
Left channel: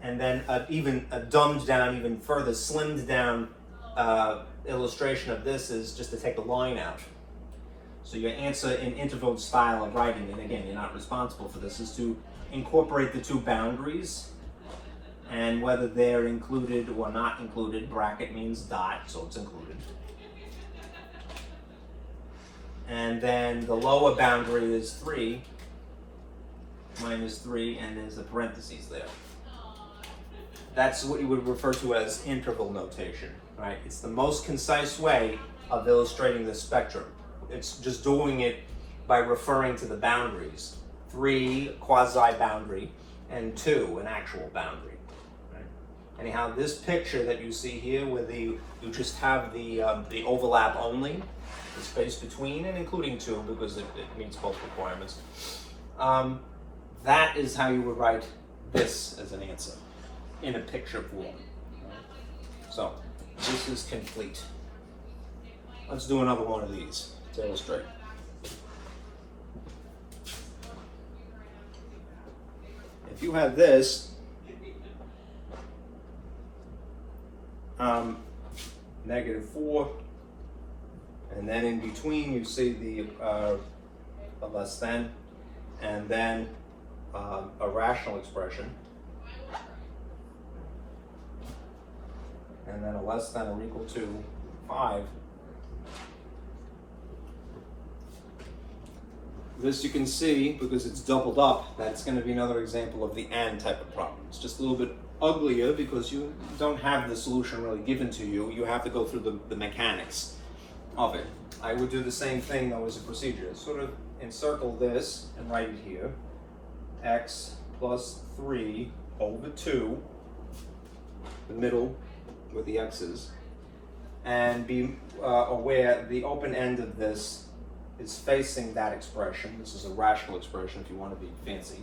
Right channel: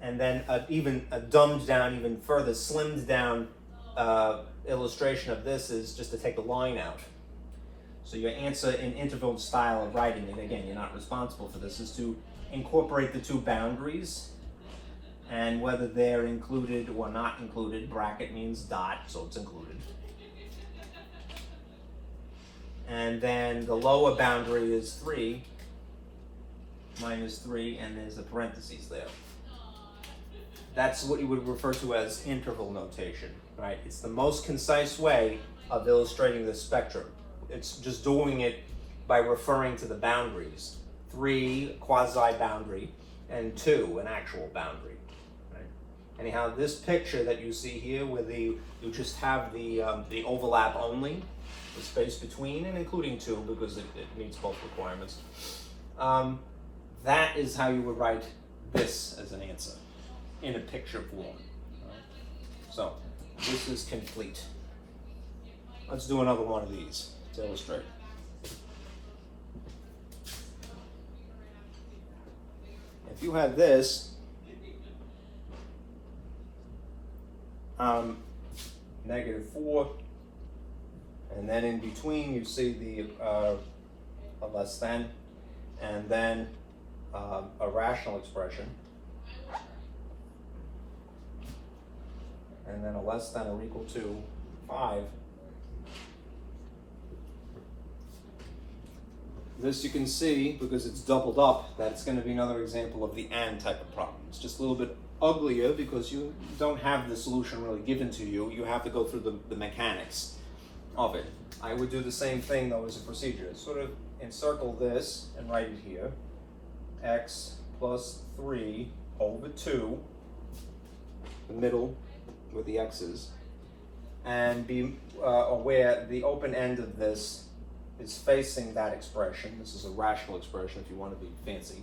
And then a dumbed down, even further slimmed down illustration of this is just to take the line out. So your answer in interval style of writing, and again, you're not responsible for this, is to incorporate the two boundaries, and whether they're included or not included. Bracket means dot, so it's included. And then the lower boundary is 3, -3, and there's a parentheses there. That's what you would refer to as interval notation, right? It's the most concise way of illustrating the spectrum. It's just doing it by referring to the boundaries. 3, quasi-boundary, and 2, an actual boundary. Right? Anyhow, this picture that you see here, where you just have the overlap only, the space between and including 2, because it meets both requirements. That is how you would write this as an answer in a picture form. Right? So this is complete. Let's do another one of these to illustrate. If you have this, -4, and then in between you see the less than, and then a rational expression, and then a less than or equal to 5. This you can see, because it's doubled up, that it's going to be another example of the AND type of problem. It's just a little bit uglier because you don't have the solution really given to you. You have to go through the mechanics. of it. I would do the same thing though as a procedure. Sort of encircle this and write it here. X plus 3 over 2, the middle with the x's, and be aware the open end of this is facing that expression. This is a rational expression if you want to be fancy.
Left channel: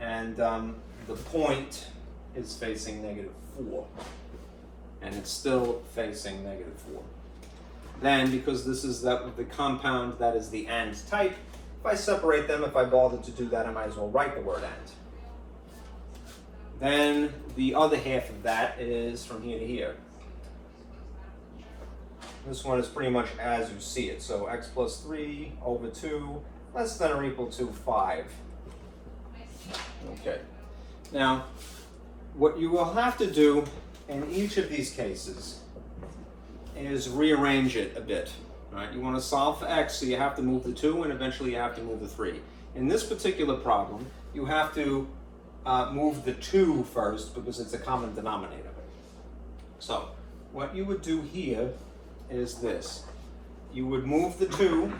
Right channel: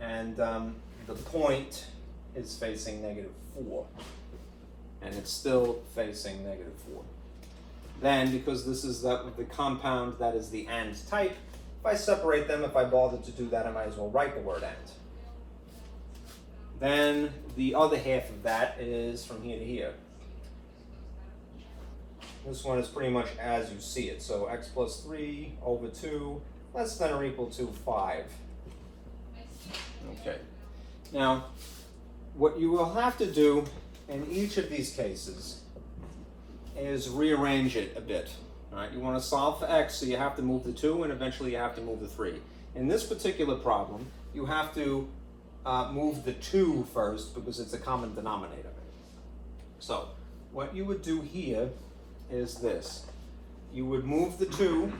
And the point is facing -4. And it's still facing -4. Then, because this is the compound that is the and type, if I separate them, if I bother to do that, I might as well write the word and. Then the other half of that is from here to here. This one is pretty much as you see it. So x plus 3 over 2 less than or equal to 5. Okay. Now, what you will have to do in each of these cases is rearrange it a bit. Right? You want to solve for x, so you have to move the 2, and eventually you have to move the 3. In this particular problem, you have to move the 2 first because it's a common denominator. So, what you would do here is this. You would move the 2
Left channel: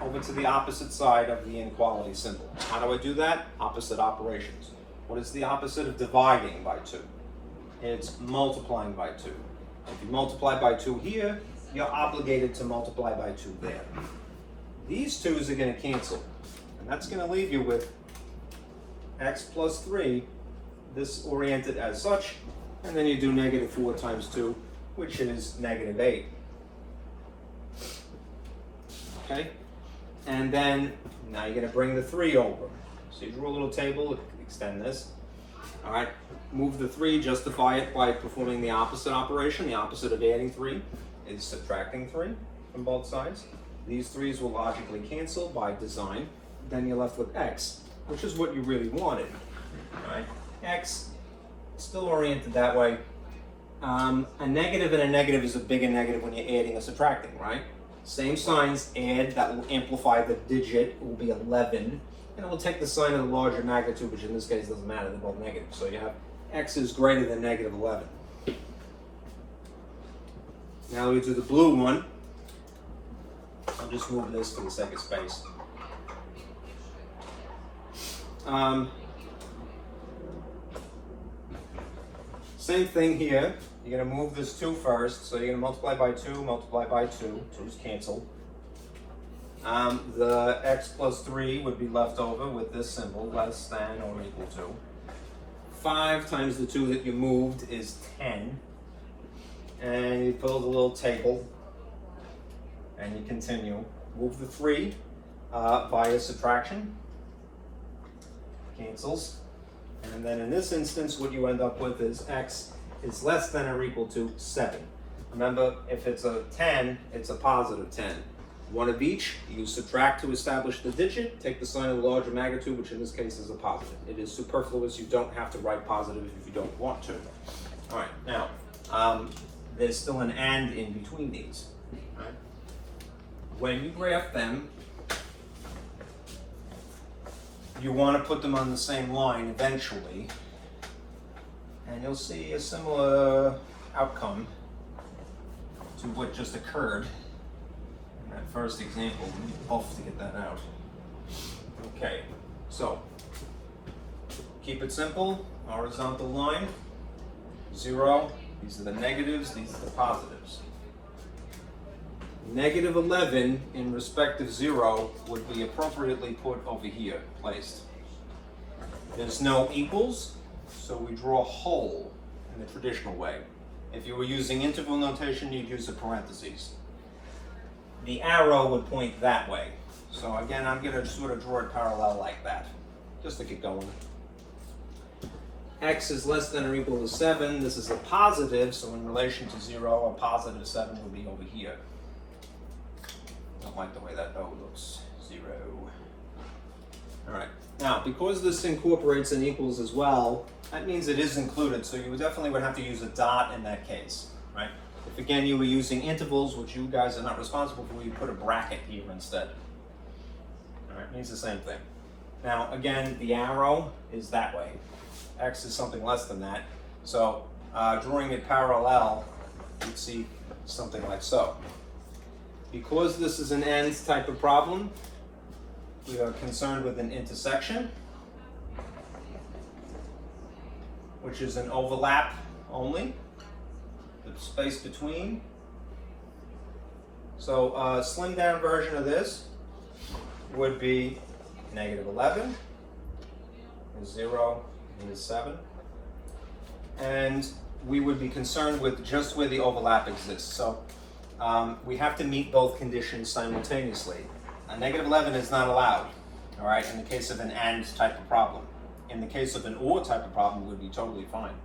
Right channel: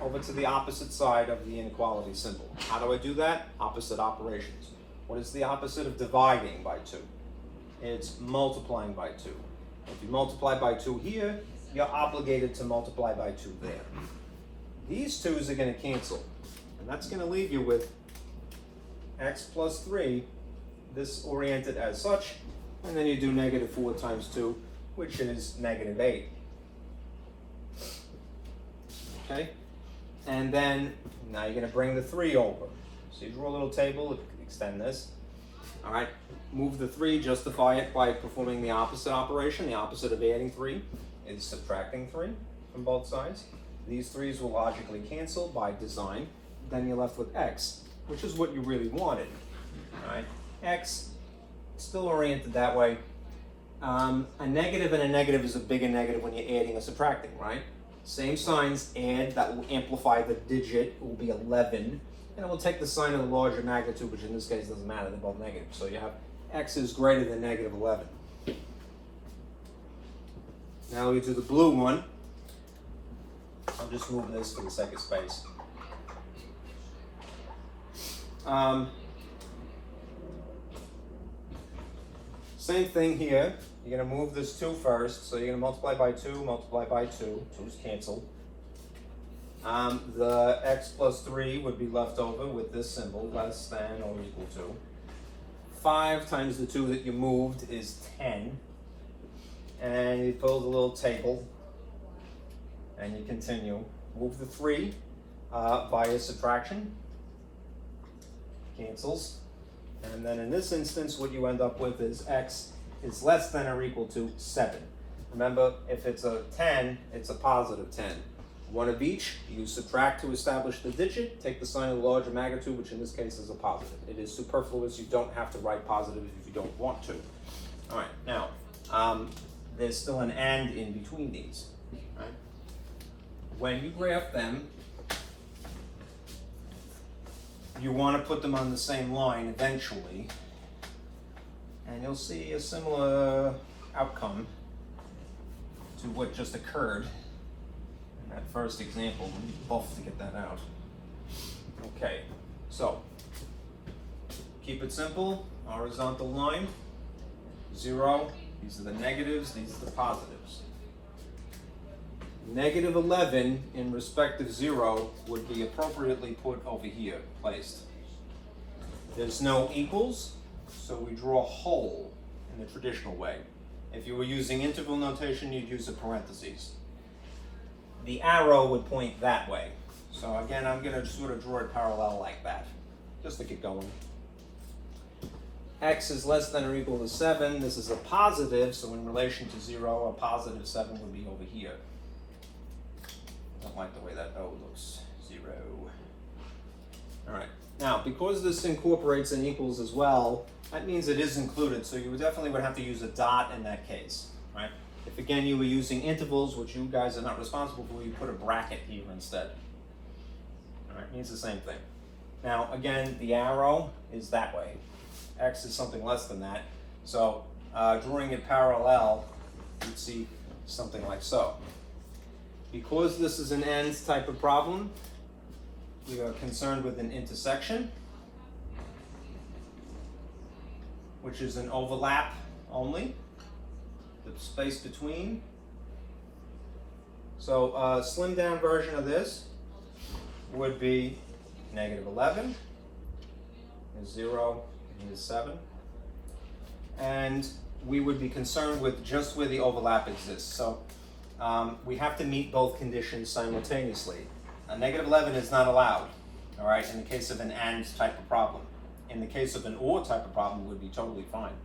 over to the opposite side of the inequality symbol. How do I do that? Opposite operations. What is the opposite of dividing by 2? It's multiplying by 2. If you multiply by 2 here, you're obligated to multiply by 2 there. These 2's are going to cancel, and that's going to leave you with x plus 3, this oriented as such, and then you do -4 times 2, which is -8. Okay? And then, now you're going to bring the 3 over. So you draw a little table, extend this. All right, move the 3, justify it by performing the opposite operation. The opposite of adding 3 is subtracting 3 from both sides. These 3's will logically cancel by design. Then you're left with x, which is what you really wanted. All right, x still oriented that way. A negative and a negative is a bigger negative when you're adding or subtracting, right? Same signs, add, that will amplify the digit, it will be 11. And it will take the sign of the larger magnitude, which in this case doesn't matter, they're both negative. So you have x is greater than -11. Now we do the blue one. I'll just move this for the sake of space. Same thing here. You're going to move this 2 first. So you're going to multiply by 2, multiply by 2. 2's canceled. The x plus 3 would be left over with this symbol, less than or equal to. 5 times the 2 that you moved is 10. And you build a little table. And you continue. Move the 3 via subtraction. Cancels. And then in this instance, what you end up with is x is less than or equal to 7. Remember, if it's a 10, it's a positive 10. One of each, you subtract to establish the digit, take the sign of the larger magnitude, which in this case is a positive. It is superfluous, you don't have to write positive if you don't want to. All right, now, there's still an and in between these. All right. When you graph them, you want to put them on the same line eventually, and you'll see a similar outcome to what just occurred in that first example. We need both to get that out. Okay, so keep it simple. Horizontal line, 0. These are the negatives, these are the positives. -11 in respect of 0 would be appropriately put over here, placed. There's no equals, so we draw a hole in the traditional way. If you were using interval notation, you'd use a parentheses. The arrow would point that way. So again, I'm going to sort of draw it parallel like that, just to get going. X is less than or equal to 7. This is a positive, so in relation to 0, a positive 7 would be over here. Don't like the way that O looks. 0. All right. Now, because this incorporates an equals as well, that means it is included. So you definitely would have to use a dot in that case, right? If again you were using intervals, which you guys are not responsible for, you put a bracket here instead. All right, means the same thing. Now, again, the arrow is that way. X is something less than that. So drawing it parallel, you'd see something like so. because this is an AND type of problem, we are concerned with an intersection, which is an overlap only, with space between. So a slimmed down version of this would be -11, is 0, is 7. And we would be concerned with just where the overlap exists. So we have to meet both conditions simultaneously. A -11 is not allowed, all right, in the case of an AND type of problem. In the case of an OR type of problem, it would be totally fine,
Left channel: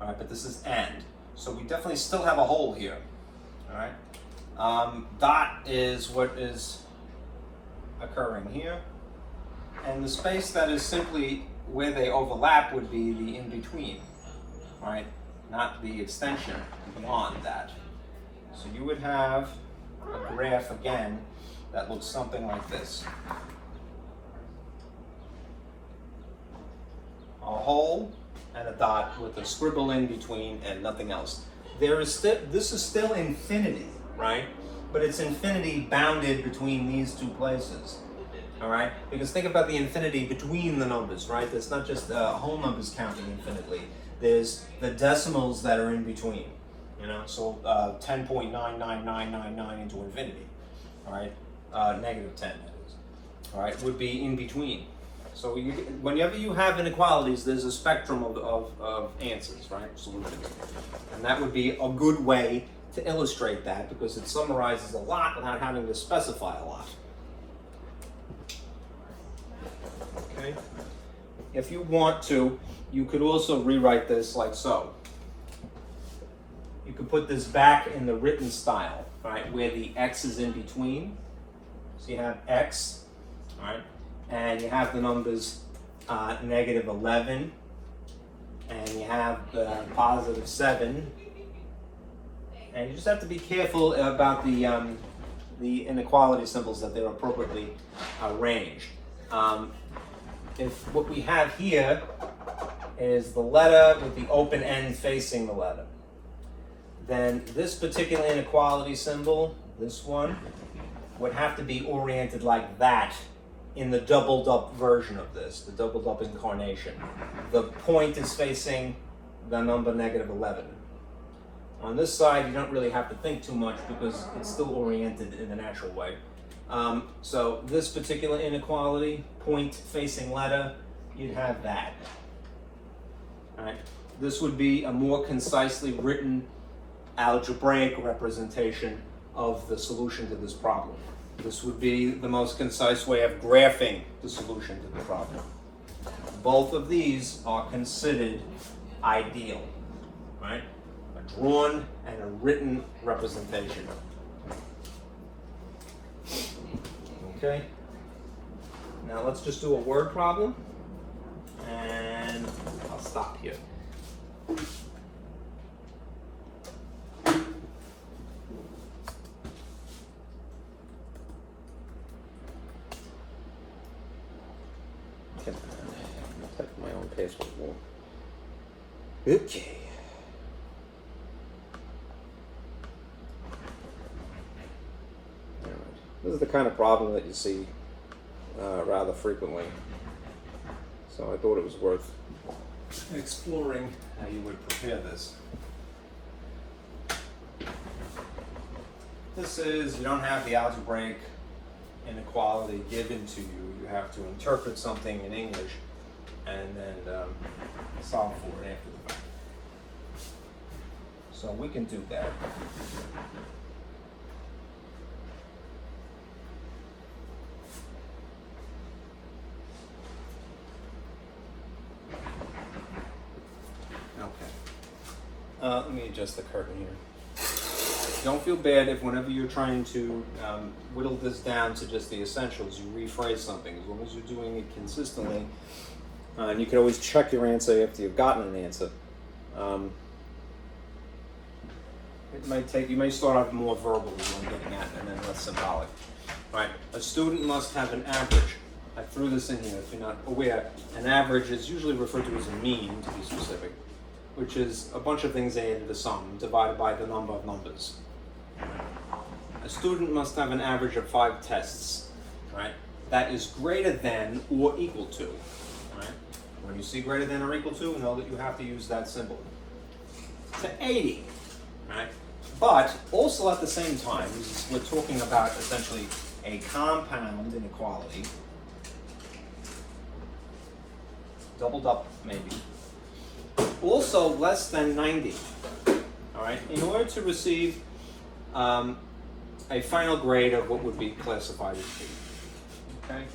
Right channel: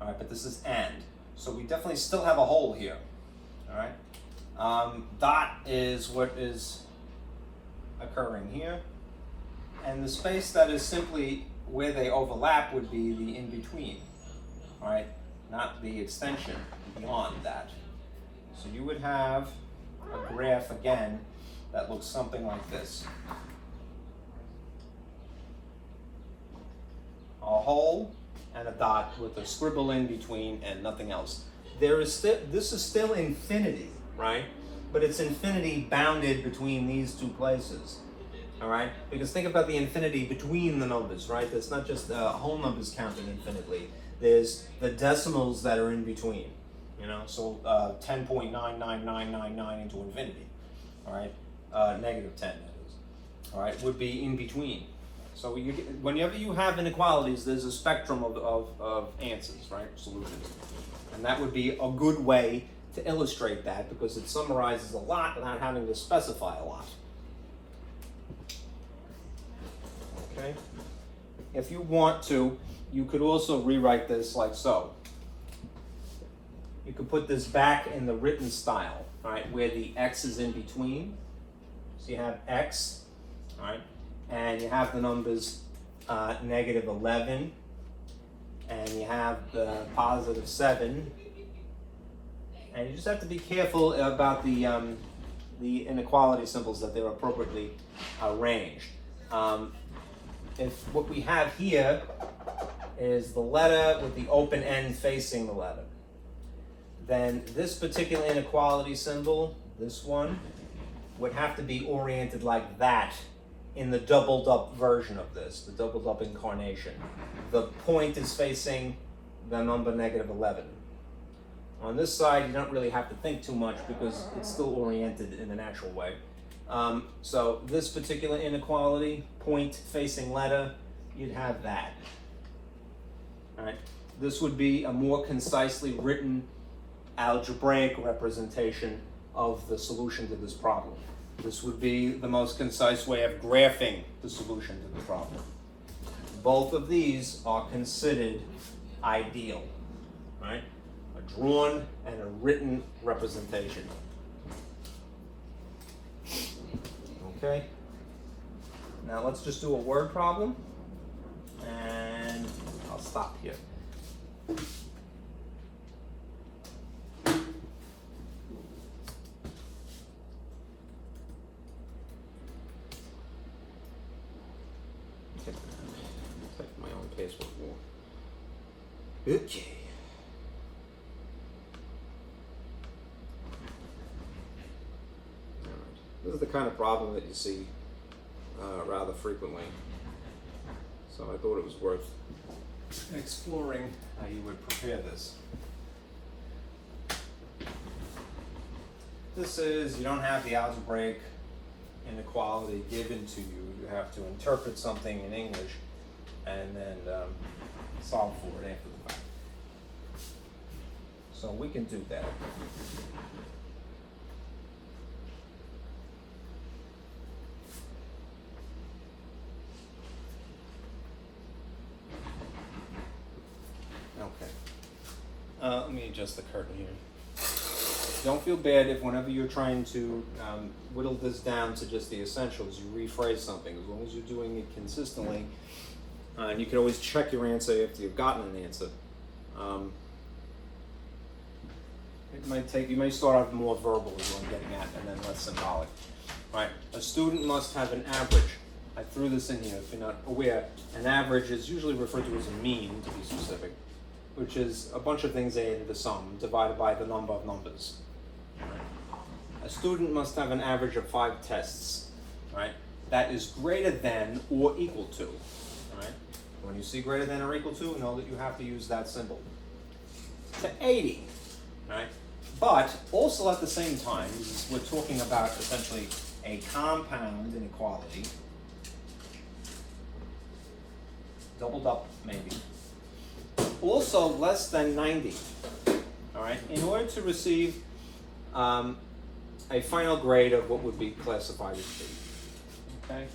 all right, but this is AND. So we definitely still have a hole here, all right. Dot is what is occurring here, and the space that is simply where they overlap would be the in-between, right? Not the extension beyond that. So you would have a graph again that looks something like this. A hole and a dot with a scribble in between and nothing else. This is still infinity, right? But it's infinity bounded between these two places, all right? Because think about the infinity between the numbers, right? There's not just whole numbers counting infinitely. There's the decimals that are in between, you know? So 10.99999 into infinity, all right? -10, that is, all right? Would be in between. So whenever you have inequalities, there's a spectrum of answers, right? Solutions. And that would be a good way to illustrate that because it summarizes a lot without having to specify a lot. Okay? If you want to, you could also rewrite this like so. You could put this back in the written style, right, where the x is in between. So you have x, all right? And you have the numbers -11, and you have the +7, and you just have to be careful about the inequality symbols that they're appropriately arranged. If what we have here is the letter with the open end facing the letter, then this particular inequality symbol, this one, would have to be oriented like that in the doubled up version of this, the doubled up incarnation. The point is facing the number -11. On this side, you don't really have to think too much because it's still oriented in a natural way. So this particular inequality, point facing letter, you'd have that. All right. This would be a more concisely written algebraic representation of the solution to this problem. This would be the most concise way of graphing the solution to the problem. Both of these are considered ideal, right? A drawn and a written representation. Okay. Now let's just do a word problem, and I'll stop here. Type my own password more. Okay. Alright. This is the kind of problem that you see rather frequently. So I thought it was worth exploring how you would prepare this. This is, you don't have the algebraic inequality given to you. You have to interpret something in English and then solve for it after the fact. So we can do that. Okay. Let me adjust the curtain here. Don't feel bad if whenever you're trying to whittle this down to just the essentials, you rephrase something. As long as you're doing it consistently, and you can always check your answer after you've gotten an answer. It might take, you may start out more verbal is what I'm getting at, and then less symbolic. All right, a student must have an average. I threw this in here if you're not aware. An average is usually referred to as a mean, to be specific, which is a bunch of things added to sum, divided by the number of numbers. a student must have an average of 5 tests, right? That is greater than or equal to, right? When you see greater than or equal to, know that you have to use that symbol. To 80, right? But also at the same time, we're talking about essentially a compound inequality, doubled up maybe, also less than 90, all right? In order to receive a final grade of what would be classified as B, okay?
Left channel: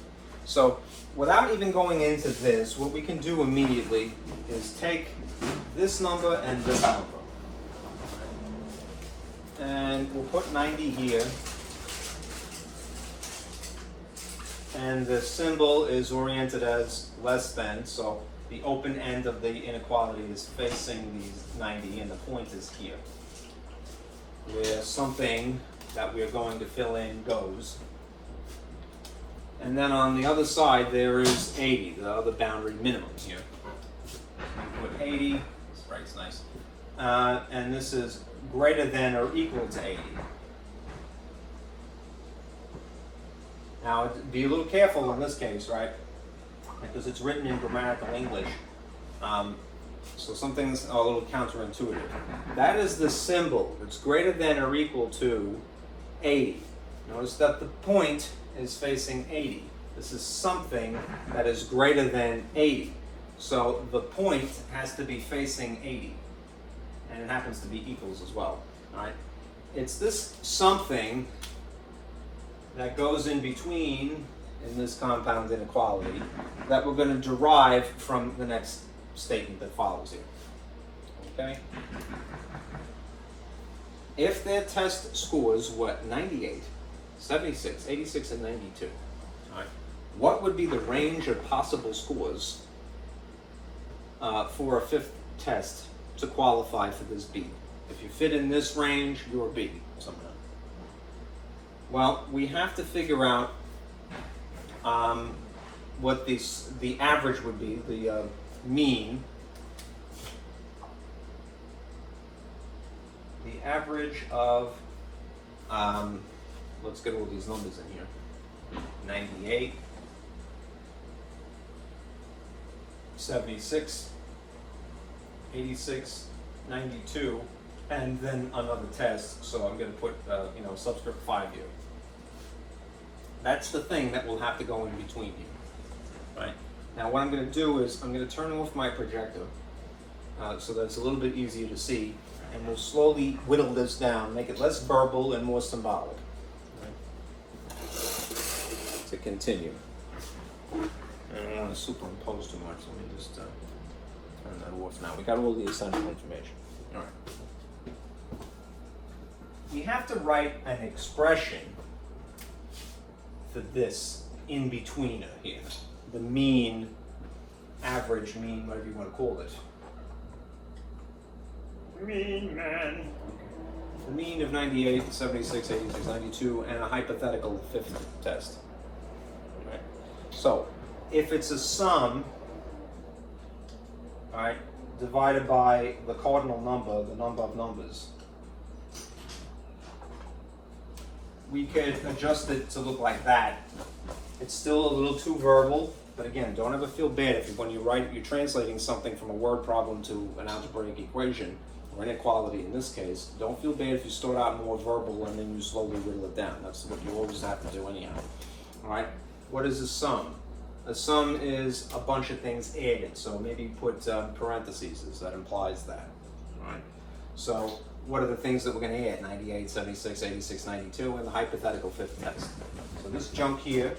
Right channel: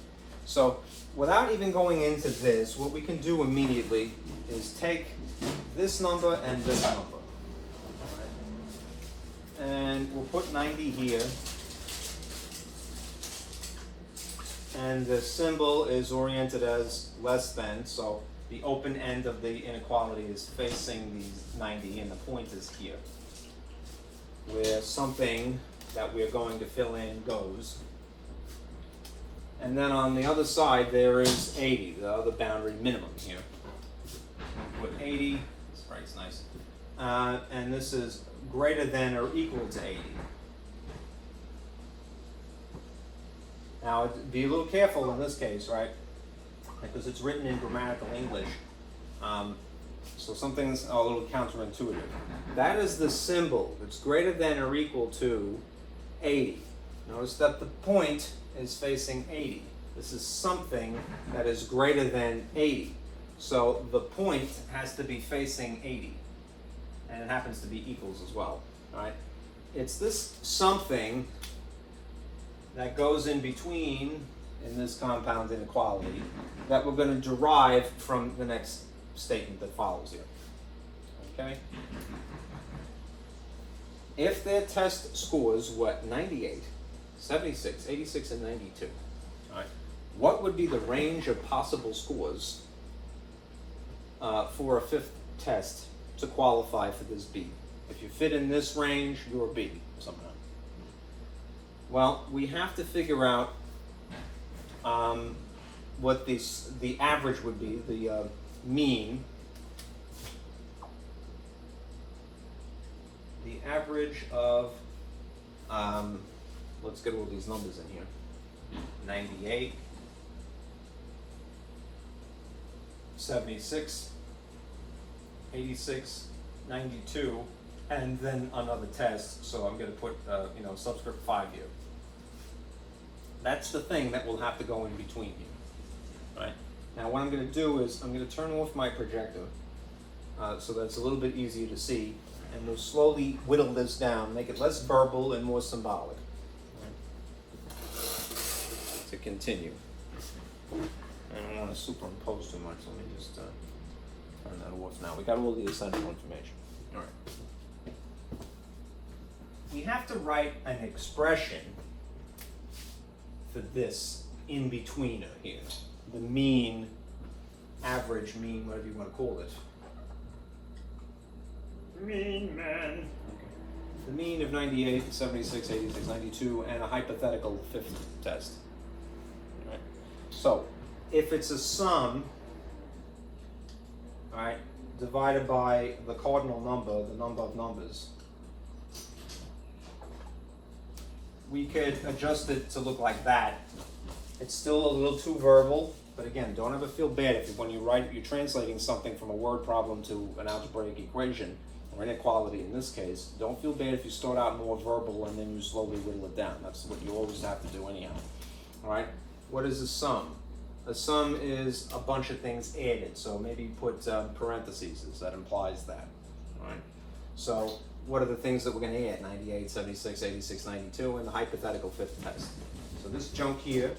So without even going into this, what we can do immediately is take this number and this number. And we'll put 90 here. And the symbol is oriented as less than, so the open end of the inequality is facing these 90 and the point is here, where something that we're going to fill in goes. And then on the other side there is 80, the other boundary minimum here. We put 80, this writes nice. And this is greater than or equal to 80. Now, be a little careful in this case, right? Because it's written in grammatical English. So something's a little counterintuitive. That is the symbol. It's greater than or equal to 80. Notice that the point is facing 80. This is something that is greater than 80. So the point has to be facing 80. And it happens to be equals as well, right? It's this something that goes in between in this compound inequality that we're going to derive from the next statement that follows here, okay? If their test scores were 98, 76, 86, and 92, all right, what would be the range of possible scores for a 5th test to qualify for this B? If you fit in this range, you're B somehow. Well, we have to figure out what the average would be, the mean. The average of, let's get all these numbers in here. 98, 76, 86, 92, and then another test, so I'm going to put subscript 5 here. That's the thing that will have to go in between here, right? Now what I'm going to do is I'm going to turn off my projector so that it's a little bit easier to see, and we'll slowly whittle this down, make it less verbal and more symbolic, right? To continue. I don't want to superimpose too much, let me just turn that off now. We got all the essential information. All right. We have to write an expression for this in-betweener here. The mean, average, mean, whatever you want to call it. Mean man. The mean of 98, 76, 86, 92, and a hypothetical 5th test. Right. So, if it's a sum, right, divided by the cardinal number, the number of numbers, we could adjust it to look like that. It's still a little too verbal, but again, don't ever feel bad if when you write, you're translating something from a word problem to an algebraic equation, or inequality in this case. Don't feel bad if you start out more verbal and then you slowly whittle it down. That's what you always have to do anyhow. All right, what is a sum? A sum is a bunch of things added, so maybe put parentheses, that implies that, right? So what are the things that we're going to add? 98, 76, 86, 92, and the hypothetical 5th test. So this junk here,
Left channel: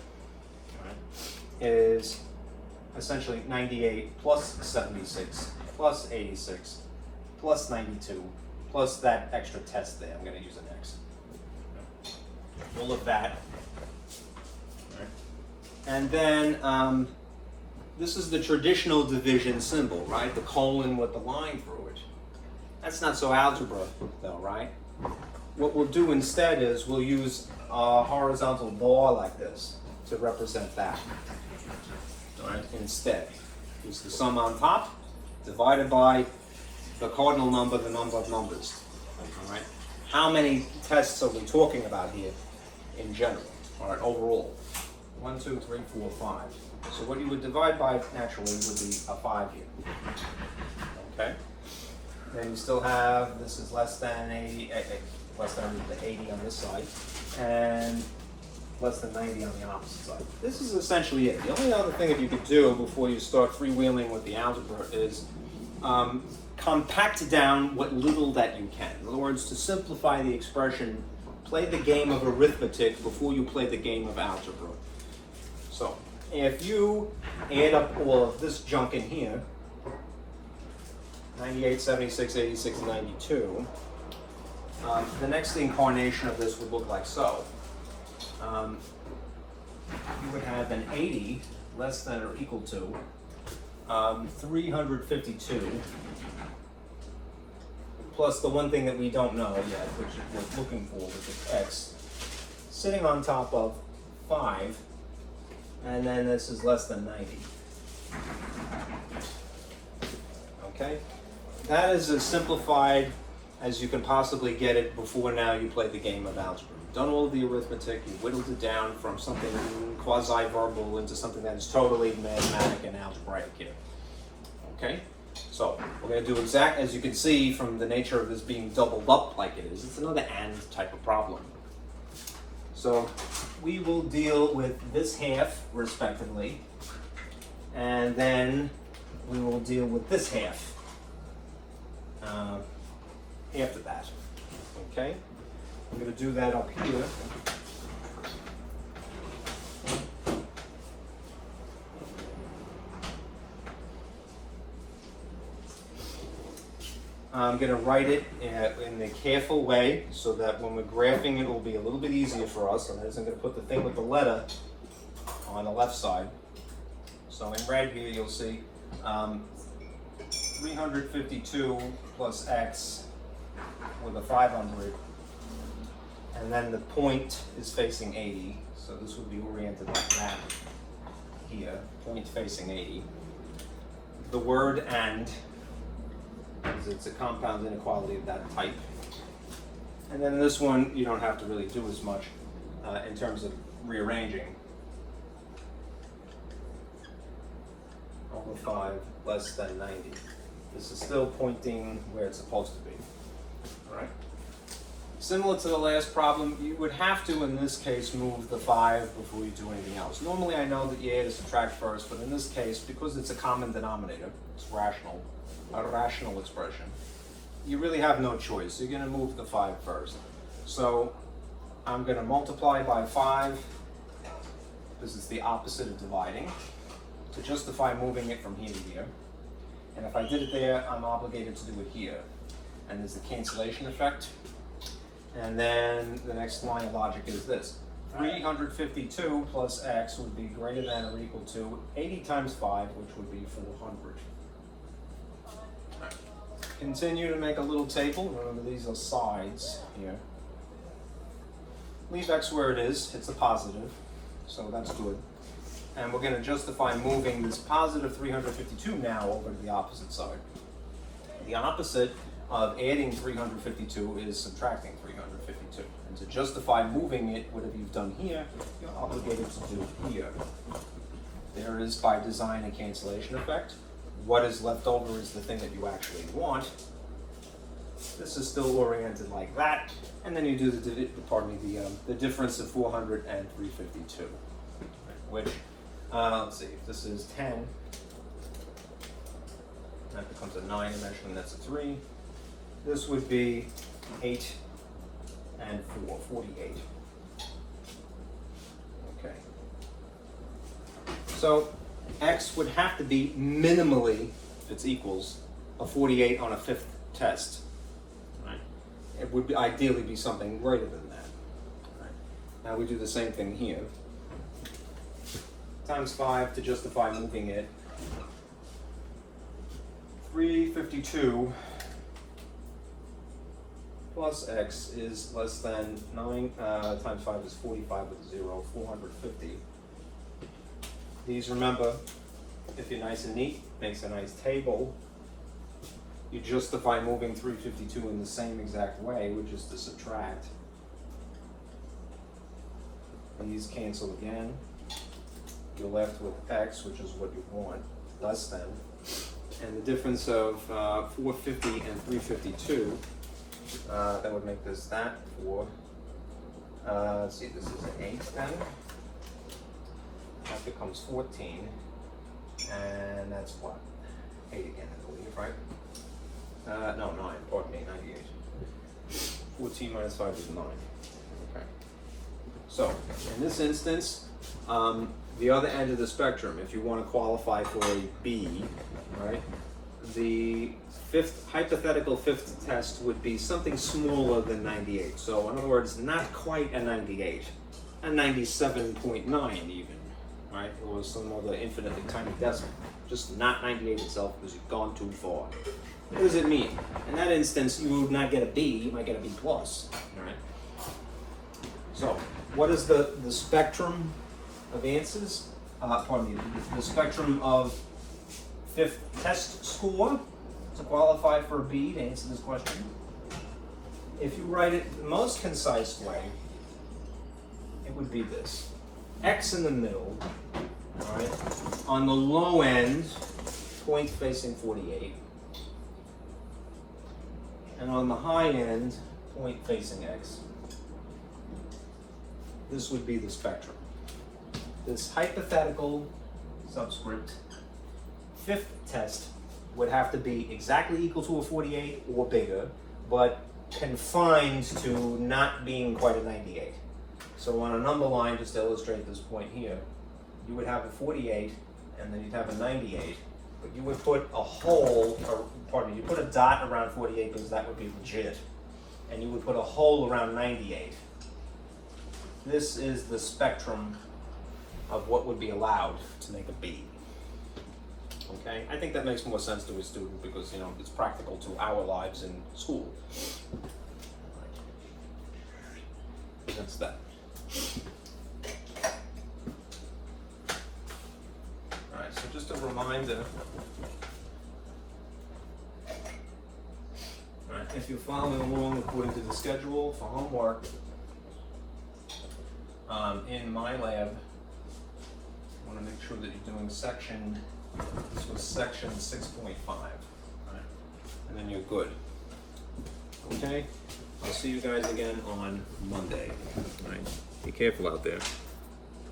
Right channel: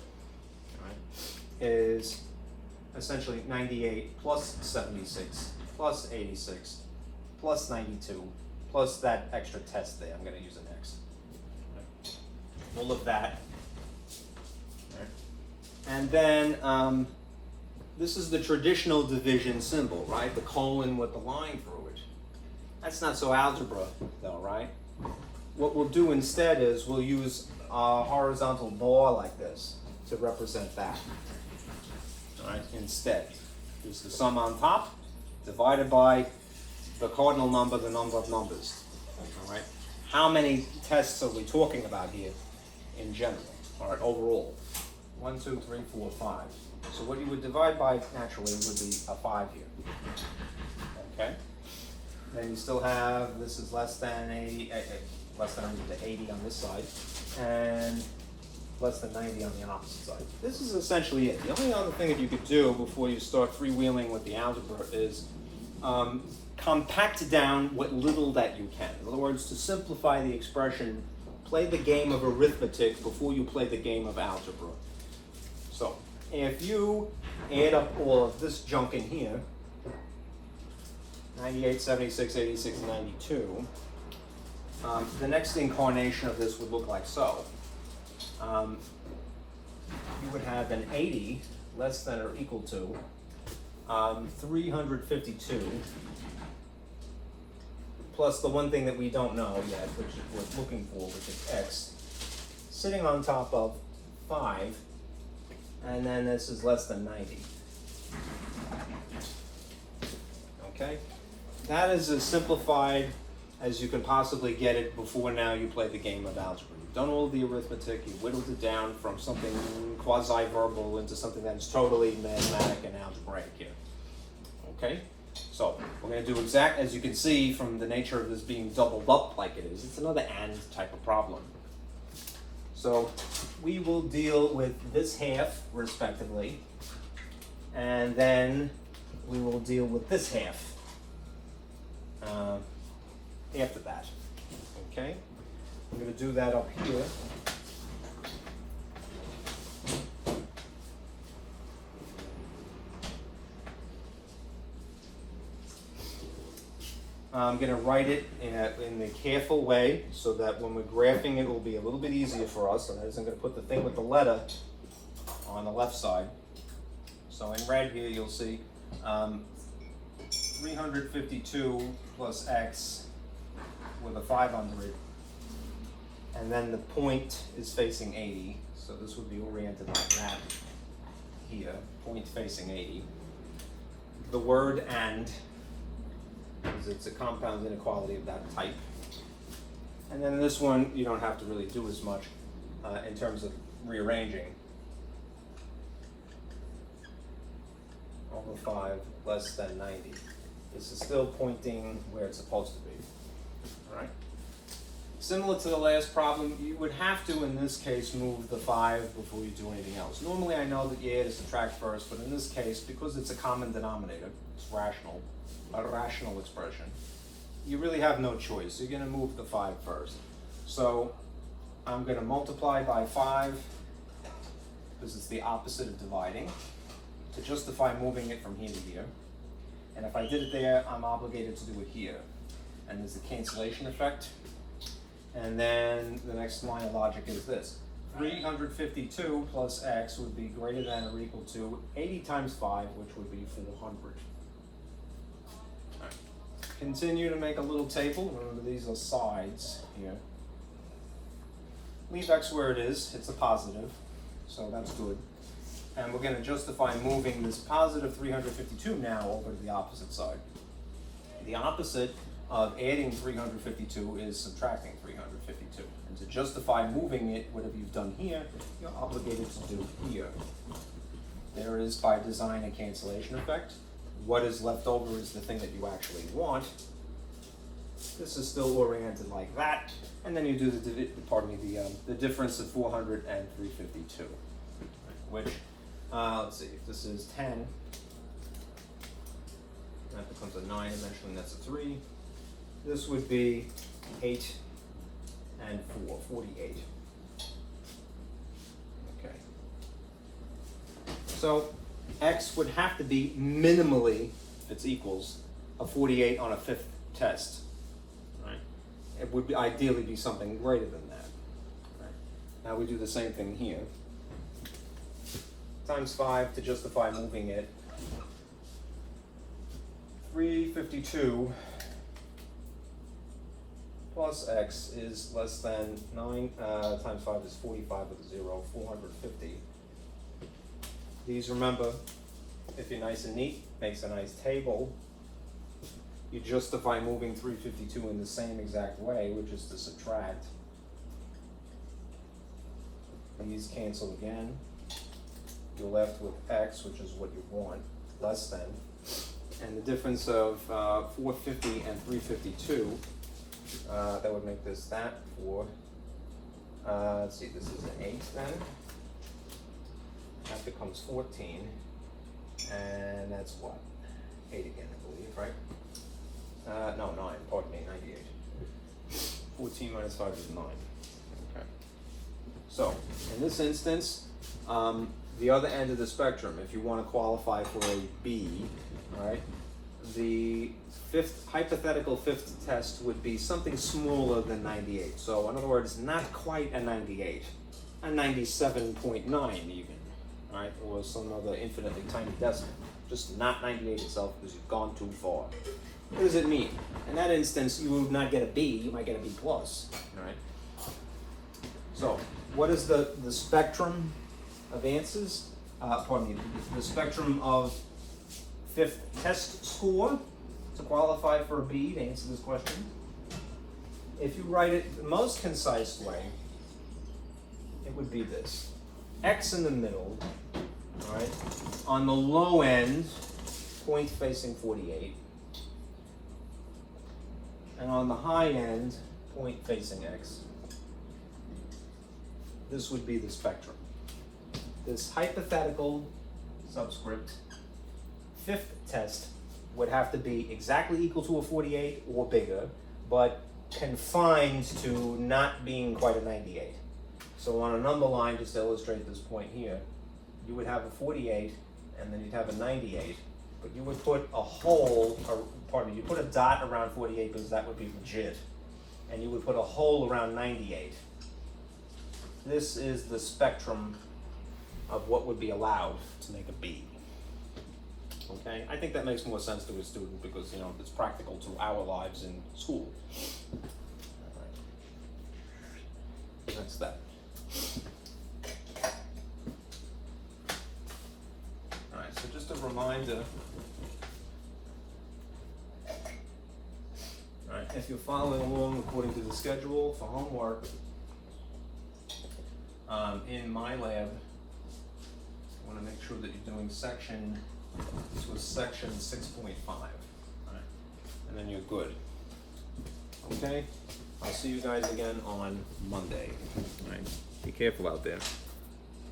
right, is essentially 98 plus 76 plus 86 plus 92 plus that extra test there. I'm going to use an X. All of that. And then this is the traditional division symbol, right? The colon with the line through it. That's not so algebra, though, right? What we'll do instead is we'll use a horizontal bar like this to represent that. All right, instead. Use the sum on top, divided by the cardinal number, the number of numbers. All right? how many tests are we talking about here in general, all right, overall? 1, 2, 3, 4, 5. So what you would divide by naturally would be a 5 here. Okay? Then you still have, this is less than 80, less than the 80 on this side, and less than 90 on the opposite side. This is essentially it. The only other thing that you could do before you start freewheeling with the algebra is compact down what little that you can. In other words, to simplify the expression, play the game of arithmetic before you play the game of algebra. So, if you add up all of this junk in here, 98, 76, 86, 92, the next incarnation of this would look like so. You would have an 80 less than or equal to 352 plus the one thing that we don't know yet, which we're looking for, which is x, sitting on top of 5, and then this is less than 90. Okay? That is as simplified as you can possibly get it before now you play the game of algebra. You've done all the arithmetic, you've whittled it down from something quasi-verbal into something that is totally mathematic and algebraic here. Okay? So, we're going to do as you can see from the nature of this being doubled up like it is, it's another AND type of problem. So, we will deal with this half, respectively, and then we will deal with this half after that. Okay? We're going to do that up here. I'm going to write it in a careful way so that when we're graphing it will be a little bit easier for us. And I'm going to put the thing with the letter on the left side. So in red here you'll see 352 plus x with a 5 under it. And then the point is facing 80. So this would be oriented like that here, point facing 80. The word AND, because it's a compound inequality of that type. And then this one, you don't have to really do as much in terms of rearranging. Over 5 less than 90. This is still pointing where it's supposed to be. All right? Similar to the last problem, you would have to, in this case, move the 5 before you do anything else. Normally I know that you add to subtract first, but in this case, because it's a common denominator, it's rational, a rational expression, you really have no choice. You're going to move the 5 first. So I'm going to multiply by 5, because it's the opposite of dividing, to justify moving it from here to here. And if I did it there, I'm obligated to do it here. And there's the cancellation effect. And then the next line of logic is this. 352 plus x would be greater than or equal to 80 times 5, which would be 400. Continue to make a little table. Remember, these are sides here. Leave x where it is. It's a positive, so that's good. And we're going to justify moving this positive 352 now over to the opposite side. The opposite of adding 352 is subtracting 352. And to justify moving it, whatever you've done here, you're obligated to do here. There is, by design, a cancellation effect. What is left over is the thing that you actually want. This is still oriented like that. And then you do the difference of 400 and 352, which, let's see, if this is 10, that becomes a 9 eventually, and that's a 3. This would be 8 and 4, 48. Okay. So x would have to be minimally, if it's equals, a 48 on a 5th test. Right? It would ideally be something greater than that. Right? Now we do the same thing here. Times 5 to justify moving it. 352 plus x is less than 9 times 5 is 45 with a 0, 450. These, remember, if you're nice and neat, makes a nice table. you justify moving 352 in the same exact way, which is to subtract. These cancel again. You're left with x, which is what you want, less than. And the difference of 450 and 352, that would make this that for, let's see, this is an 8 then. That becomes 14. And that's what? 8 again, I believe, right? No, 9, pardon me, 98. 14 minus 5 is 9. Okay. So, in this instance, the other end of the spectrum, if you want to qualify for a B, right, the hypothetical fifth test would be something smaller than 98. So, in other words, not quite a 98, a 97.9 even, right, or some other infinitely tiny decimal. Just not 98 itself because you've gone too far. What does it mean? In that instance, you would not get a B, you might get a B plus, all right? So, what is the spectrum of answers? Pardon me, the spectrum of fifth test score to qualify for a B to answer this question? If you write it the most concise way, it would be this. X in the middle, all right? On the low end, point facing 48. And on the high end, point facing X. This would be the spectrum. This hypothetical subscript fifth test would have to be exactly equal to a 48 or bigger, but confined to not being quite a 98. So on a number line, just to illustrate this point here, you would have a 48 and then you'd have a 98, but you would put a hole, or pardon me, you put a dot around 48 because that would be legit, and you would put a hole around 98. This is the spectrum of what would be allowed to make a B. Okay, I think that makes more sense to a student because, you know, it's practical to our lives in school. That's that. Alright, so just a reminder. Alright, if you're following along according to the schedule for homework, in my lab, I want to make sure that you're doing section, this was section 6.5, right? And then you're good. Okay? I'll see you guys again on Monday. All right. Be careful out there.